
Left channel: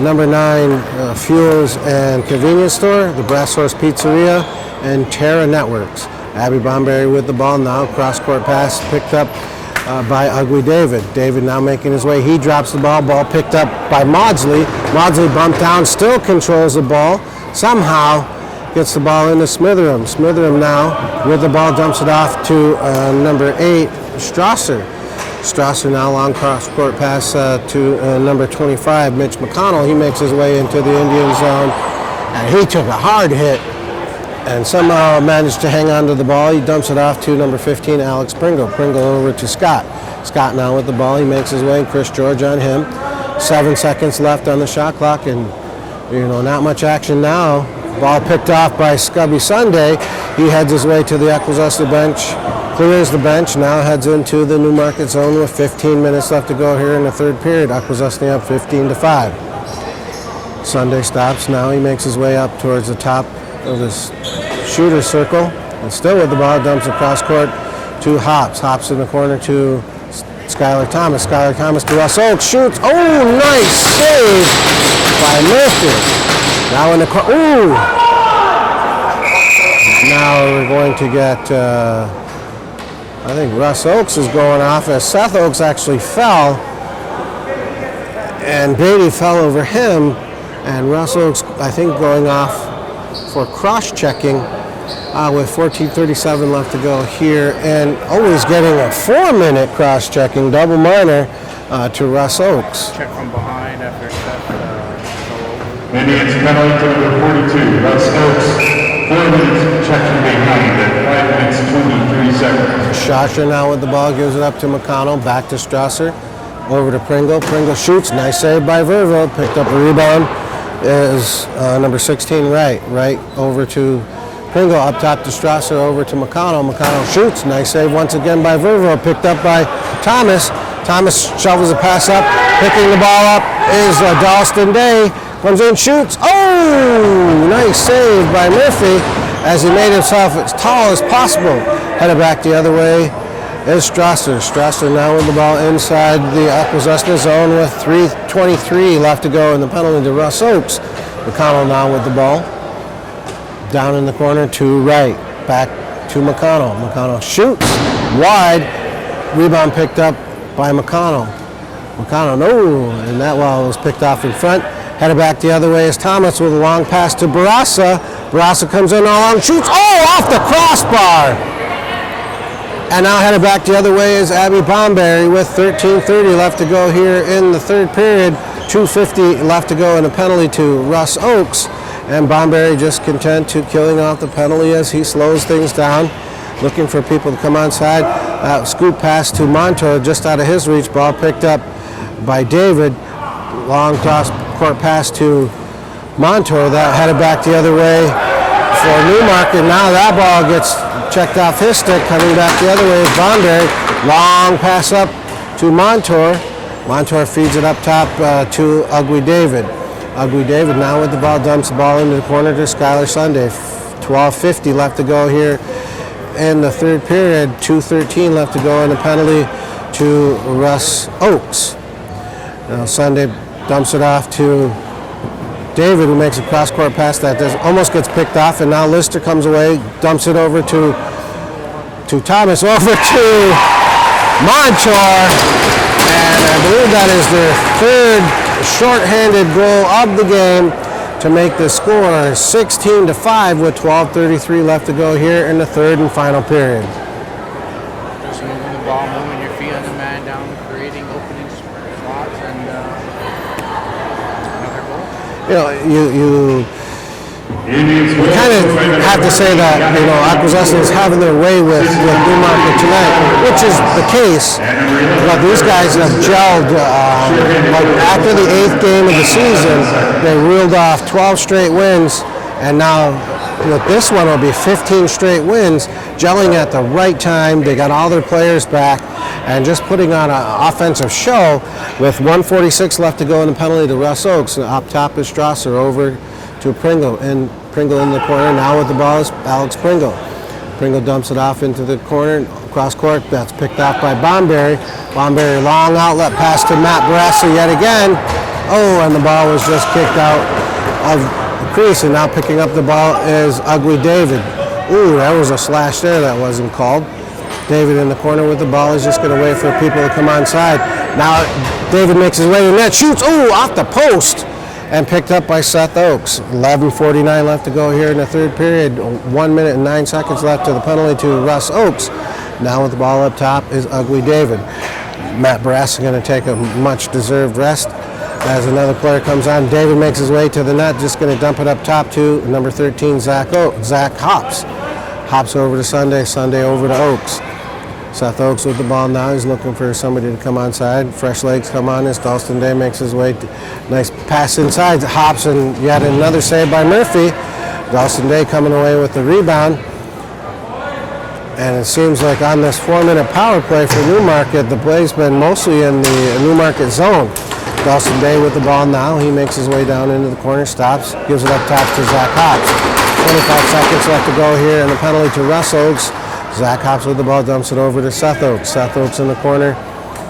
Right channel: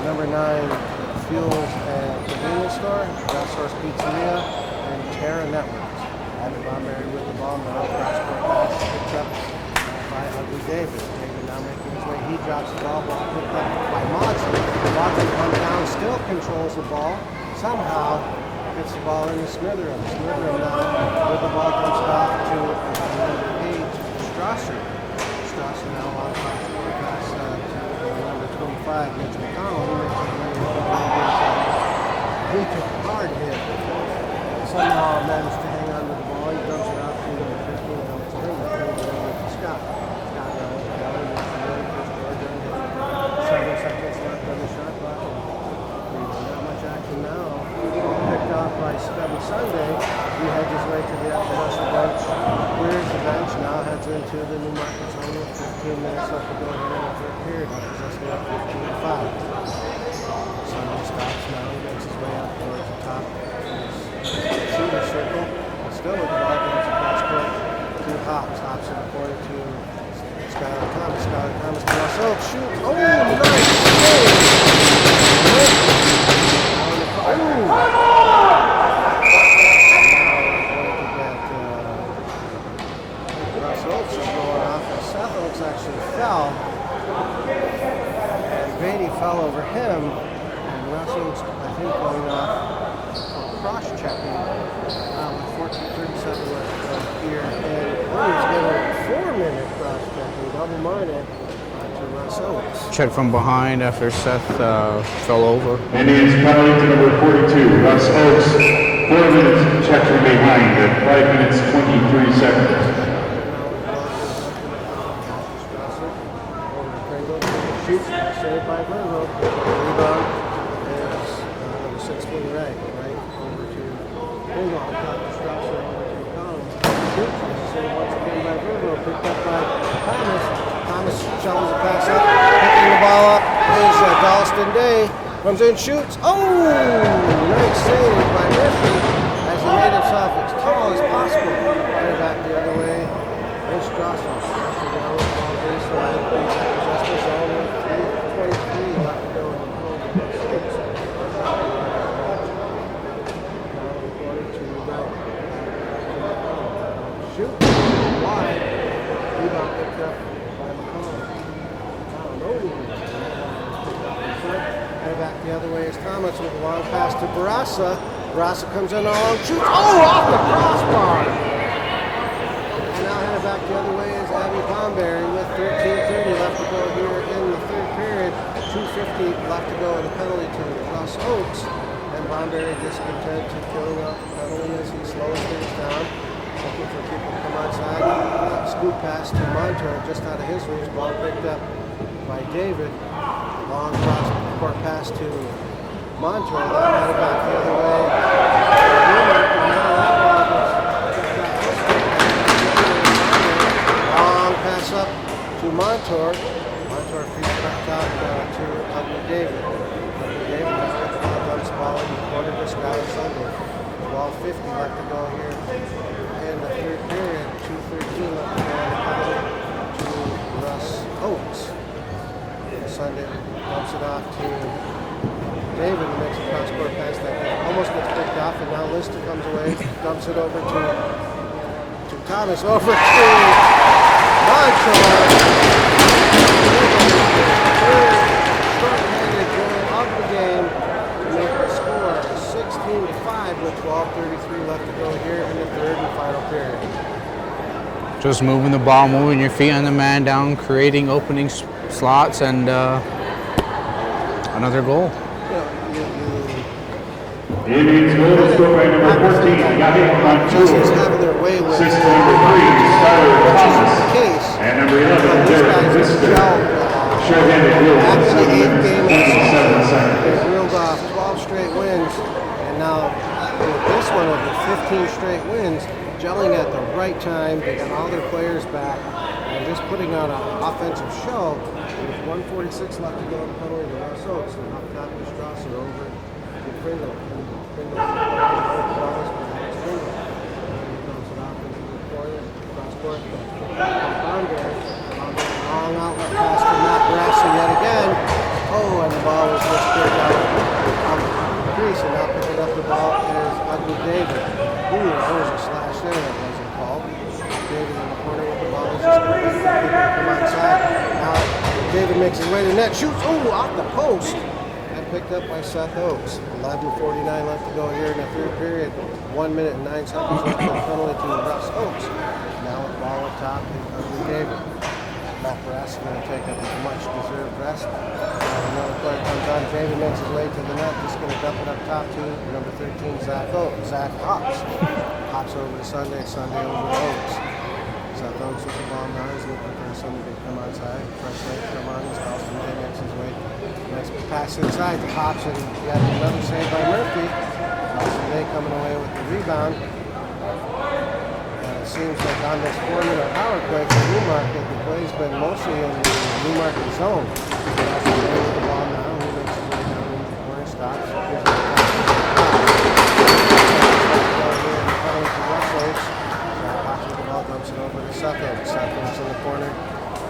number 9 Fuels and Convenience Store, the Brass Horse Pizzeria, and Terra Networks. Abby Bomberry with the ball now. Cross-court pass picked up by Ugly David. David now making his way. He drops the ball. Ball picked up by Maudsley. Maudsley bumped down, still controls the ball. somehow gets the ball into Smitheram. Smitheram now with the ball dumps it off to number 8, Strasser. Strasser now long cross-court pass to number 25, Mitch McConnell. He makes his way into the Indian zone, and he took a hard hit and somehow managed to hang on to the ball. He dumps it off to number 15, Alex Pringle. Pringle over to Scott. Scott now with the ball. He makes his way, and Chris George on him. 7 seconds left on the shot clock, and not much action now. Ball picked off by Scubby Sunday. He heads his way to the Akwesasne bench, clears the bench, now heads into the Newmarket zone with 15 minutes left to go here in the third period. Akwesasne up 15-5. Sunday stops now. He makes his way up towards the top of this shooter circle, and still with the ball, dumps across court to Hops. Hops in the corner to Skylar Thomas. Skylar Thomas to Russ Oakes. Shoots. Oh, nice save by Murphy. Now in the corner. Ooh! Now we're going to get, I think Russ Oakes is going off, as Seth Oakes actually fell, and Beatty fell over him, and Russ Oakes, I think, going off for cross-checking with 14:37 left to go here, and always getting a 4-minute cross-checking, double minor to Russ Oakes. Check from behind after Seth fell over. Indians penalty to number 42, Russ Oakes. 4 minutes check from behind at 5 minutes 23 seconds. Shasher now with the ball, gives it up to McConnell, back to Strasser, over to Pringle. Pringle shoots, nice save by Vervo, picked up a rebound, is number 16 right over to Pringle, up top to Strasser, over to McConnell. McConnell shoots, nice save once again by Vervo, picked up by Thomas. Thomas shovels the pass up, picking the ball up is Dalston Day, comes in, shoots, oh, nice save by Murphy as he made himself as tall as possible. Headed back the other way is Strasser. Strasser now with the ball inside the Akwesasne zone with 3:23 left to go in the penalty to Russ Oakes. McConnell now with the ball. Down in the corner to right, back to McConnell. McConnell shoots, wide, rebound picked up by McConnell. McConnell, no, and that ball was picked off in front. Headed back the other way is Thomas with a long pass to Barassa. Barassa comes in long, shoots, oh, off the crossbar. And now headed back the other way is Abby Bomberry with 13:30 left to go here in the third period. 2:50 left to go in a penalty to Russ Oakes. And Bomberry just content to killing off the penalty as he slows things down, looking for people to come onside. Scoop pass to Montour, just out of his reach. Ball picked up by David. Long cross-court pass to Montour. That headed back the other way for Newmarket. Now that ball gets checked off his stick. Coming back the other way is Bomberry. Long pass up to Montour. Montour feeds it up top to Ugly David. Ugly David now with the ball, dumps the ball into the corner to Skylar Sunday. 12:50 left to go here in the third period. 2:13 left to go in the penalty to Russ Oakes. Now Sunday dumps it off to David, who makes a cross-court pass that almost gets picked off, and now Lister comes away, dumps it over to Thomas, over to Montour, and I believe that is their third short-handed goal of the game to make the score 16-5 with 12:33 left to go here in the third and final period. Just moving the ball, moving your feet on the man down, creating opening slots, and another goal. You kind of have to say that Akwesasne is having their way with Newmarket tonight, which is the case. But these guys have gelled. After the 8th game of the season, they reeled off 12 straight wins, and now with this one it'll be 15 straight wins, gelling at the right time. They got all their players back and just putting on an offensive show with 1:46 left to go in the penalty to Russ Oakes. Up top is Strasser, over to Pringle, and Pringle in the corner. Now with the ball is Alex Pringle. Pringle dumps it off into the corner, cross court. That's picked off by Bomberry. Bomberry, long outlet pass to Matt Barassa yet again. Oh, and the ball was just kicked out of the crease, and now picking up the ball is Ugly David. Ooh, that was a slash there that wasn't called. David in the corner with the ball. He's just going to wait for people to come onside. Now David makes his way to the net, shoots, ooh, off the post. and picked up by Seth Oakes. 11:49 left to go here in the third period. 1 minute and 9 seconds left to the penalty to Russ Oakes. Now with the ball up top is Ugly David. Matt Brass is going to take a much-deserved rest as another player comes on. David makes his way to the net, just going to dump it up top to number 13, Zach Hops. Hops over to Sunday, Sunday over to Oakes. Seth Oakes with the ball now. He's looking for somebody to come onside. Fresh legs come on as Dalston Day makes his way. Nice pass inside. Hops and yet another save by Murphy. Dalston Day coming away with the rebound. And it seems like on this 4-minute power play for Newmarket, the play's been mostly in the Newmarket zone. Dalston Day with the ball now. He makes his way down into the corner, stops, gives it up top to Zach Hops. 25 seconds left to go here, and the penalty to Russ Oakes. Zach Hops with the ball, dumps it over to Seth Oakes. Seth Oakes in the corner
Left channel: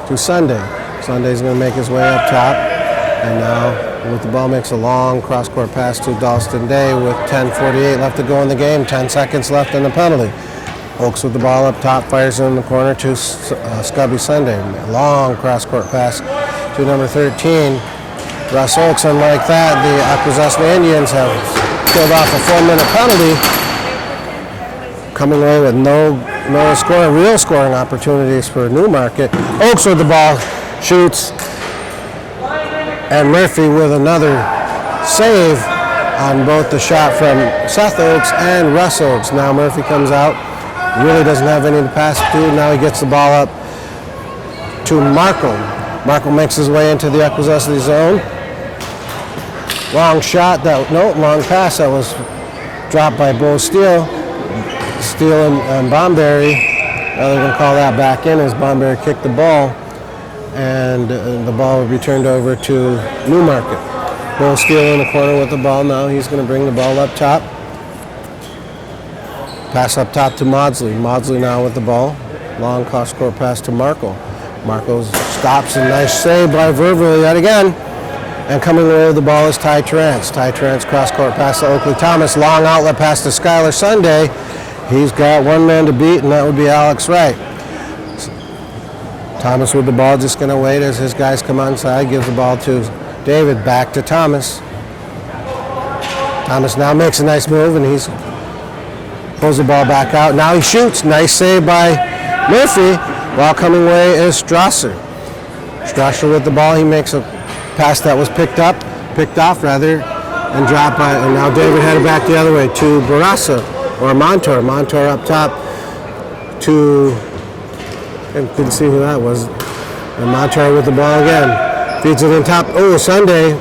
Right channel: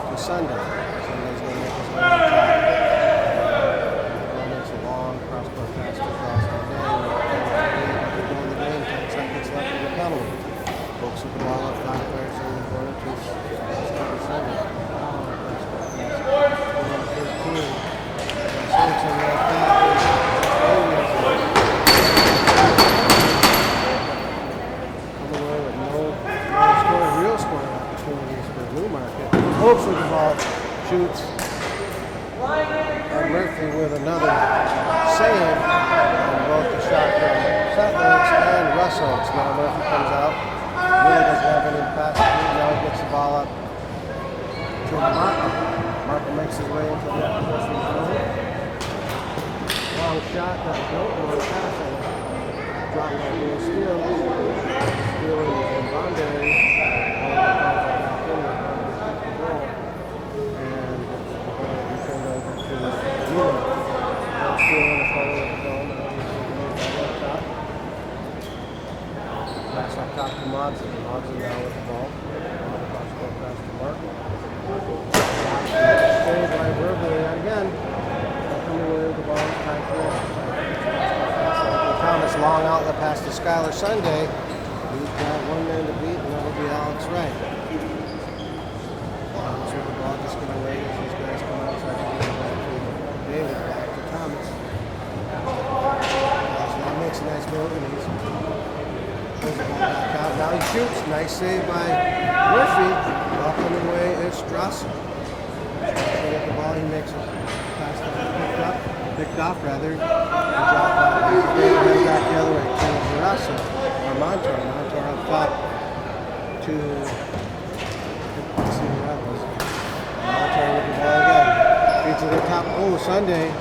to Sunday. Sunday's going to make his way up top. And now with the ball makes a long cross-court pass to Dalston Day with 10:48 left to go in the game. 10 seconds left in the penalty. Oakes with the ball up top, fires it in the corner to Scubby Sunday. Long cross-court pass to number 13, Russ Oakes. And like that, the Akwesasne Indians have killed off a 4-minute penalty, coming away with no real scoring opportunities for Newmarket. Oakes with the ball, shoots, and Murphy with another save on both the shot from Seth Oakes and Russ Oakes. Now Murphy comes out, really doesn't have any to pass to. Now he gets the ball up to Markle. Markle makes his way into the Akwesasne zone. Long shot, long pass that was dropped by Bo Steele. Steele and Bomberry, they're going to call that back in as Bomberry kicked the ball, and the ball will be turned over to Newmarket. Bo Steele in the corner with the ball now. He's going to bring the ball up top. Pass up top to Maudsley. Maudsley now with the ball. Long cross-court pass to Markle. Markle stops, a nice save by Verville yet again. And coming away with the ball is Ty Terrence. Ty Terrence cross-court pass to Oakley Thomas. Long outlet pass to Skylar Sunday. He's got one man to beat, and that would be Alex Wright. Thomas with the ball, just going to wait as his guys come onside. Gives the ball to David, back to Thomas. Thomas now makes a nice move, and he's pulls the ball back out. Now he shoots. Nice save by Murphy. While coming away is Strasser. Strasser with the ball. He makes a pass that was picked off, and dropped by. And now David headed back the other way to Barassa or Montour. Montour up top to. I couldn't see who that was. And Montour with the ball again. Feeds it on top. Oh, Sunday.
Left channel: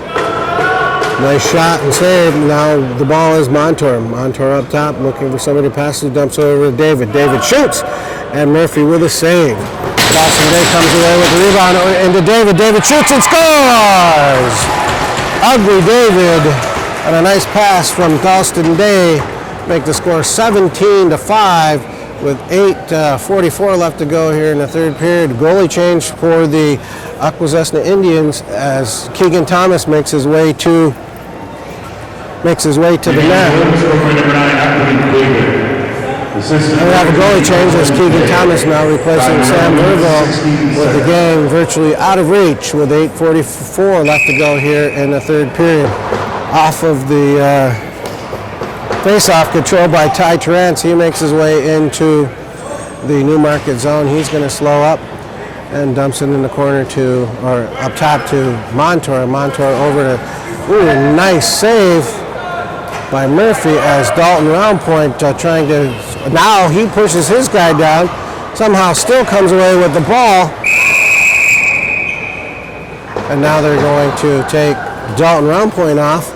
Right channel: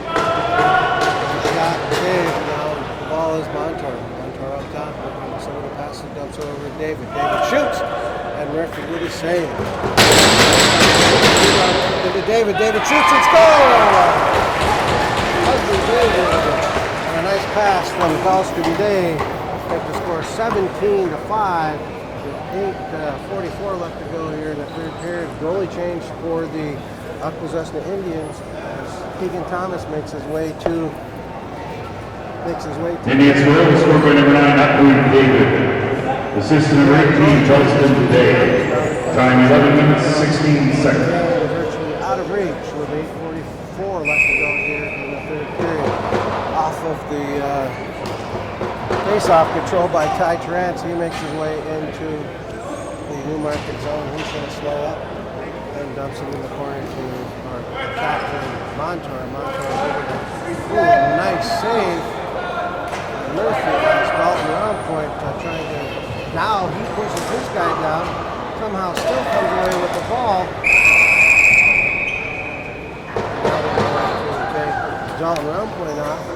Nice shot and save. Now the ball is Montour. Montour up top, looking for somebody to pass. He dumps over to David. David shoots, and Murphy with a save. Jackson Day comes away with the rebound into David. David shoots and scores! Ugly David, and a nice pass from Dalston Day. Make the score 17-5 with 8:44 left to go here in the third period. Goalie change for the Akwesasne Indians as Keegan Thomas makes his way to the net. Scored by number 9, Akwesasne David. Assistant. We have a goalie change as Keegan Thomas now replacing Sam Virgo with the game virtually out of reach with 8:44 left to go here in the third period. Off of the face-off control by Ty Terrence. He makes his way into the Newmarket zone. He's going to slow up and dumps it in the corner up top to Montour. Montour over to, nice save by Murphy as Dalton Roundpoint trying to, now he pushes his guy down, somehow still comes away with the ball. And now they're going to take Dalton Roundpoint off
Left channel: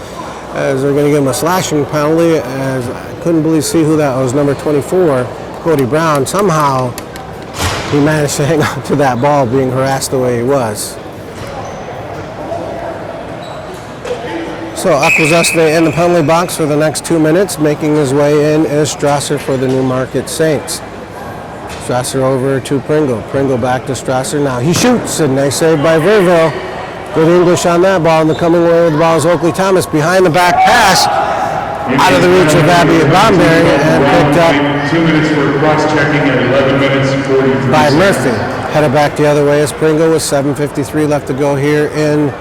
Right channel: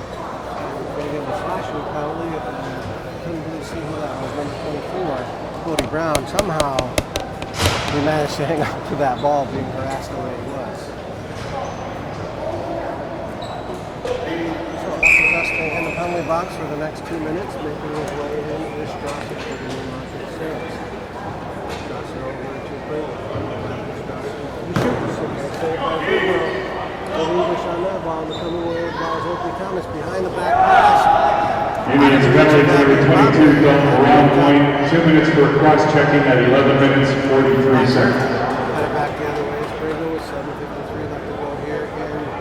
as they're going to give him a slashing penalty, as I couldn't see who that was, number 24, Cody Brown. Somehow he managed to hang on to that ball being harassed the way he was. So Akwesasne in the penalty box for the next 2 minutes. Making his way in is Strasser for the Newmarket Saints. Strasser over to Pringle. Pringle back to Strasser. Now he shoots, a nice save by Verville. Good English on that ball, and the coming away with the ball is Oakley Thomas. Behind the back pass, out of the reach of Abby Bomberry, and picked up 2 minutes for cross-checking at 11 minutes 43 by seconds. Murphy. Headed back the other way is Pringle with 7:53 left to go here in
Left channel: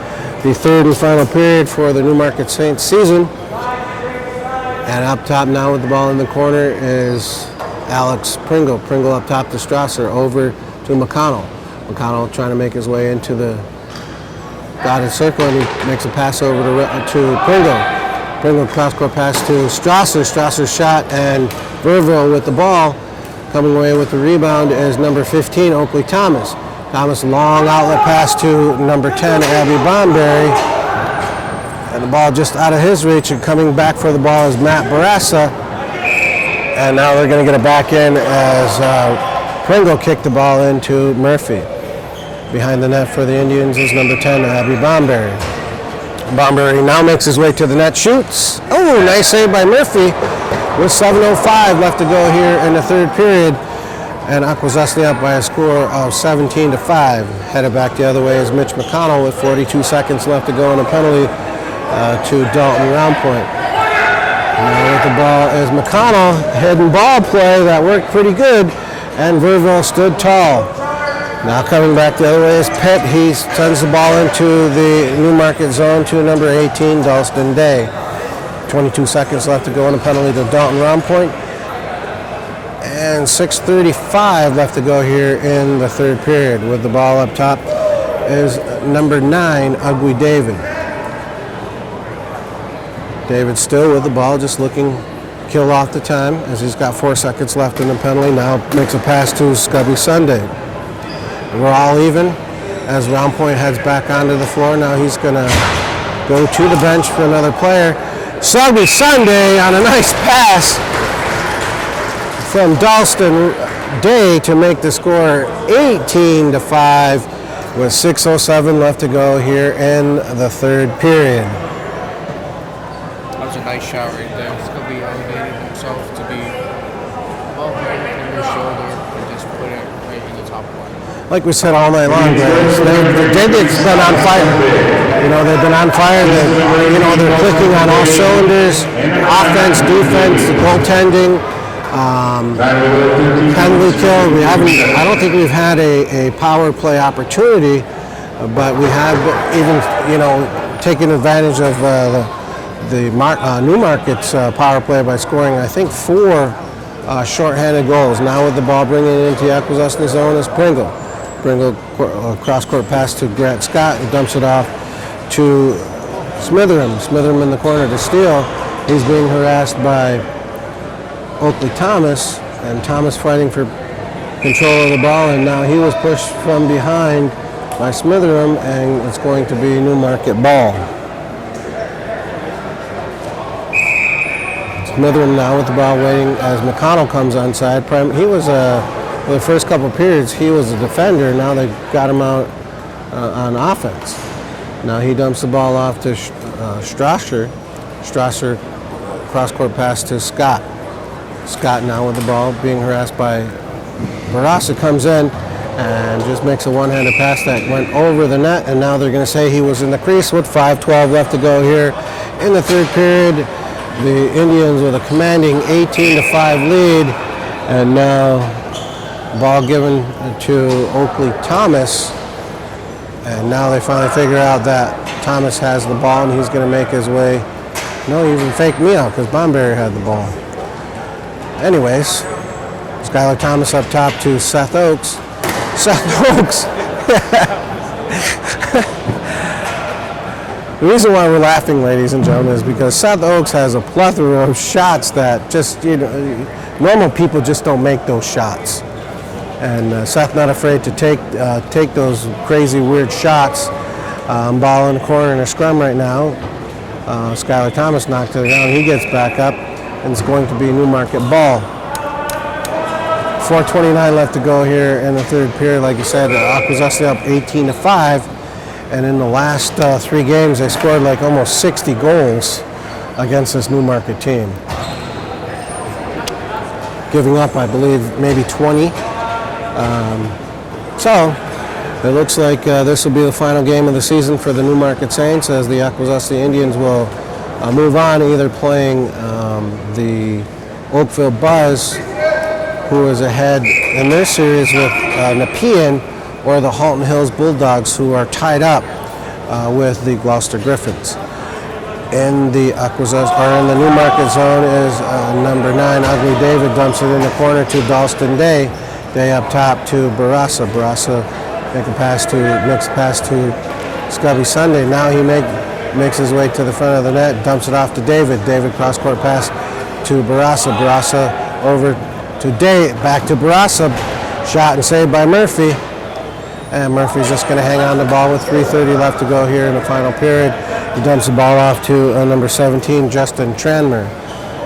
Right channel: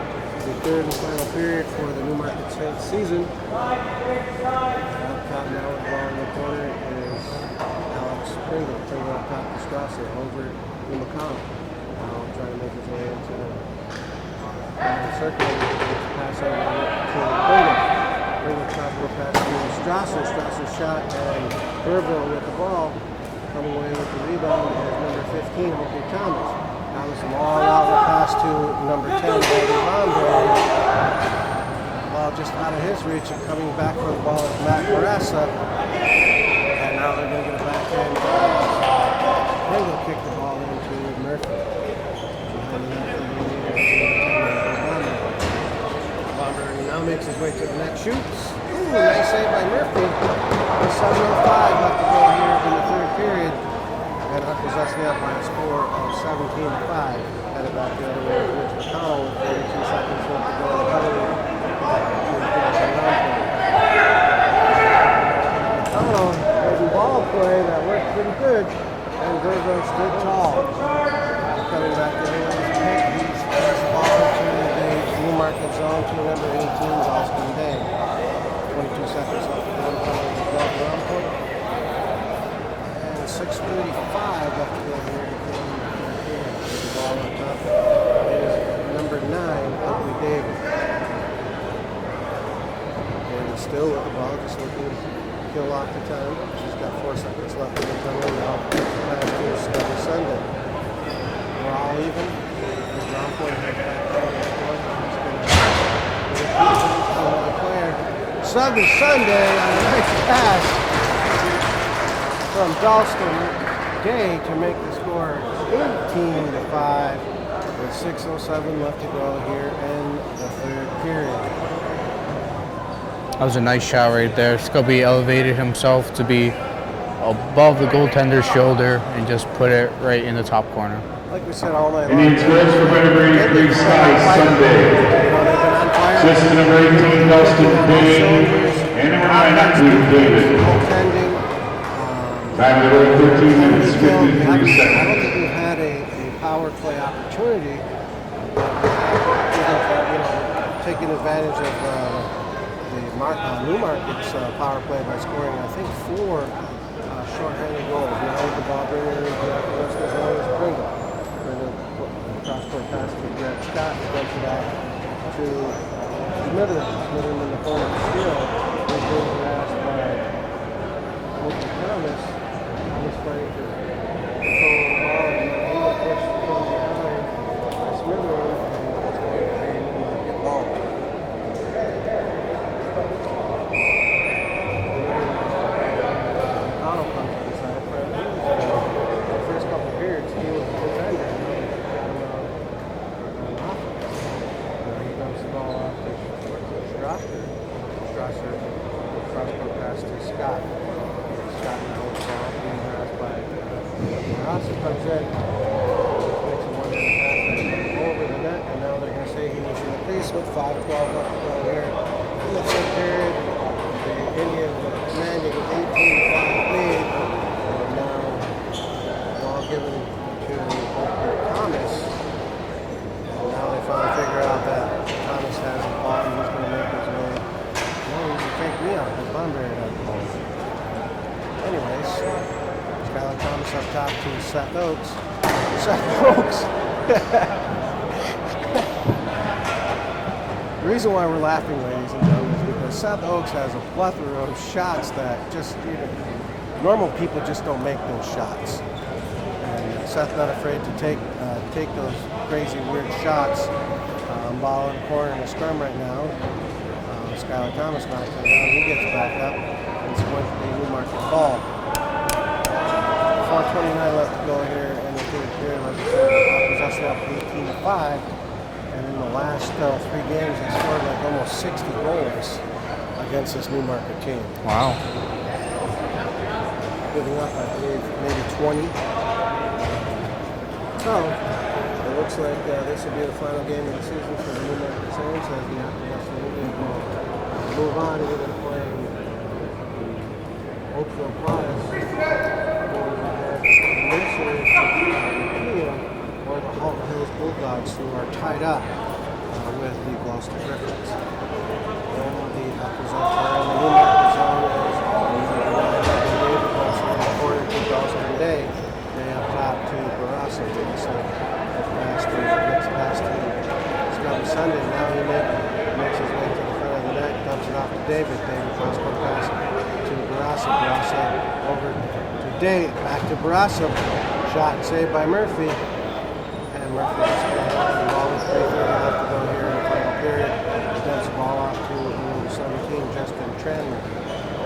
the third and final period for the Newmarket Saints season. And up top now with the ball in the corner is Alex Pringle. Pringle up top to Strasser, over to McConnell. McConnell trying to make his way into the dotted circle, and he makes a pass over to Pringle. Pringle cross-court pass to Strasser. Strasser's shot, and Verville with the ball. Coming away with the rebound is number 15, Oakley Thomas. Thomas, long outlet pass to number 10, Abby Bonberry. And the ball just out of his reach, and coming back for the ball is Matt Barassa. And now they're going to get it back in as Pringle kicked the ball into Murphy. Behind the net for the Indians is number 10, Abby Bonberry. Bonberry now makes his way to the net, shoots. Oh, nice save by Murphy with 7:05 left to go here in the third period. And Akwesasne up by a score of 17-5. Headed back the other way is Mitch McConnell with 42 seconds left to go, and a penalty to Dalton Roundpoint. Now with the ball is McConnell, hidden ball play that worked pretty good, and Verville stood tall. Now coming back the other way is Pitt. He sends the ball into the Newmarket zone to number 18, Dalston Day. 22 seconds left to go, and a penalty to Dalton Roundpoint. And 6:35 left to go here in the third period. With the ball up top is number 9, Ugly David. David still with the ball, just looking kill off the time as he's got 4 seconds left in the penalty. Now makes a pass to Scubby Sunday. We're all even as Roundpoint heads back onto the floor. Now he's going to go to the bench for another player. Scubby Sunday on a nice pass from Dalston Day to make the score 18-5 with 6:07 left to go here in the third period. That was a nice shot right there. Scubby elevated himself to be above the goaltender's shoulder and just put it right in the top corner. Like we said all night long, the Indians been on fire. You know, they've been on fire. They're clicking on all cylinders. Offense, defense, goaltending, penalty kill. I don't think we've had a power play opportunity, but we have even, taken advantage of the Newmarket's power play by scoring, I think, 4 shorthanded goals. Now with the ball bringing it into the Akwesasne zone is Pringle. Pringle cross-court pass to Grant Scott, and dumps it off to Smitheram. Smitheram in the corner to steal. He's being harassed by Oakley Thomas, and Thomas fighting for control of the ball, and now he was pushed from behind by Smitheram, and it's going to be Newmarket ball. Smitheram now with the ball waiting as McConnell comes onside. He was for the first couple of periods, he was a defender. Now they've got him out on offense. Now he dumps the ball off to Strasser. Strasser cross-court pass to Scott. Scott now with the ball being harassed by Barassa, comes in and just makes a one-handed pass that went over the net, and now they're going to say he was in the crease with 5:12 left to go here in the third period. The Indians with a commanding 18-5 lead, and now ball given to Oakley Thomas, and now they finally figure out that Thomas has the ball and he's going to make his way. No, he even faked me out because Bonberry had the ball. Anyways, Skylar Thomas up top to Seth Oakes. Seth Oakes! The reason why we're laughing, ladies and gentlemen, is because Seth Oakes has a plethora of shots that just, normal people just don't make those shots. And Seth not afraid to take those crazy, weird shots. Ball in the corner in a scrum right now. Skylar Thomas knocked it down. He gets back up, and it's going to be Newmarket ball. 4:29 left to go here in the third period. Like you said, Akwesasne up 18-5. And in the last 3 games, they scored like almost 60 goals against this Newmarket team. Wow. Giving up, I believe, maybe 20. So it looks like this will be the final game of the season for the Newmarket Saints, as the Akwesasne Indians will move on, either playing the Oakville Buzz, who is ahead in their series with Nepean, or the Halton Hills Bulldogs, who are tied up with the Gloucester Griffins. In the Newmarket zone is number 9, Ugly David, dumps it in the corner to Dalston Day. Day up top to Barassa. Barassa makes a pass to Scubby Sunday. Now he makes his way to the front of the net, dumps it off to David. David cross-court pass to Barassa. Barassa over to Day, back to Barassa. Shot and saved by Murphy. And Murphy's just going to hang on the ball with 3:30 left to go here in the final period. He dumps the ball off to number 17, Justin Tranmer.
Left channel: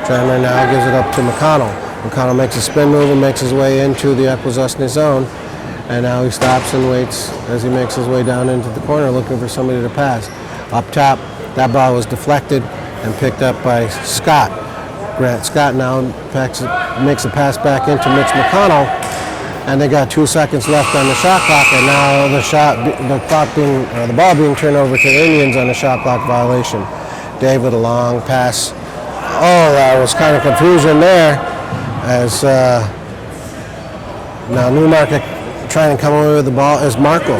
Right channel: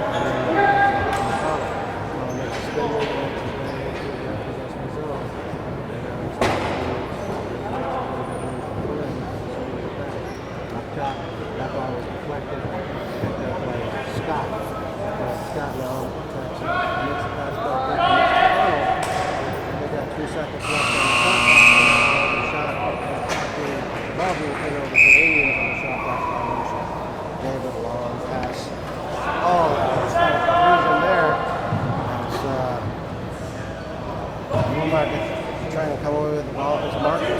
Tranmer now gives it up to McConnell. McConnell makes a spin move and makes his way into the Akwesasne zone. And now he stops and waits as he makes his way down into the corner looking for somebody to pass. Up top, that ball was deflected and picked up by Scott. Grant Scott now makes a pass back into Mitch McConnell. And they got 2 seconds left on the shot clock, and now the ball being turned over to the Indians on a shot clock violation. David, a long pass. Oh, that was kind of confusion there, as now Newmarket trying to come away with the ball is Marco.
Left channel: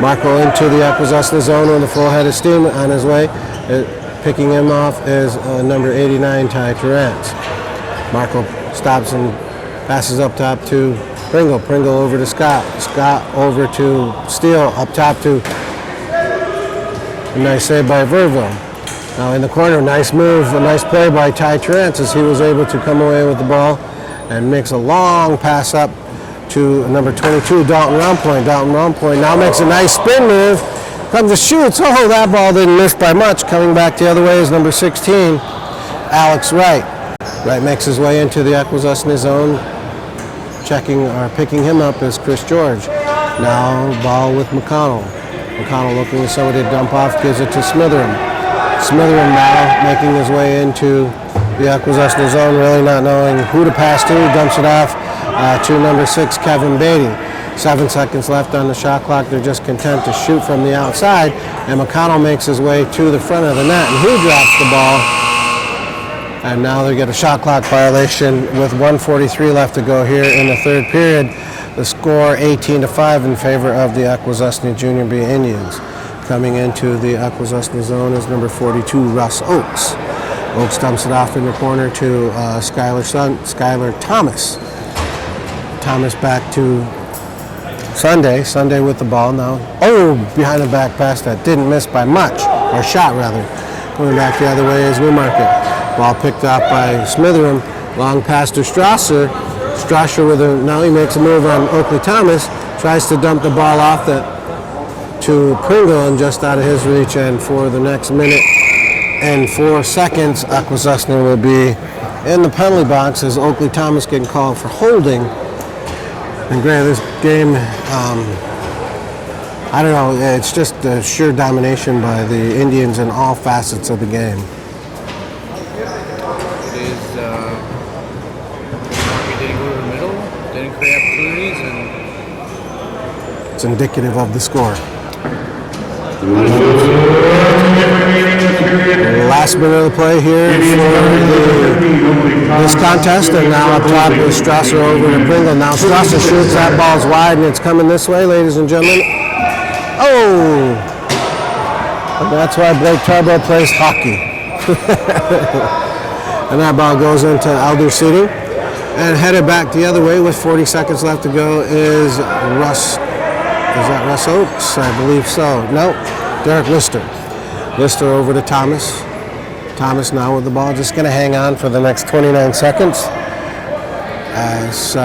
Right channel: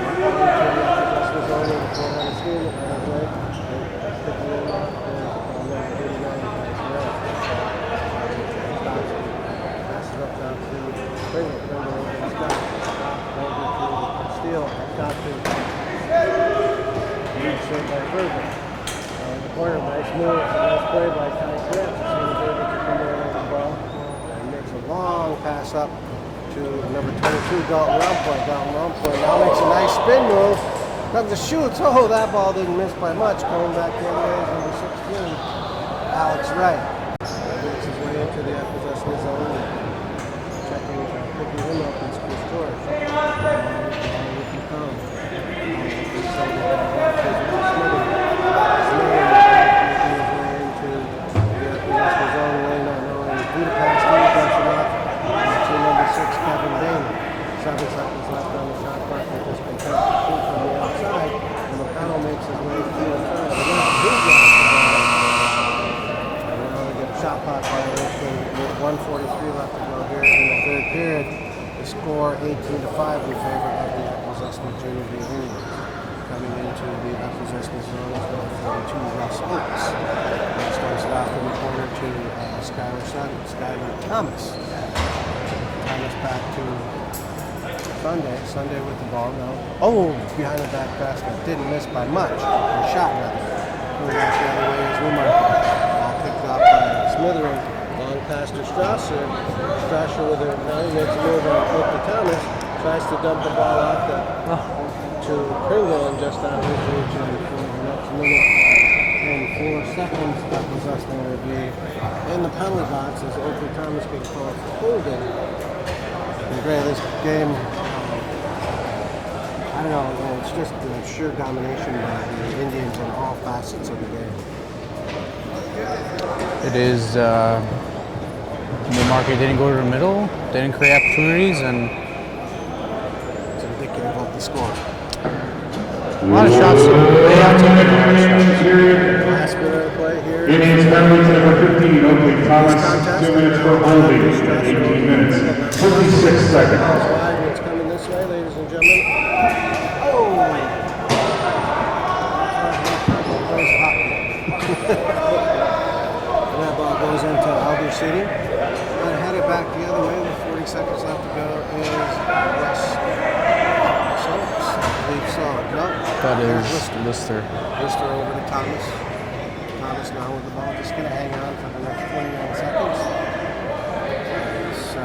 Marco into the Akwesasne zone with a full head of steam on his way. Picking him off is number 89, Ty Terrence. Marco stops and passes up top to Pringle. Pringle over to Scott. Scott over to Steele. Up top to a nice save by Verville. Now in the corner, nice move, a nice play by Ty Terrence as he was able to come away with the ball and makes a long pass up to number 22, Dalton Rompoint. Dalton Rompoint now makes a nice spin move. Comes to shoots. Oh, that ball didn't miss by much. Coming back the other way is number 16, Alex Wright. Wright makes his way into the Akwesasne zone. Picking him up is Chris George. Now ball with McConnell. McConnell looking for somebody to dump off, gives it to Smitherin. Smitherin now making his way into the Akwesasne zone, really not knowing who to pass to. He dumps it off to number 6, Kevin Beatty. 7 seconds left on the shot clock. They're just content to shoot from the outside, and McConnell makes his way to the front of the net, and he drops the ball. And now they get a shot clock violation with 1:43 left to go here in the third period. The score 18-5 in favor of the Akwesasne Junior B Indians. Coming into the Akwesasne zone is number 42, Russ Oakes. Oakes dumps it off in the corner to Skylar Thomas. Thomas back to Sunday. Sunday with the ball now. Oh, behind the back pass that didn't miss by much, or shot rather. Going back the other way is Newmarket. Ball picked up by Smitherin. Long pass to Strasser. Strasser now he makes a move on Oakley Thomas. Tries to dump the ball off to Pringle and just out of his reach. And for the next minute and 4 seconds, Akwesasne will be in the penalty box as Oakley Thomas getting called for holding. And granted, this game, I don't know, it's just a sheer domination by the Indians in all facets of the game. It is, Newmarket didn't go to the middle, didn't create opportunities, and it's indicative of the score. a lot of shots. Last minute of the play here for this contest, and now up top is Strasser over to Pringle. Now Strasser shoots, that ball's wide, and it's coming this way, ladies and gentlemen. Oh! That's why Blake Tarbo plays hockey. And that ball goes into Alder seating. And headed back the other way with 40 seconds left to go is Russ. Is that Russ Oakes? I believe so. No, Derek Lister. Lister over to Thomas. Thomas now with the ball, just going to hang on for the next 29 seconds. As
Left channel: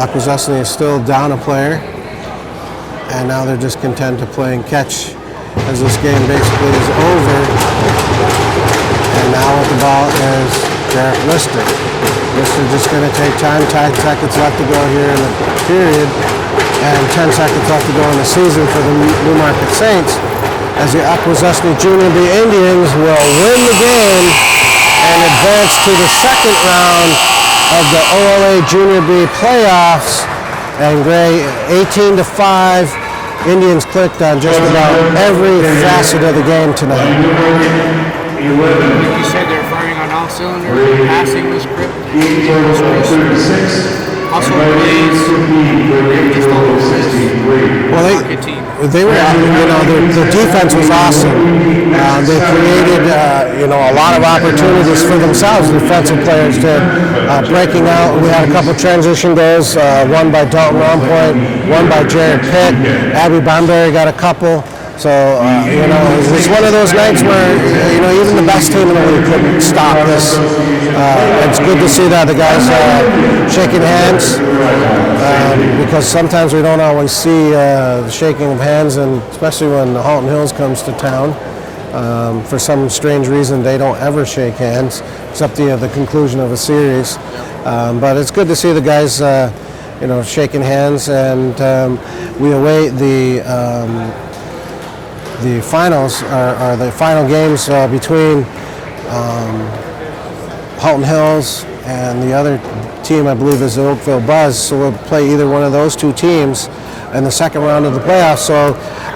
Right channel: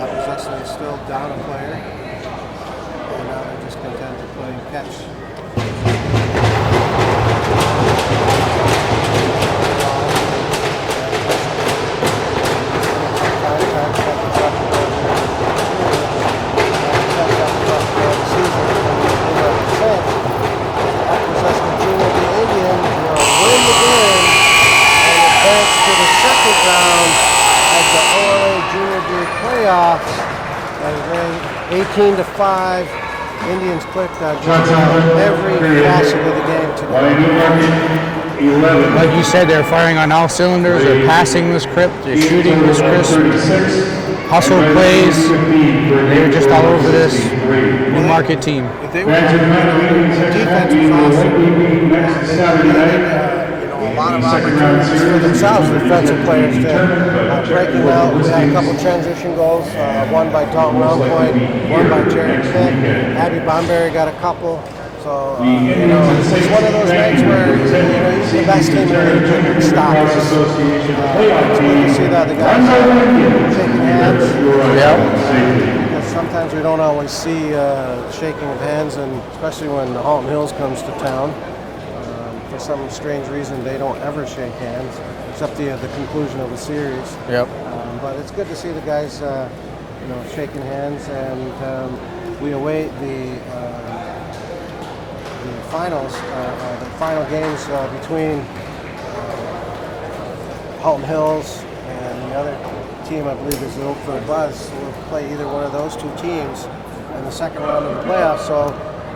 Akwesasne is still down a player. And now they're just content to play and catch as this game basically is over. And now with the ball is Derek Lister. Lister just going to take time. 10 seconds left to go here in the period. And 10 seconds left to go in the season for the Newmarket Saints. As the Akwesasne Junior B Indians will win the game and advance to the second round of the OLA Junior B playoffs. And Gray, 18-5. Indians clicked on just about every facet of the game tonight. 11. Like you said, they're firing on all cylinders, they're passing the script, they're shooting the script. hustle plays, just all over this market team. They were, the defense was awesome. They created, a lot of opportunities for themselves. The defensive players did, breaking out. We had a couple transition goals, one by Dalton Longpoint, one by Jared Pitt. Abby Bunbury got a couple. So, it's one of those nights where, even the best team in the league couldn't stop us. It's good to see that the guys are shaking hands, because sometimes we don't always see the shaking of hands, and especially when Halton Hills comes to town. For some strange reason, they don't ever shake hands, except the conclusion of a series. Yep. But it's good to see the guys, shaking hands, and we await the finals are the final games between Halton Hills and the other team, I believe, is the Oakville Buzz. So we'll play either one of those two teams in the second round of the playoffs. So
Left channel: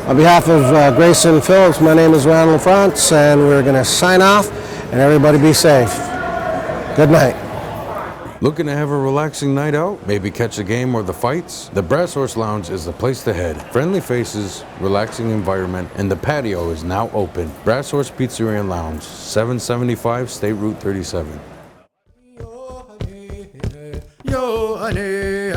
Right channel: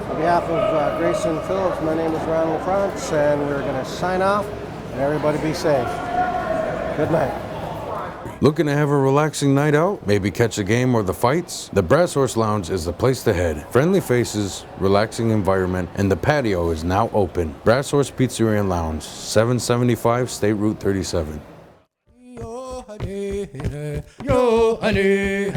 on behalf of Grayson Phillips, my name is Ron LaFrance, and we're going to sign off, and everybody be safe. Good night. Looking to have a relaxing night out? Maybe catch a game or the fights? The Brass Horse Lounge is the place to head. Friendly faces, relaxing environment, and the patio is now open. Brass Horse Pizzeria and Lounge, 775 State Route 37. Yo, honey,